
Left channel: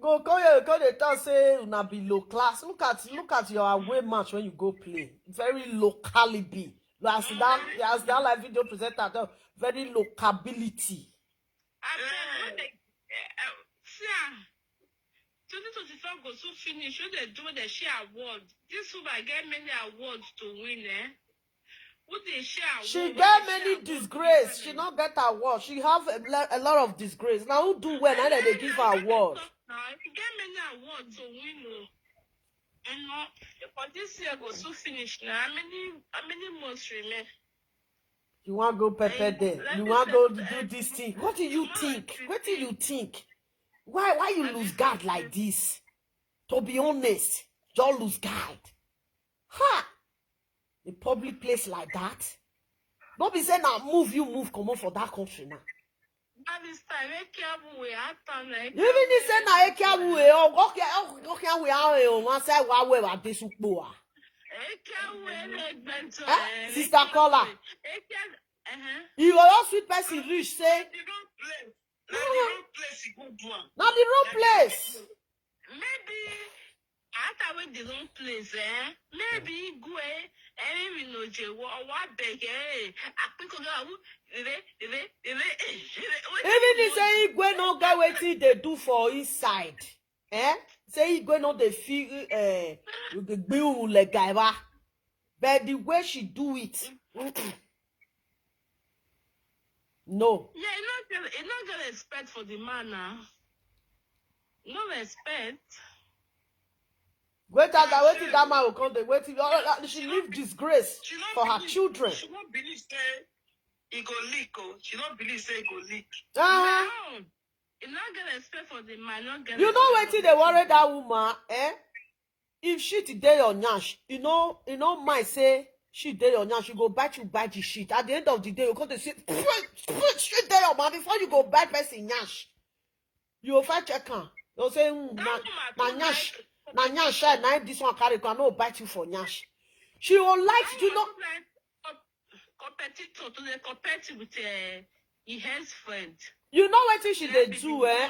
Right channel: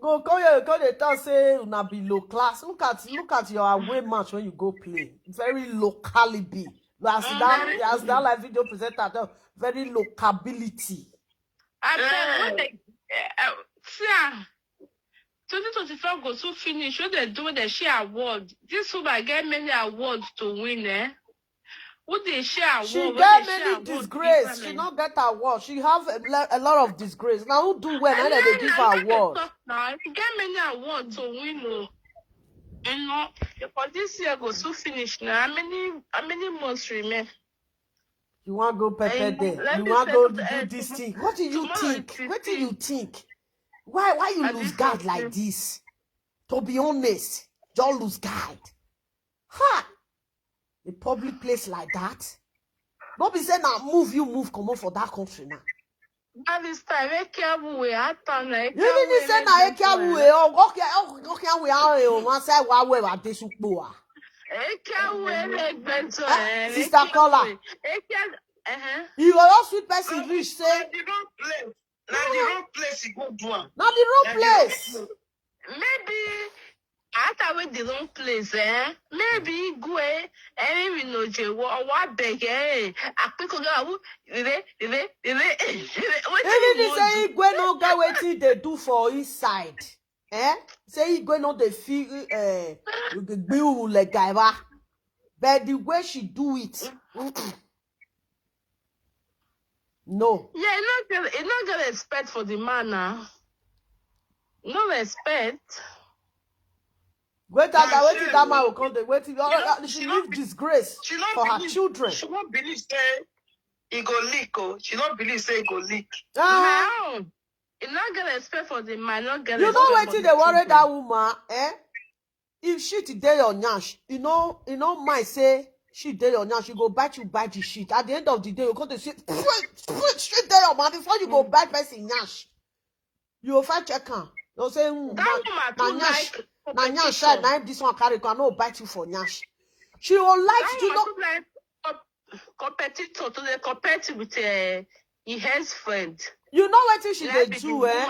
Go they tell say una be low class. Look at your away match when you go play. Very locally be. As that like video presenter, very locability. I said, 2024 goes to finish. What they do, they share awards. This woman get many awards to win, What they share awards? She get many disgrace. She not get award. She have a lot of disgrace. Now who do well? Now they give her award. She get many awards to win, You know, because this year goes to finish now. How many months remain? You want to go pepper there? You want to go do this thing? What do you think? What do you think? Why you lose guard like this? To be honest, you lose guard. Ha! A public place like that? Don't be saying now move, come on for that country now. This time, You even say na ekiawu okay we are one say wa we wa desukpo ah. Sister Kola. You are sweet person rich say. The wrong place you go do am. Not the wrong place. Maybe after we the wrong place, maybe go we no je wa beg apiko go Even if say Igwe no get wetin they do for inside. Say Igwe no dey feel gbiu legaiwa. But the way she do it. No. Yeah, you not gonna respect for the man now. No respect. Wait till that man will come. Wait till she leave disgrace She not for her believe, children. she not believe say he go leak. Oh, she not believe say he go leak. No. You not gonna respect for the man. Not gonna. You know wait till they worry that woman, eh? If she today your nyash, you know, might say she day your nyash, you go bite the shit. At the end of the day, you come to say, straight there your man before you go bite person nyash. You will fight check her. You'll say, na nyash, na this one carry, I no bite you for nyash. She will like to know. Like competitor to the compete with his friend. You know what she they do, eh?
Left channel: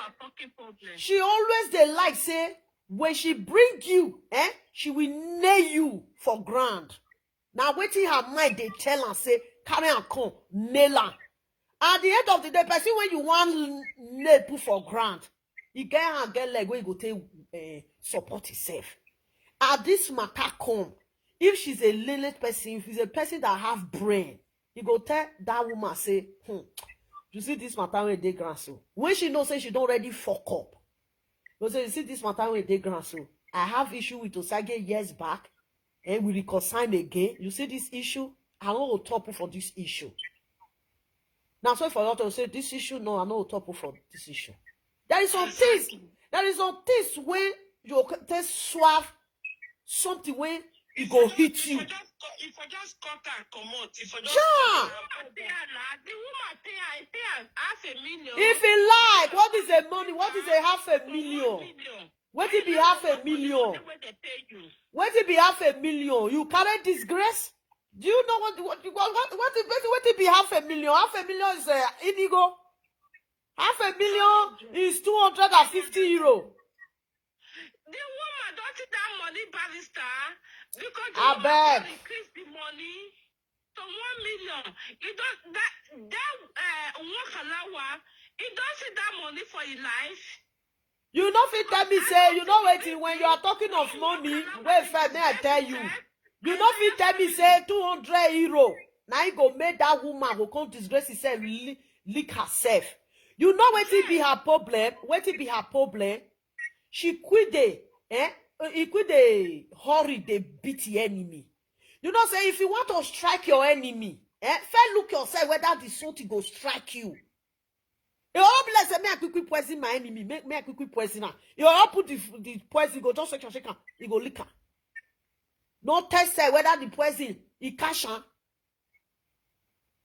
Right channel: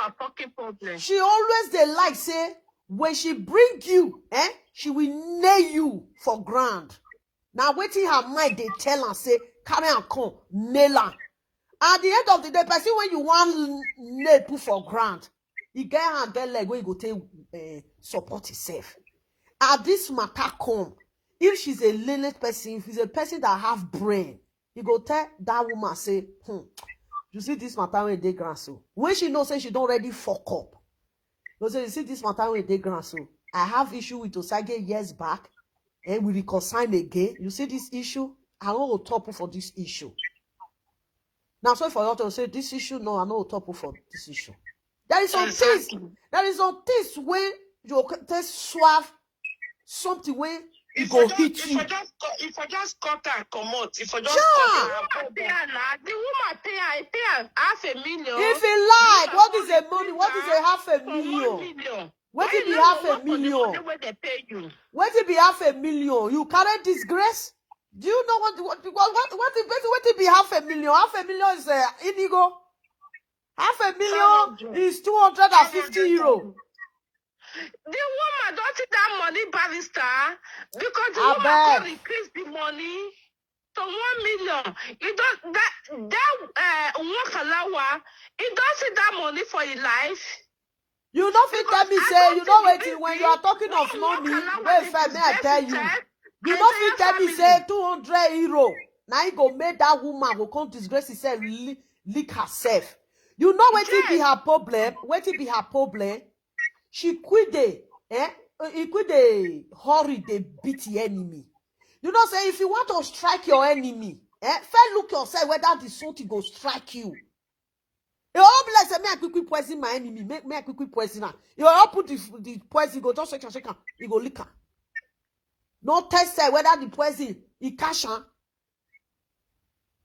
She always they like say when she bring you, eh? She will nail you for grand. Now waiting her mind they tell her say carry and come nail her. At the end of the day, person when you want nail put for grand, you get her get leg when you go take support herself. At this matter come, if she's a lenient person, if she's a person that have brain, you go tell that woman say, you see this matter when they grand so. When she knows say she don't already fuck up. You say, you see this matter when they grand so. I have issue with Osagie years back, and we reconcile again. You see this issue? I don't top for this issue. Now, sorry for you to say this issue. No, I know top for this issue. There is some things. There is some things when you can suave something when it go hit you. If I just cut her, come out. If I just the woman pay her $500,000. If he like, what is the money? What is a $500,000? What it be $500,000? What it be $500,000? You carry disgrace? Do you know what it be $500,000? $500,000 is indigo. $500,000 is €250. The woman don't take that money, barrister, because the woman can increase the money to 1 million. You don't that Wakalawa, he don't see that money for his life. You know fit tell me say you know waiting when you are talking of money. Wait, may I tell you? You know fit tell me say €200. Now you go make that woman go come disgrace herself, lick herself. You know what it be her problem? What it be her problem? She quit he quit the hurry they beat the enemy. You know say if you want to strike your enemy, first look yourself whether the something go strike you. You all bless me I quickly poison my enemy. Make me I quickly poison her. You all put the poison go just shake her. You go lick her. No test whether the poison he cash her.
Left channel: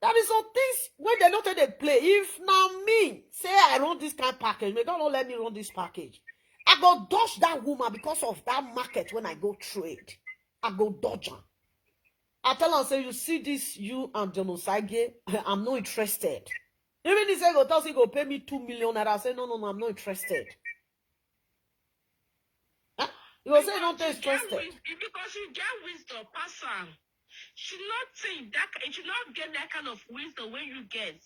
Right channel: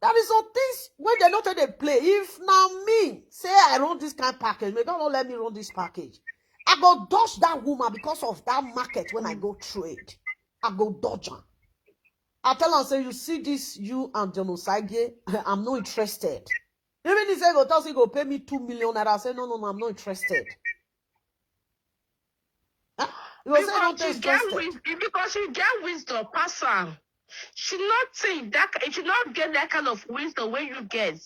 There is some things when they not they play. If now me say I run this kind of package, may God not let me run this package. I go dodge that woman because of that market when I go trade. I go dodge her. I tell her, say, you see this, you and John Osagie, I'm not interested. Even if he go tell he go pay me 2 million, I say, no, I'm not interested. Huh? You will say, not interested. Because you get wisdom, person. She not think that, it should not get that kind of wisdom when you get.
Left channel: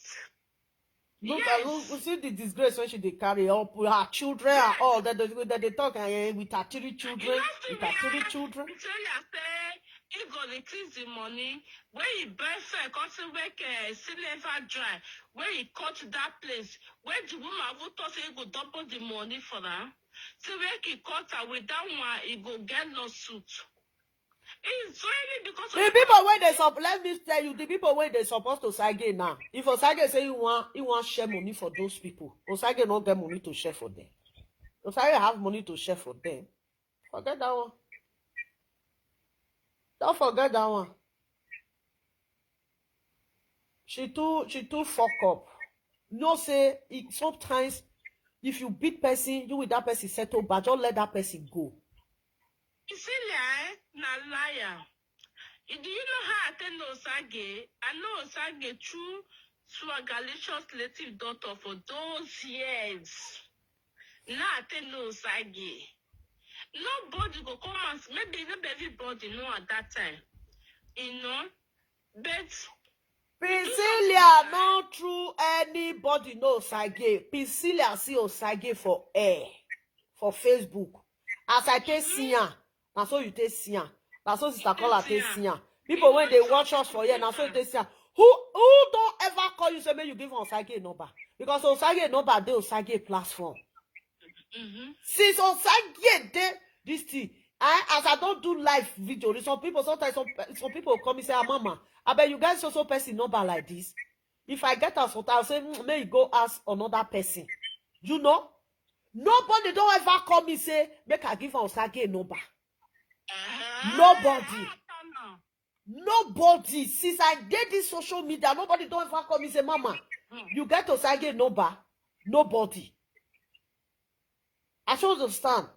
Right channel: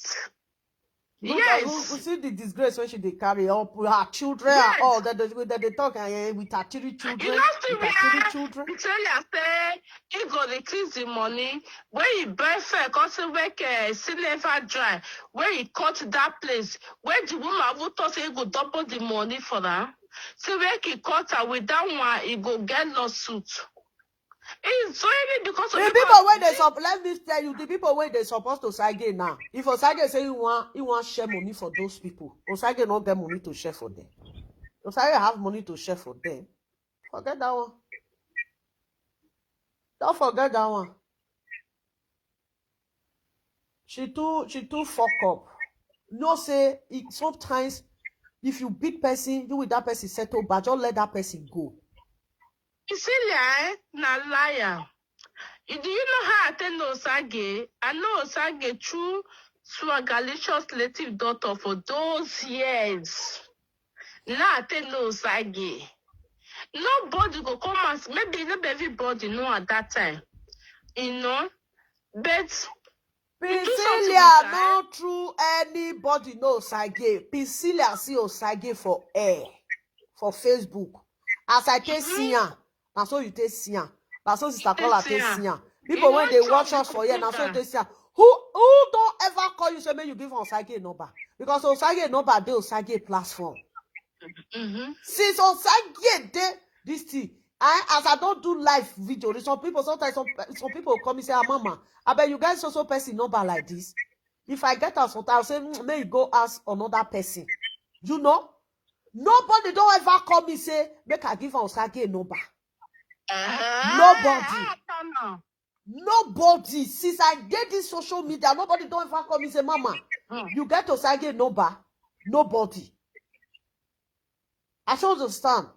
Look, Yes. we see the disgrace when she they carry up her children and all that they talk with her 3 children. You with her 3 children. The trailer say he go decrease the money when he buy fair, cause he make silver dry. When he cut that place, when the woman who thought he go double the money for her, so when he cut her with that one, he go get lawsuit. It's only because of the people where they let me tell you, the people where they supposed to Osagie now. If Osagie say you want share money for those people, Osagie not get money to share for them. Osagie have money to share for them. Forget that one. Don't forget that one. She too fuck up. No say sometimes if you beat person, you with that person settle, but just let that person go. Cecilia, na liar. Do you know how I tell Osagie? I know Osagie true swagalicious native daughter for those years. Now I tell Osagie. Nobody go come and maybe not everybody know at that time. You know? But Priscilla not true anybody know Osagie. Priscilla see Osagie for air. For Facebook. As I take Sian. Now so you take Sian. Now so sister call her take Sian. People when they watch us for here, now so they say, Who don't ever call you say make you give Osagie a number? Because Osagie number dey Osagie platform. Since Osagie dey this thing, as I don't do live video, some people sometimes some people come and say, ah, mama, I bet you guys also person number like this. If I get us, I'll say, may you go ask another person. You know? Nobody don't ever call me say, make I give Osagie a number. Nobody. Nobody. Since I did this social media, nobody don't ever call me say, mama, you get Osagie a number. Nobody. I should understand.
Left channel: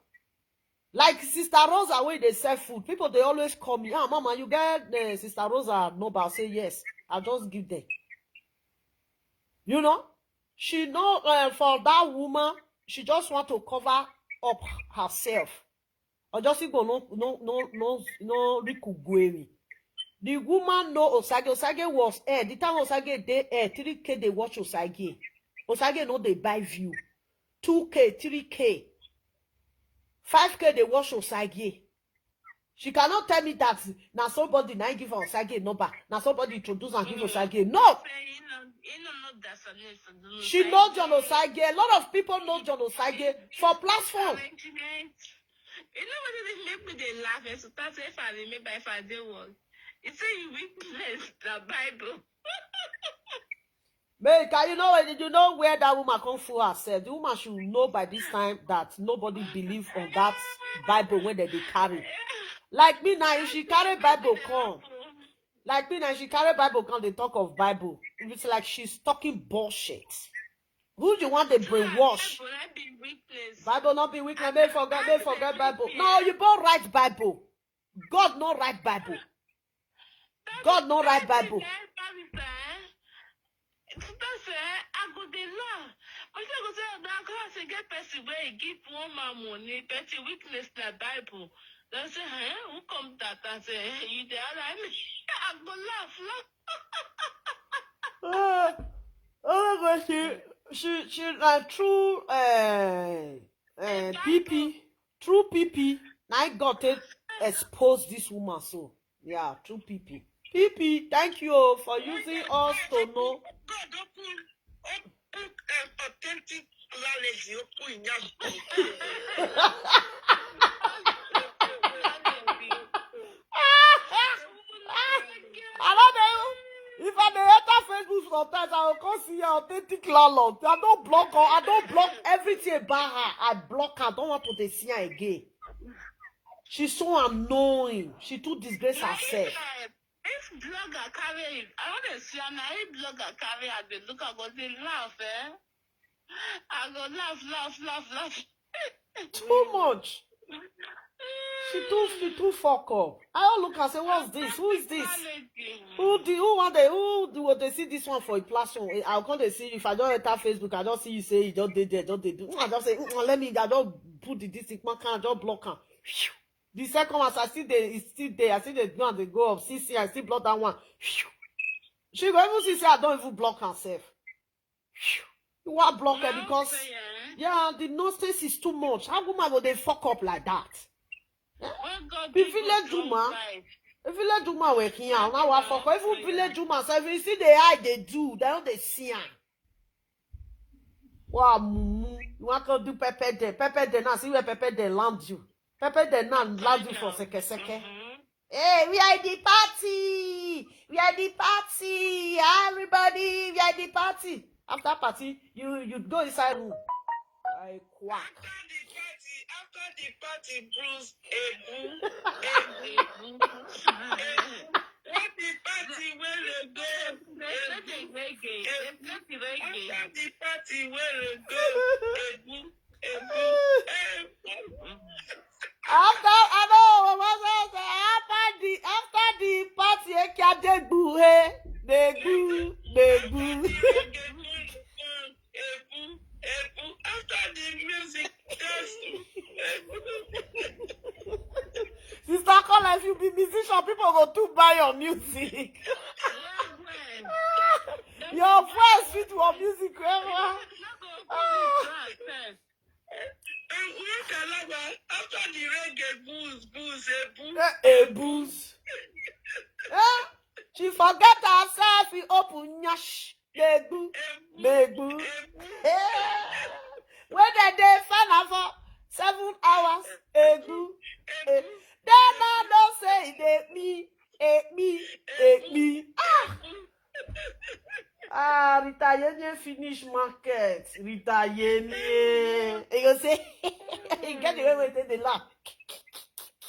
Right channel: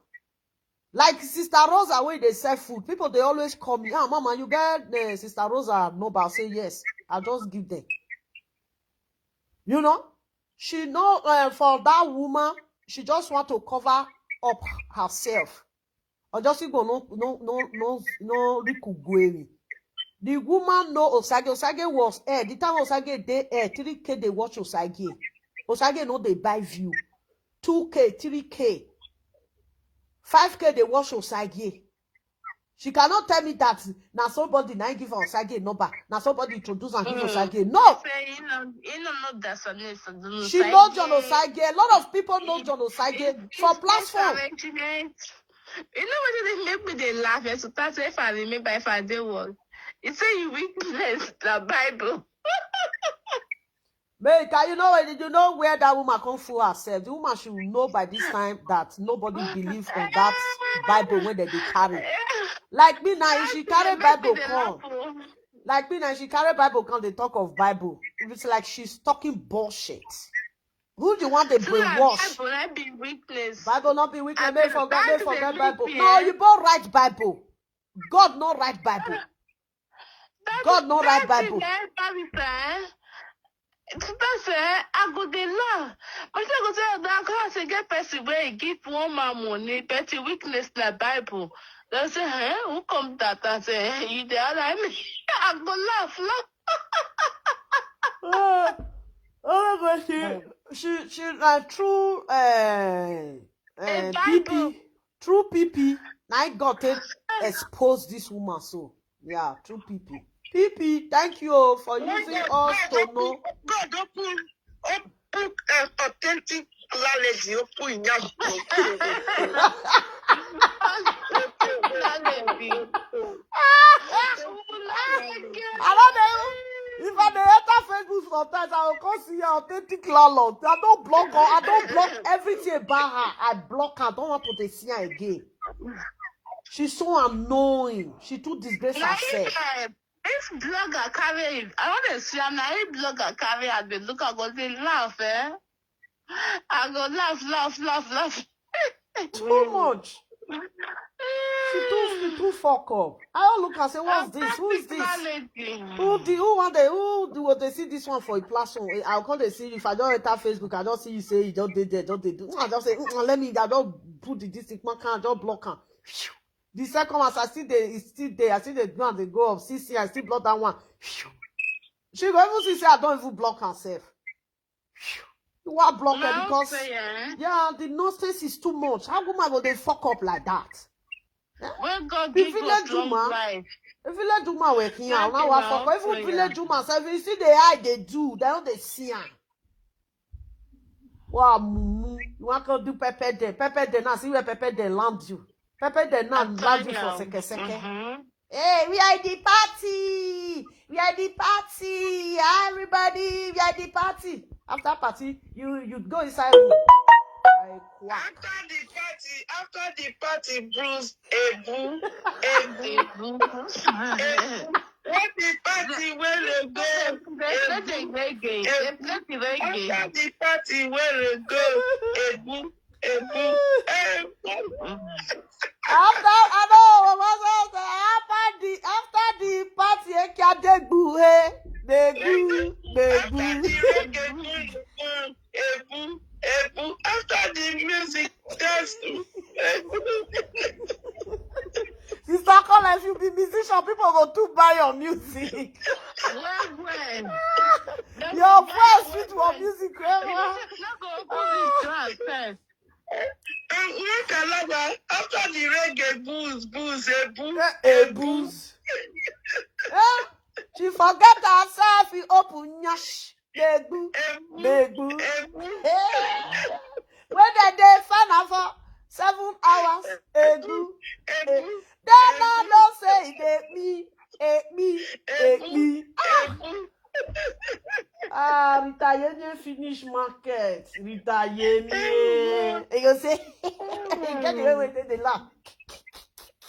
Like Sister Rosa, when they sell food, people they always call me, ah, mama, you get Sister Rosa number? I'll say yes. I'll just give them. You know, she know for that woman, she just want to cover up herself. Or just go no Rikugwemi. The woman know Osagie. Osagie was air. The time Osagie they air 3K they watch Osagie. Osagie know they buy view 2K 3K 5K they watch Osagie. She cannot tell me that now somebody now give Osagie number. Now somebody introduce and give Osagie. No. She knows John Osagie. A lot of people know John Osagie for platform. You know what they make me they laugh? So that's if I remember if I did was. You say you witness the Bible. Make you know where that woman come fool herself. The woman should know by this time that nobody believe on that Bible when they carry. Like me now, if she carry Bible come. Like me now, she carry Bible come, they talk of Bible. It's like she's talking bullshit. Who do you want to brainwash? Bible not be weakness. Bible not be weakness. May forget Bible. No, you both write Bible. God not write Bible. God not write Bible. I go the law. But I go say that class get person where give one man money, petty weakness like Bible. They say, hey, who come that? I say, hey, you there? I mean, I go laugh. She true PP. True PP. Now God take expose this woman so. Yeah, true PP. PP, thank you for using us to know. God open authentic knowledge. Open if I enter Facebook sometimes, I will come see her authentic landlord. I don't block her. I don't block everything about her. I block her. I don't want to see her again. She's so annoying. She too disgrace herself. If blogger carry, I want to see her now. If blogger carry, I go look, I go say laugh, eh? I go laugh. Too much. She too fuck up. I look and say, what's this? Who is this? Who they see this one for a platform? I'll come to see if I don't enter Facebook, I just see you say you just did there, I just say, let me, I don't put the district marker, I just block her. The second one, I still there, it's still there. I see the one they go up. See, I still block that one. She go even see say I don't even block herself. You want block her because the nonsense is too much. How woman go they fuck up like that? The village woman working out now. I fuck up. Even village woman, so if you see the eye they do, they don't they see her. Wow, mumu, you want to do pepper there now. See where pepper there land you. Pepper then now land you for seke. Hey, we are the party. Everybody, we are the party. After party, you go inside room. After the party, Bruce, Ebu. What the party where they go? After the party where they go? Ebu. After the party, after the music, just Sister Cola, if you be musician, people go to buy your music. Your voice fit for music, after the reggae booze, booze. She forget herself coffee open nyash. Negbu. Negbu. When they fan for 7 hours, egu. Then I don't say me. Rita Yenye finish market. Rita Yenye. You go say, get the way they laugh.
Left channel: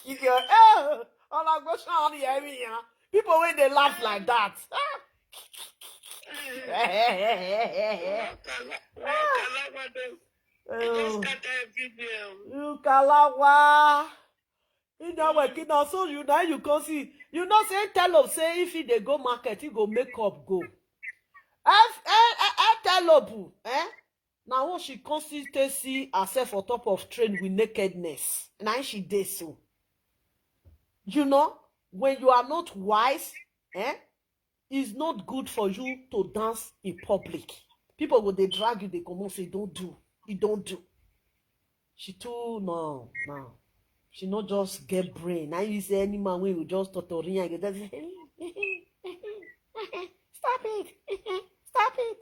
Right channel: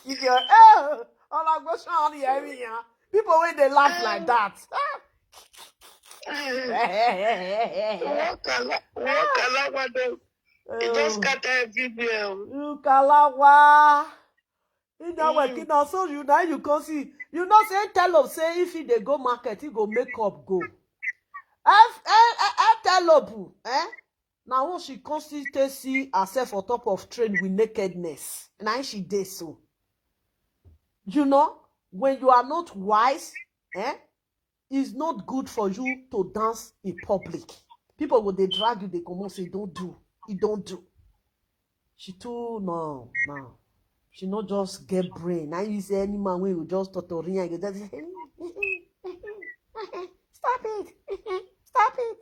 If you're, all I go on the area. People when they laugh like that. Just scatter everywhere. You kalawa. You know working now, so you now you can see. You know say tell up say if he dey go market, he go make up go. Tell up, now when she constantly see herself on top of train with nakedness. Now she dey so. You know, when you are not wise, it's not good for you to dance in public. People when they drag you, they come and say, don't do. You don't do. She too no. She not just get brain. Now you say any man when you just tutorial and you just say, stop it. Stop it.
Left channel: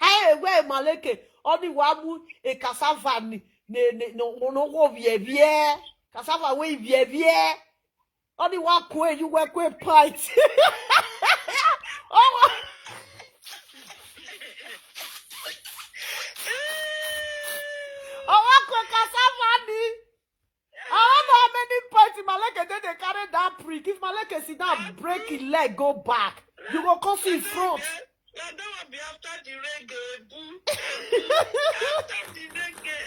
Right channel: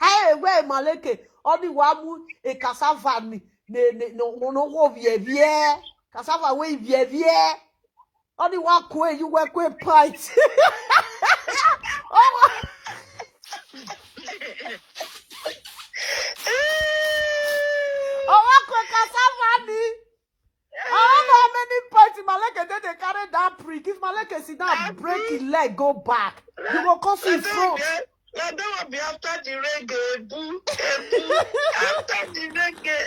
Hey, where Maleke? Only wamu e cassava no vie. Cassava we vie. Only one kwe you work with pint. Oh. Oh, cassava ni. I don't know how many points in Maleke they carry that prick. If Maleke sit down, break his leg, go back. You go come in front. That will be after the reggae. Boo. After the reggae.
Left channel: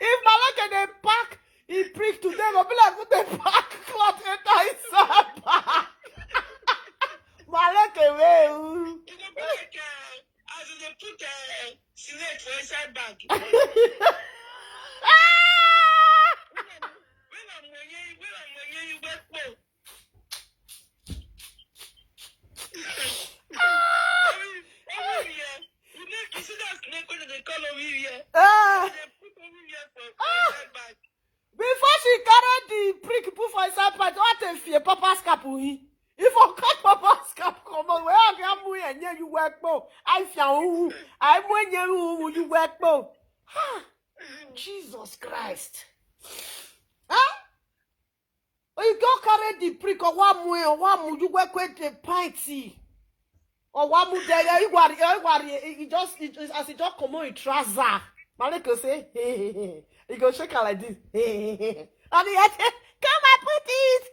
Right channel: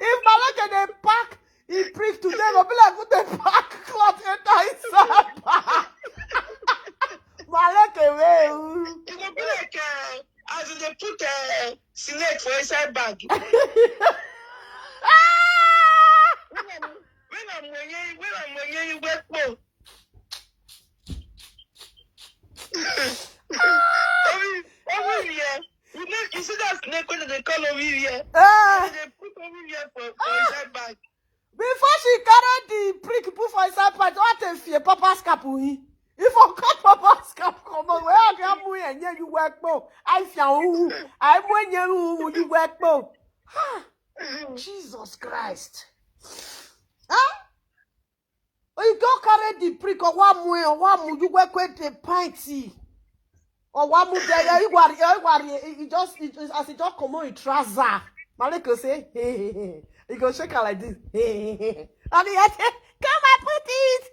If Maleke they pack, he prick today, go be like, put the pack cloth enter inside back. Maleke way. It will be like, as they put a snake for inside bag. When I'm when you wet more. You see that snake when they call over here? They put over here for inside bag. Before she carried the prick put for inside part, what if fear Papa's cap? If I cut Papa's cap, come on, where I can move and you work more. I found I'm when you work more. Jesus Christ. Huh? Or you go carry the prick or one more, you work with the pinty. Or one more there, you just as it just come on in trouser. Maleke say, hey. He go shake her like this. And he had say, come and put it.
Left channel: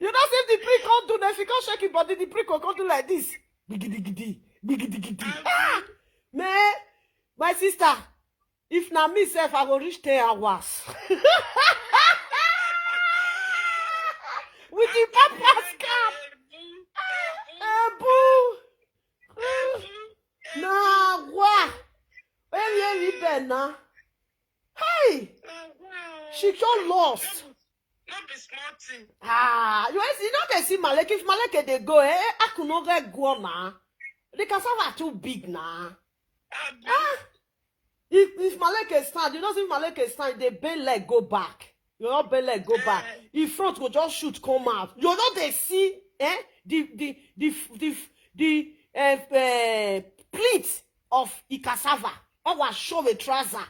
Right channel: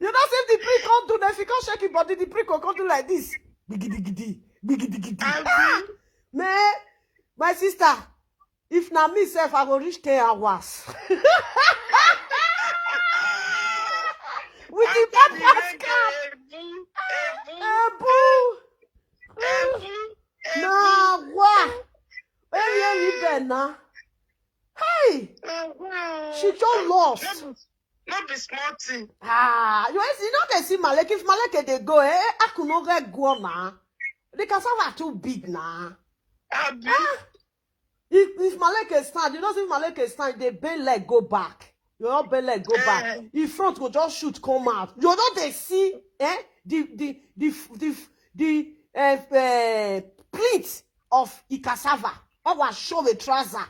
You know, if the prick can't do that, if you can't shake it, but the prick will come do like this. Bigidigi. Man, my sister, if not me self, I will reach 10 hours. With the papa's cap. Nah, what? Where you been now? Hey! She so lost. Not be small thing. You know they see Maleke. If Maleke they go, I could not get go now. The cassava too big now. If Maleke stand, you know if Maleke stand, they bend leg go back. You know bend leg go back. In front go just shoot come out. You know they see the pleat of the cassava. I was show the trouser.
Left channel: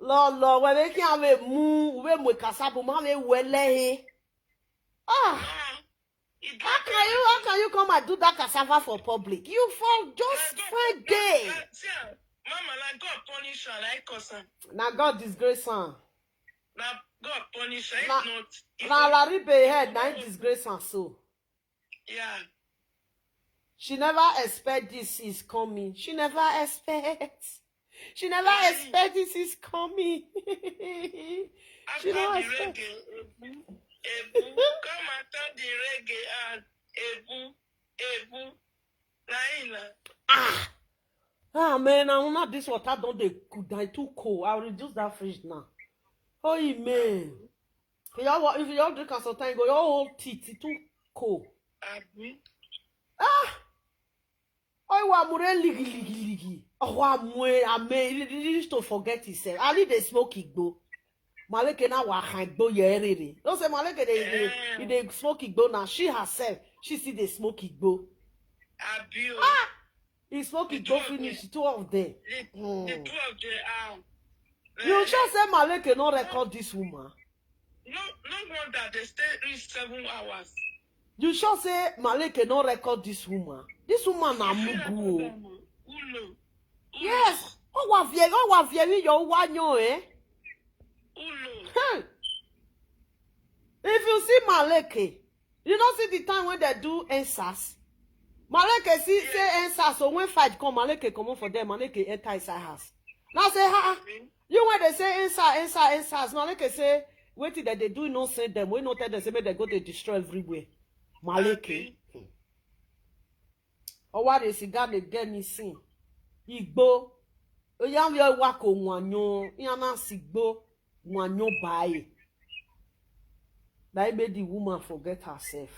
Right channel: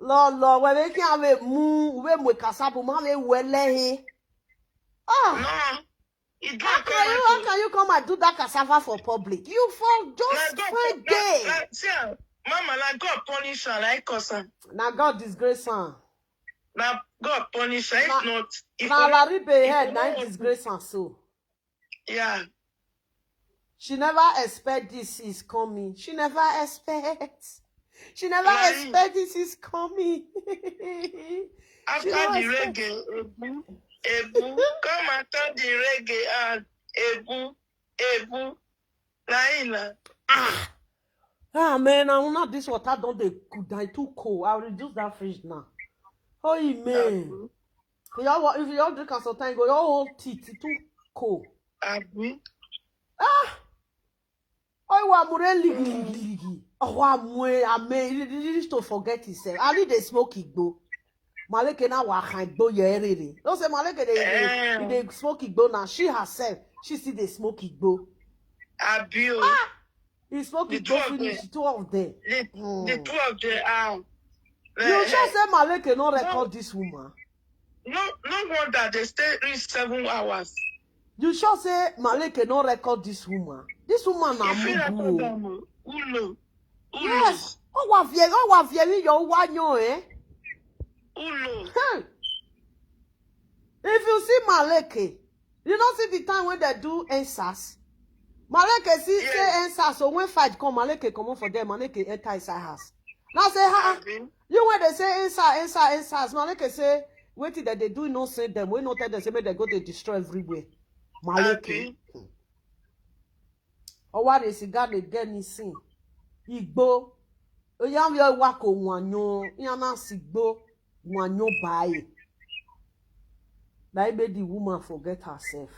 Lolo, when we can have move, we cassava, man, we he. How can you come and do that cassava for public? You for just one day. Mama, like God punish her, like cousin. Now God disgrace her. Now God punish her. If not, now Larry head, now disgrace her so. Yeah. She never expect this is coming. She never expect this is coming. After the reggae, Ebu, come after the reggae and Ebu, Naila. Man, I'm not this water don't they could die too cold. I'll reduce that fridge now. Oh man. If you all drink at some time, go your whole teeth too cold. Oh, I'm ligi. Oh, I'm used to forget himself. I need a smoke igbo. Maleke na wa kan igbo yerere. Don't say Maleke they smoke igbo now. She herself, she see they smoke igbo. Abuse. He smoke igbo finish, two of them. The two of them are. You just say Maleke no record this woman. No wonder they stay reach 7 hours. You sure say Maleke no record this woman. This woman na mugu. Ulo. Yes. Oh wa vie yo wanyo eh. Ulo. If you see Maleke, you don't see the time when they do NSAS. Maleke see say NSAS, so when fight come, Maleke come on for them, Maleke enter inside house. Now say, you when they say NSAS, Maleke say, wait till that they do not say them. We not tell them say they go to destroy everywhere. Maleke. Or what is it got again is sing? Igbo. Oyam yo wako wanyo. Yana sigbo wanyo bae. That made the woman forget herself.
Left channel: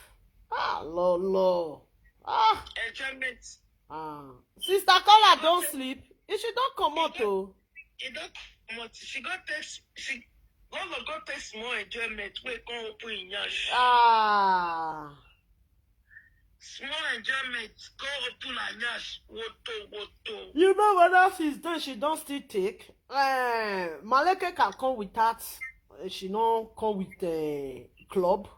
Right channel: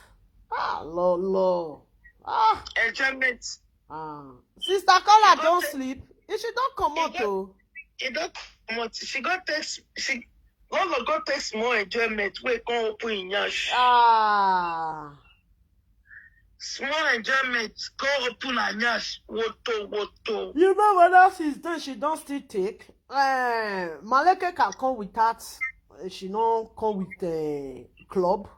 Lolo. Enjoyment. Sister Kola don't sleep. If she don't come out though. It don't come out. She got text. Lolo got text more enjoyment. We can open in yash. Small enjoyment. Go open and yash. Woto. You know what else is done? She don't still take. Maleke can come with that. She don't come with club.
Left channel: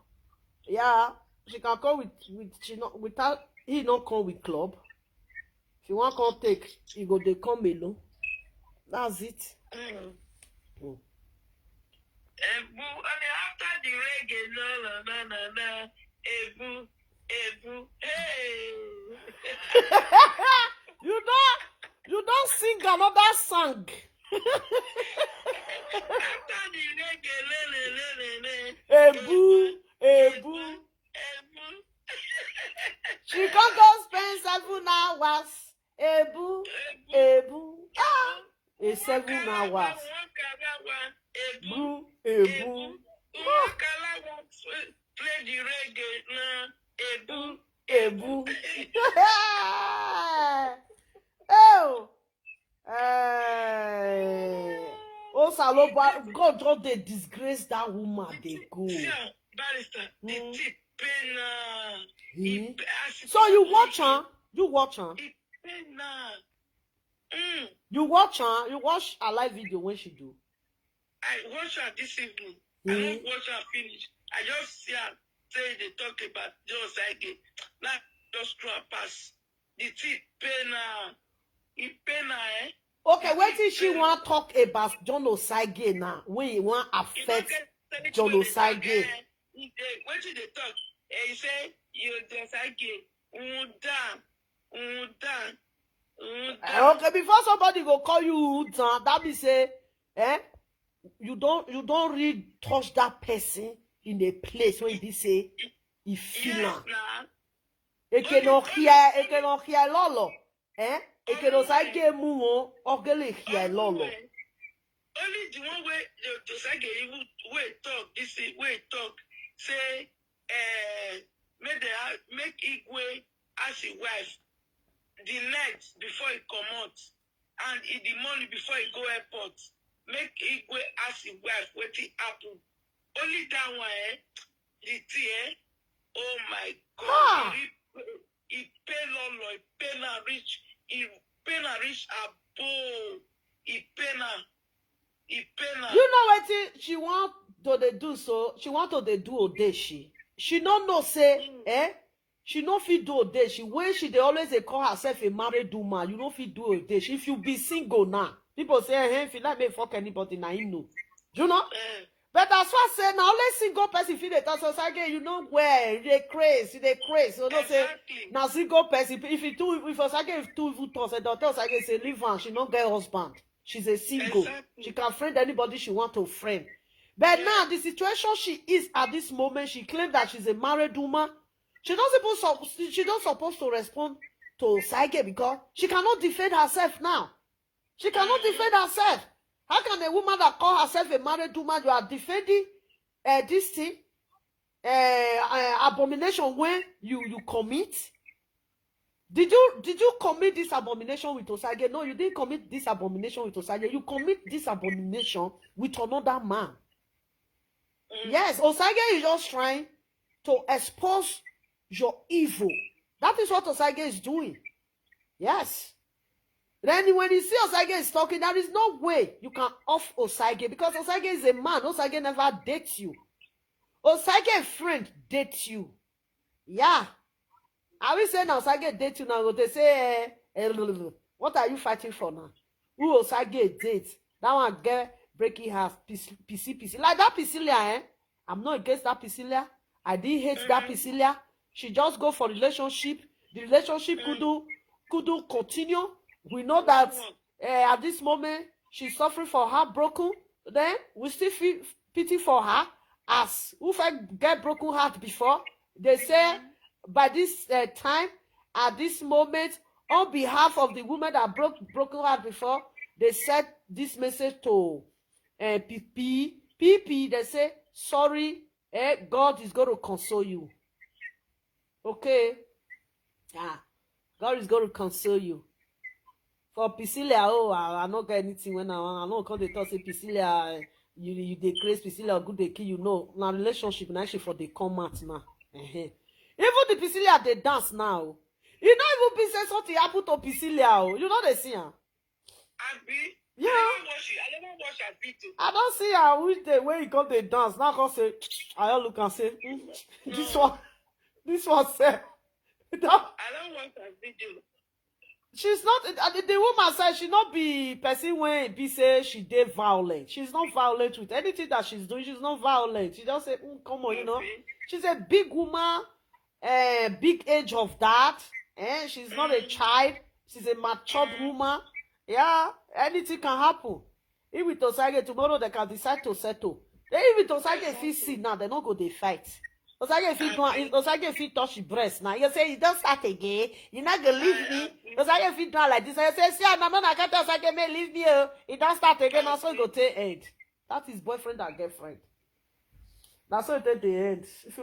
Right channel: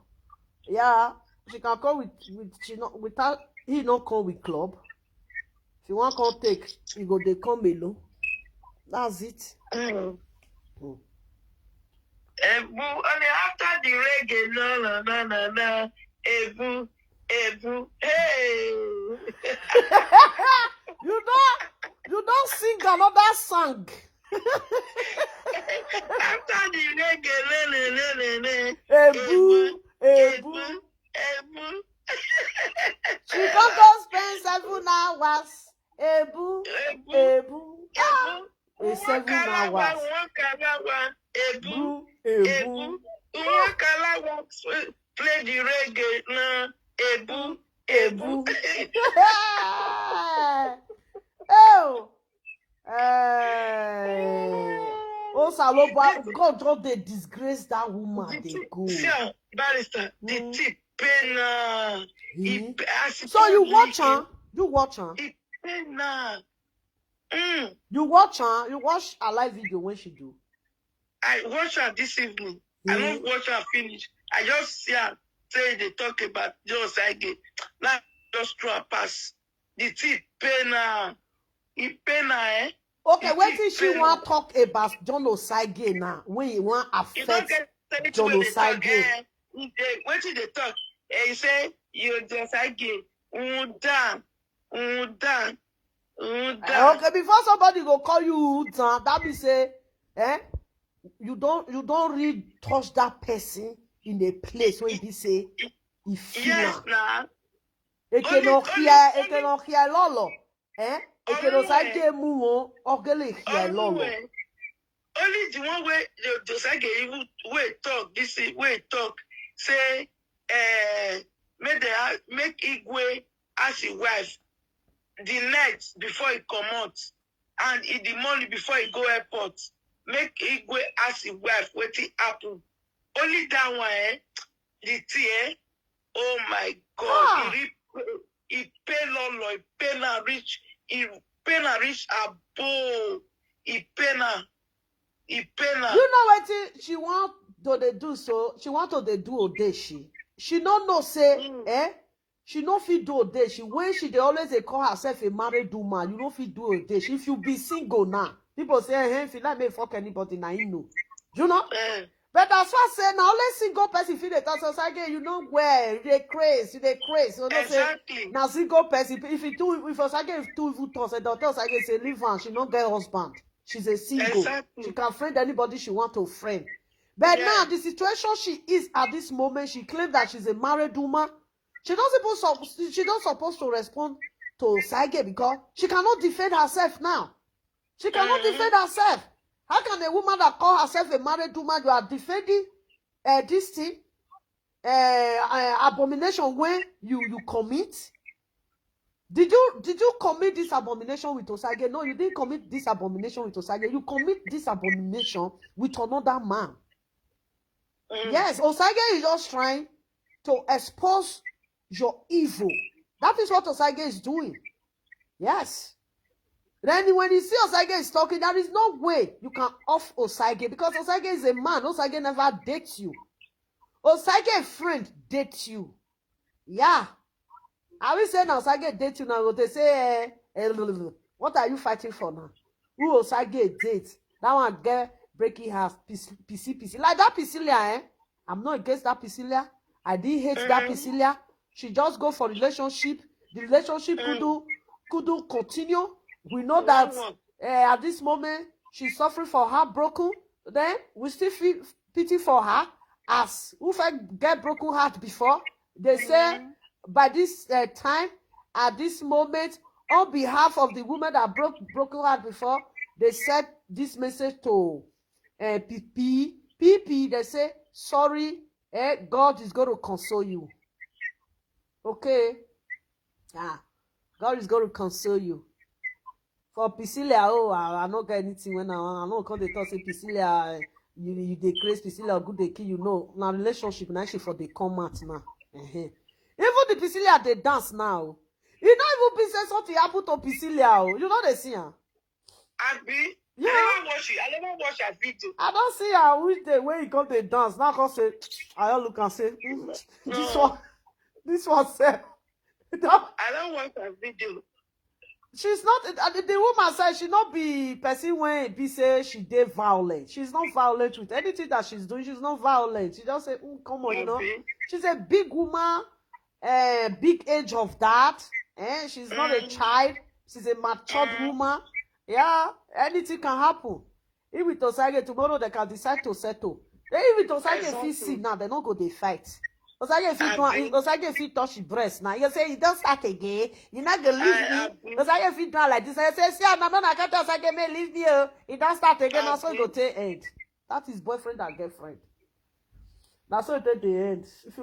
Yeah, she can come with she not without he don't come with club. If you want come take, you go they come alone. That's it. Only after the reggae, no. Ebu, hey. You don't sing another song. After the reggae, Ebu. She can't go spend 7 hours. Ebu. A 7 hours. Ebu. Play the reggae now. Ebu. Oh, Saloba, God don't they disgrace that woman. They go. Barrister, the tip pain. So you watch her? You watch her? You watch her? You watch a live video when she do? I watch her this evening. I don't watch her finish. I just see her say they talk about Osagie. Now just throw a pass. The tip pain. It pain eh? Okay, what did she want to talk about John Osagie now? When you want to affect John Osagie? What did they talk? He say you Osagie. Okay, before somebody go call you Udan, that be say, you don't really touch that person in a place when he say he feel. Yes, nah. It cannot hear Lolo. It cannot say mu ogele hear Lolo. Only the one way the Osagie even talk this way talk say make Igwe as his wife the night before he come out and in the morning before he go airport make Igwe as his wife wetin happen. Only that one the tea oh my God. He pay Lolo, he pay na reach abo, he pay na. You know what she want to they do so? She want to they do Odeshi. She don't know say, She no fit do Odeshi. When she they always they call herself a married woman, you no fit do Odeshi. If you be single now, people say, if you like me fuck anybody, now you know. You know? But as far as say now only single person feel the thought again, you know where they crazy. So don't say now single person if you two if Osagie if two evil thoughts and daughter Osagie say leave her, she don't get husband. She's a single. She can friend anybody she want to friend. But now the situation she is at this moment, she claimed that she's a married woman. She don't supposed to respond to Osagie because she cannot defend herself now. She cannot defend herself. How can a woman that call herself a married woman, you are defending this thing, abomination when you commit? Did you commit this abomination with Osagie? No, you didn't commit this abomination with Osagie. You commit this abomination with another man. Yes, Osagie is just trying to expose your evil. That is what Osagie is doing. Yes. Then when you see Osagie is talking, there is no way you can off Osagie because Osagie is a man. Osagie never dates you. Osagie friend dates you. Yeah. I will say now Osagie date you now. They say, what are you fighting for now? Who Osagie dates? That one get breaking heart, PC. Like that Priscilla, I'm not against that Priscilla. I didn't hate that Priscilla. She just go for relationship. The relationship couldn't continue. We know that at this moment she's suffering for heartbroken. Then we still feel pity for her. As if I get broken heart before, they say by this time, at this moment, on behalf of the woman that broken heart before, they said this message to PP. They say, sorry, God is going to console you. Okay? Yeah. God is going to console you. For Priscilla, I don't get anything when I know because they talk say Priscilla, you decrease Priscilla good they kill you. No, now relationship now she for the come out now. Even the Priscilla they dance now. You don't even be say something happen to Priscilla. You know they see her. Abi? Yeah. I never watch her video. I don't see her which day when you come they dance. Now come say, I all look and say, this one say. I don't watch her video. She's not the woman said she not be person when be say she did violent. She's not violent with anything that she's doing. She's not violent. She just say, come on, you know. She's a big woman, big age of that. She's not a child. She's a matured woman. Yeah, anything can happen. If with Osagie tomorrow they can decide to settle. Then if with Osagie if see now, they not go they fight. Osagie if you touch your breast now, you say you don't start again. You're not gonna leave me. Osagie if you do like this, you say, see, I'm not gonna Osagie may leave me. He don't start again. Also go take end. That is boyfriend and girlfriend. That's so it at the end. If